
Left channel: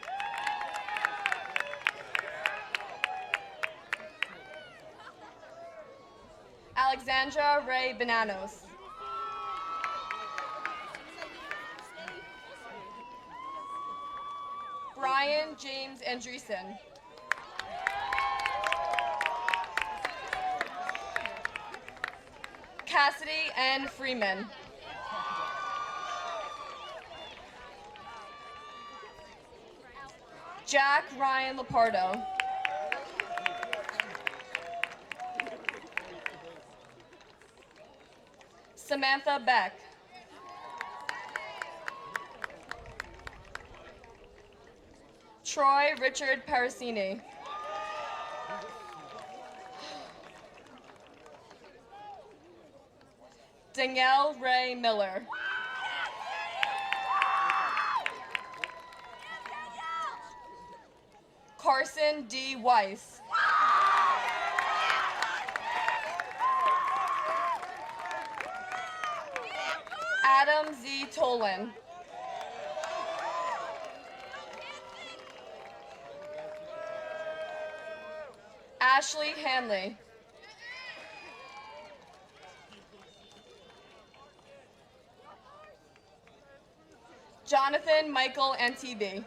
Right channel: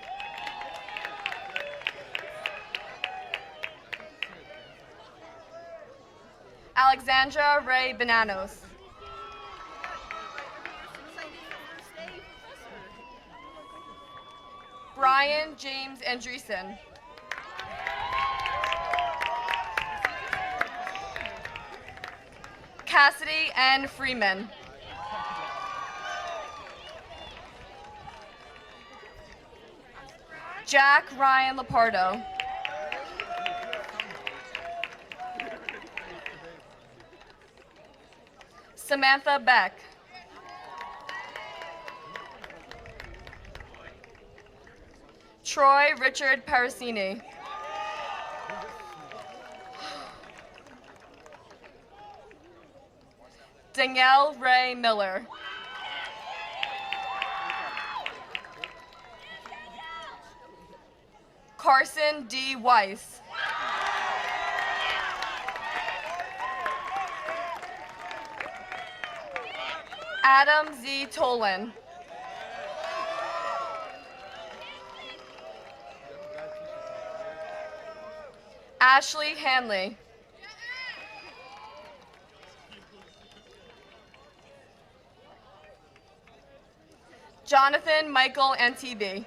Alexandra Ray Bananos. Brian James Andreessen. Cassidy N. Freeman. Jack Ryan Lapardo. Samantha Beck. Troy Richard Parasini. Danielle Ray Miller. Carson D. Weiss. Adam Z. Tolan. Ashley Hanley. Jonathan Michael Antibes.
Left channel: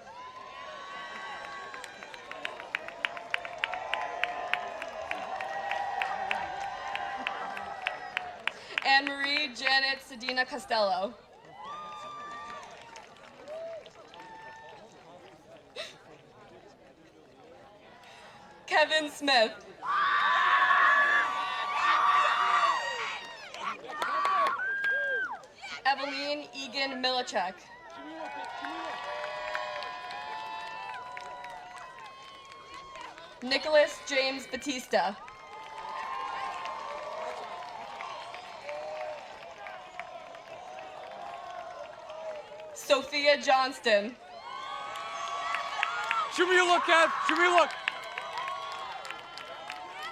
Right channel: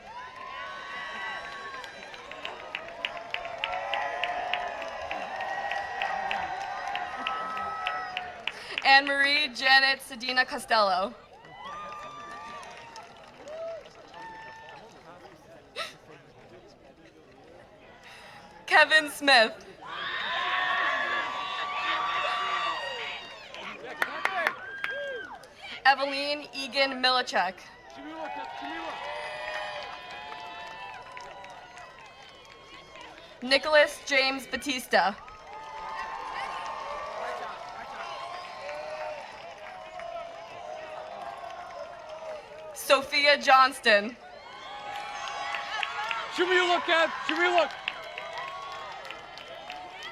Anne-Marie Janet Sedina Costello. Kevin Smith. Eveline Egan Milichek. Nicholas James Batista. Sophia Johnston. Show me a look, Kev. Show me a look.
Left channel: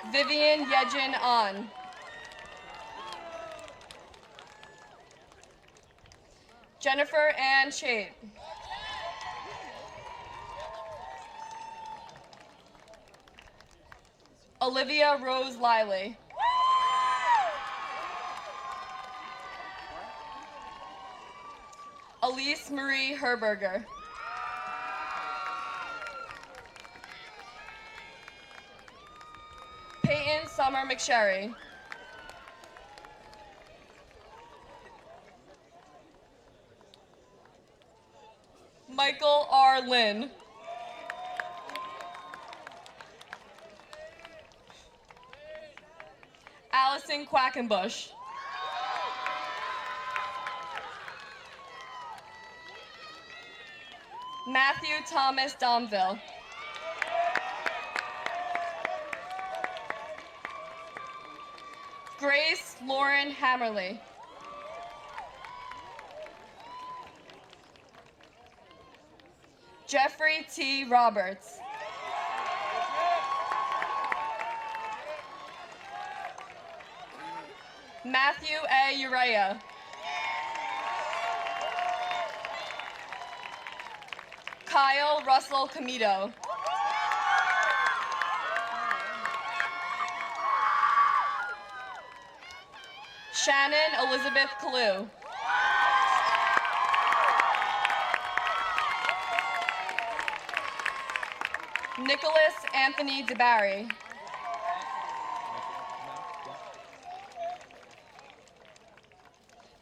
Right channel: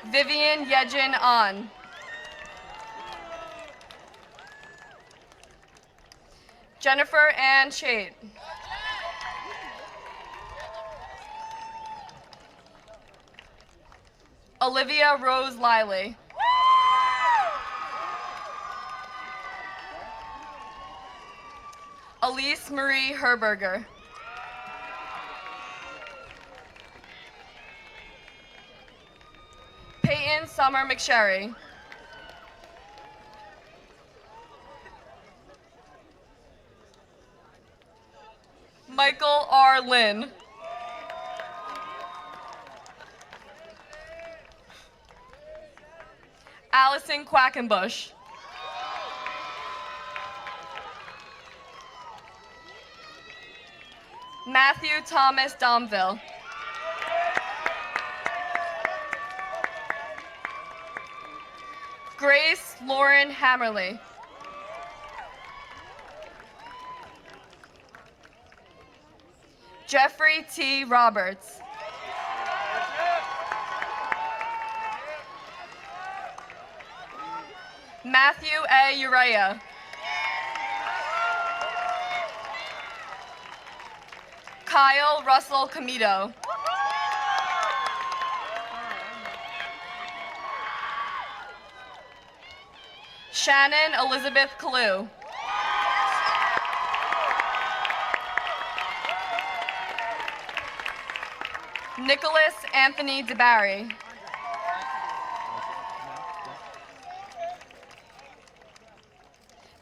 Vivian Yejin An. Jennifer Ann Chait. Olivia Rose Liley. Elise Marie Herberger. Peyton Summer McSherry. Michael R. Lynn. Allison Quackenbush. Matthew Thomas Domville. Grace Lauren Hammerly. Jeffrey T. Roberts. Matthew A. Uriah. Kyle Russell Comito. Shannon Elizabeth Kalu. Nicholas Anthony DeBarry.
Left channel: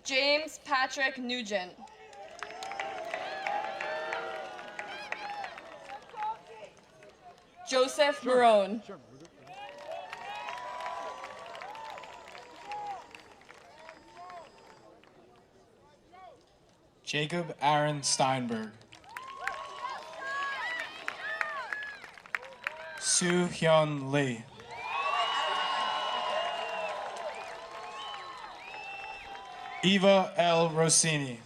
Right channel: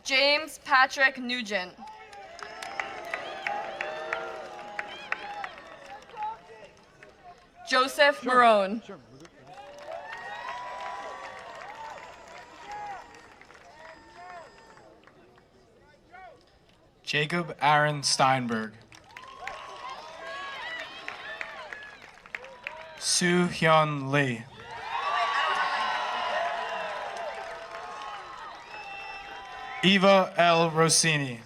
James Patrick Nugent. Joseph Marone. Sure. Jacob Aaron Steinberg. Soo Hyun Lee. Eva L. Rossini.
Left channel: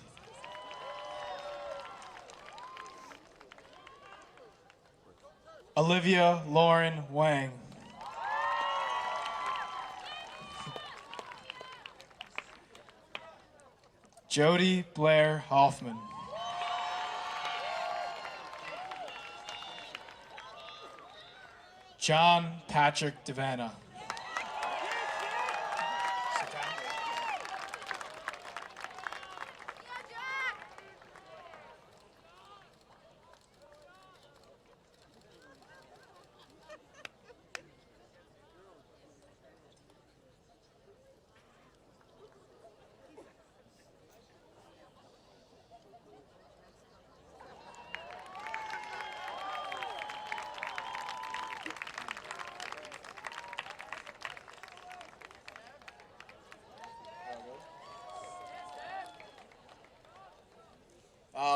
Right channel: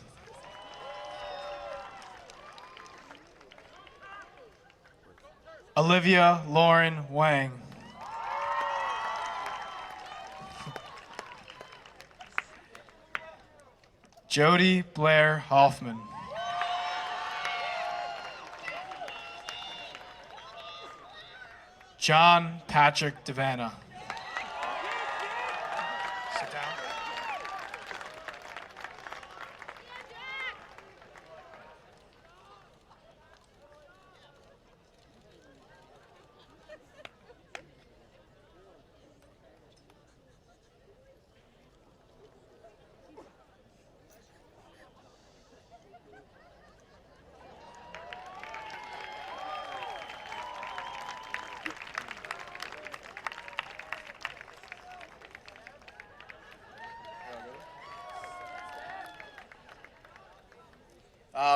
Olivia Lauren Wang. Jody Blair Hoffman. John Patrick Devanna. Sit down.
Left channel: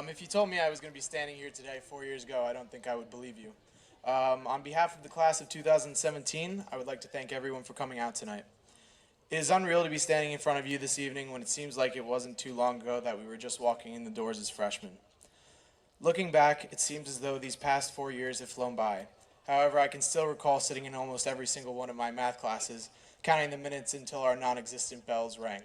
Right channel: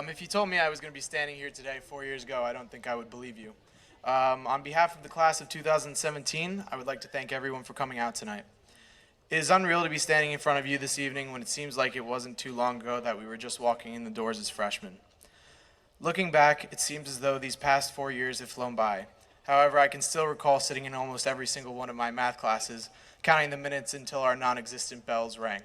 If you told me I was going to be standing here today 4 years ago, I don't think I would believe you. On behalf of the class of 2017, I would like to thank everyone for coming out tonight. It is unreal to be standing in front of you this evening when it seems like it wasn't too long ago that we were just walking in the doors as freshmen. Looking back, it seems as though these past 4 years have flown by, However, I can still recall sitting in almost every single one of my math classes, counting the minutes until our non-existent bells rang.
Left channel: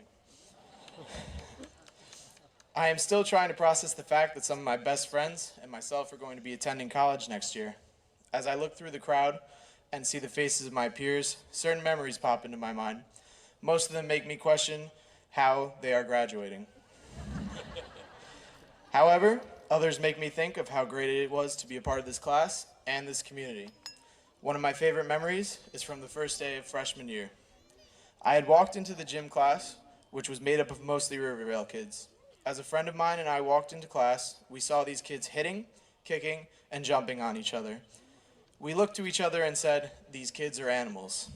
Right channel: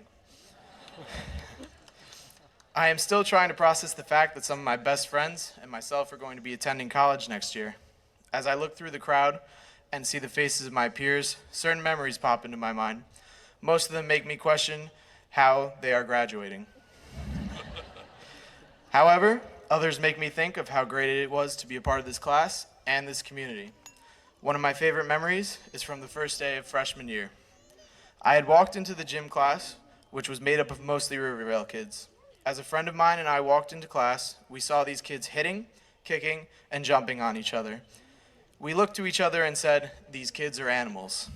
I am still trying to process the fact that some of my best friends and myself are going to be attending college next year. As I look through the crowd and see the faces of my peers, certain memories pop into my mind. Most of them make me question how they are graduating. However, others make me think of how great it was to be a part of this class and this community. One of my favorite memories is from the first day of freshman year. I had walked into the gym class, which was made up of mostly Rivervale kids. As a friend of mine and I walked into class, we saw these kids hitting, kicking, and jumping on each other. We looked to each other and said, "These kids are animals."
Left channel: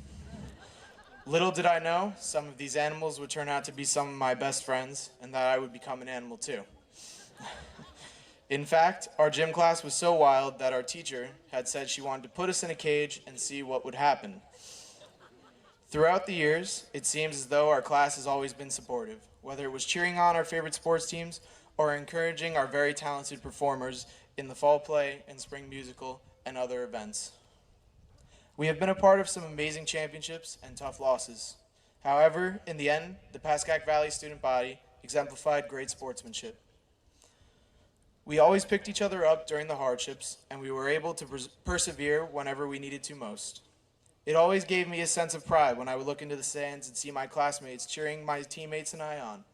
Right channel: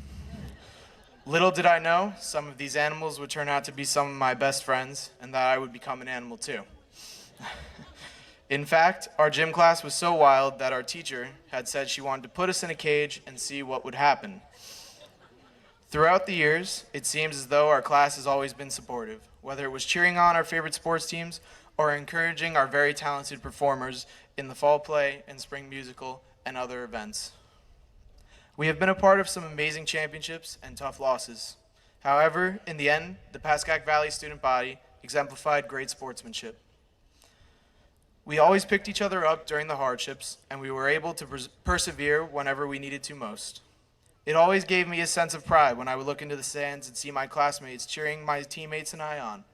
Little did I know, some of these animals would turn out to be some of my best friends, and that I would become an animal too. In fact, our gym class was so wild that our teacher had said she wanted to put us in a cage and see what would happen. Throughout the years, it seems as though our class has always been supportive, whether it was cheering on our favorite sports teams or encouraging our very talented performers in the fall play and spring musical and other events. We have been a part of some amazing championships and tough losses. However, in the end, the Pascack Valley student body exemplified great sportsmanship. We always picked each other up during the hardships, and we were able to persevere whenever we needed to most. It always gave me a sense of pride when I would look into the stands and see my classmates cheering my teammates and I on.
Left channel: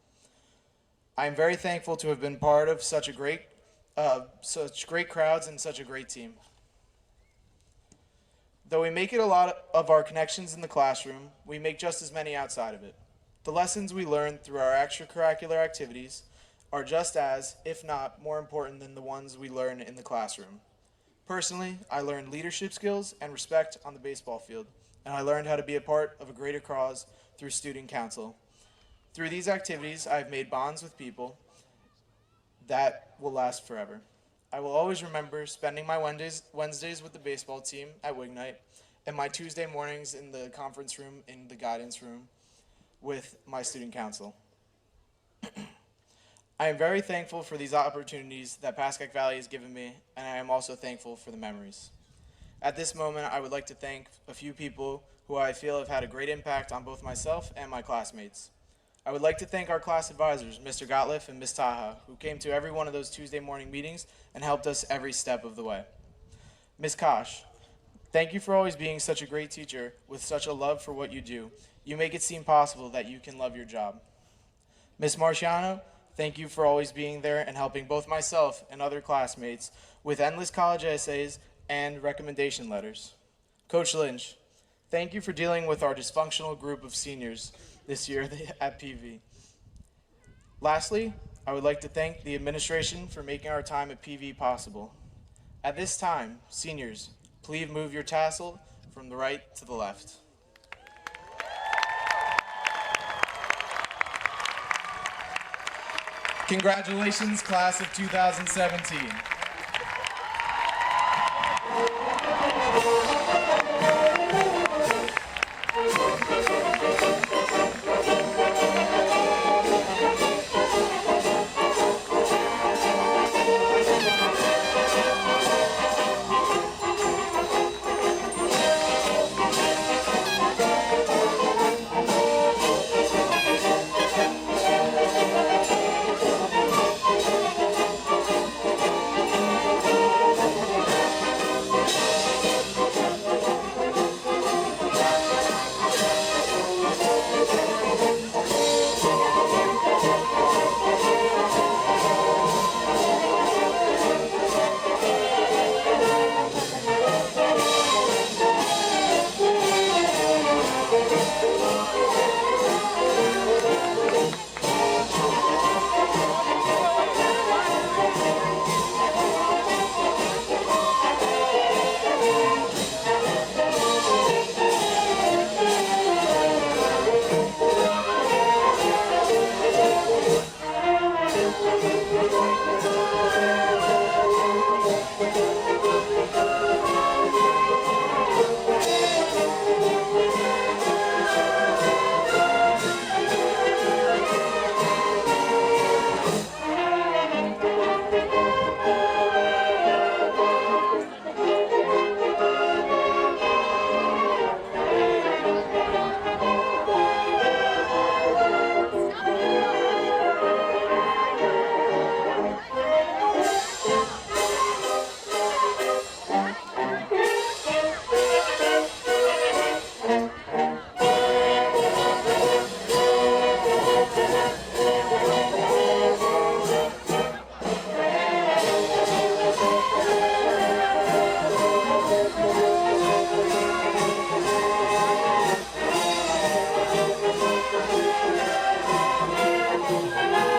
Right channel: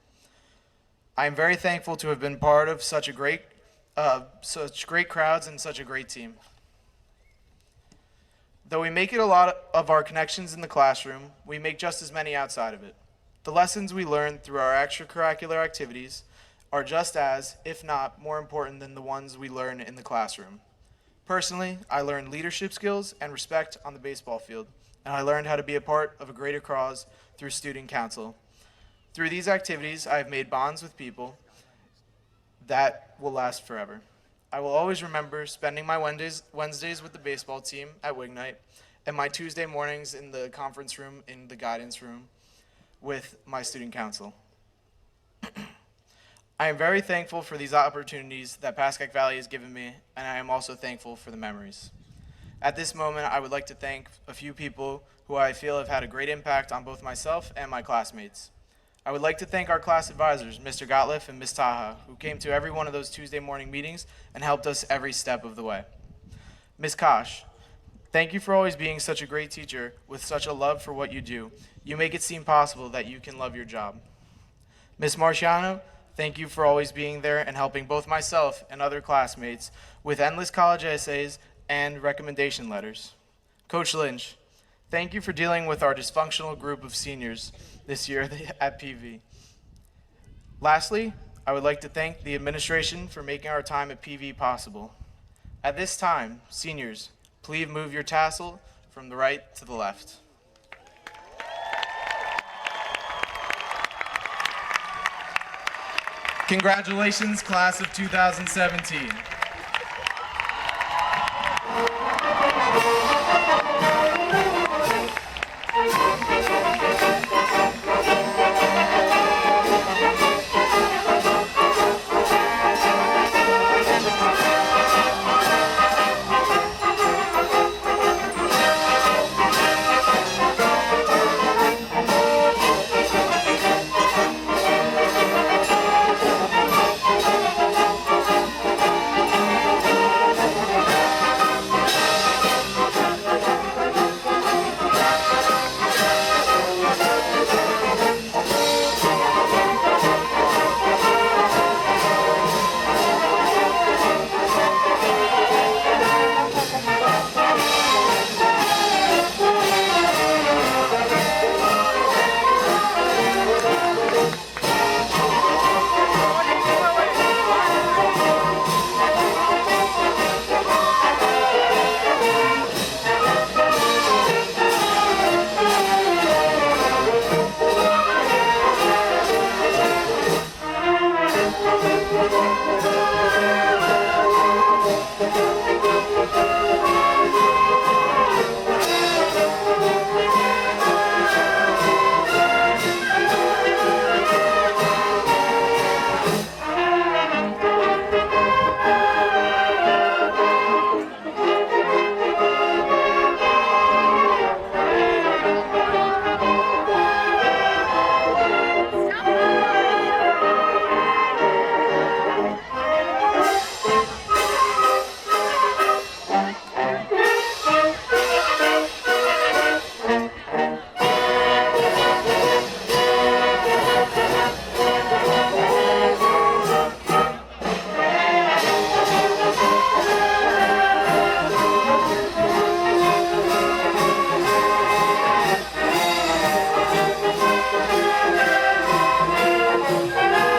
I am very thankful to have been part of such great crowds and such a great team. Though we make it a lot of our connections in the classroom, we make just as many outside of it. The lessons we learn through our extracurricular activities are just as, if not more important than the ones we learn in the classroom. Personally, I learned leadership skills and respect on the baseball field, and I learned how to be a part of a greater cause through student council. Through these activities, I have made bonds with people that will last forever. I will always remember spending my Wednesdays with the baseball team at Wignite and my Tuesday mornings in the conference room, in the guidance room, with my student council. I am very thankful for these opportunities that Pascack Valley has given me, and I am also thankful for the memories. At this moment, I would like to thank a few people who I feel have had a great impact on both myself and my classmates. I would like to thank our class advisors, Mr. Gottliff and Ms. Taha, who came to every one of those Tuesday morning meetings and helped us every step of the way. Ms. Kosh, thank you for always being such a great teacher with such a love for what you do. You make it seem possible that you can love your job. Ms. Marciano, thank you for always being there and helping both myself and other classmates with endless college essays and recommendation letters. Coach Lynch, thank you for dealing with our dysfunctional group of seniors this year at PV. Lastly, I would like to thank the administration for making our time at PV possible. At this time, seniors, please move your tassel from the right to the left. Congratulations, class of 2017.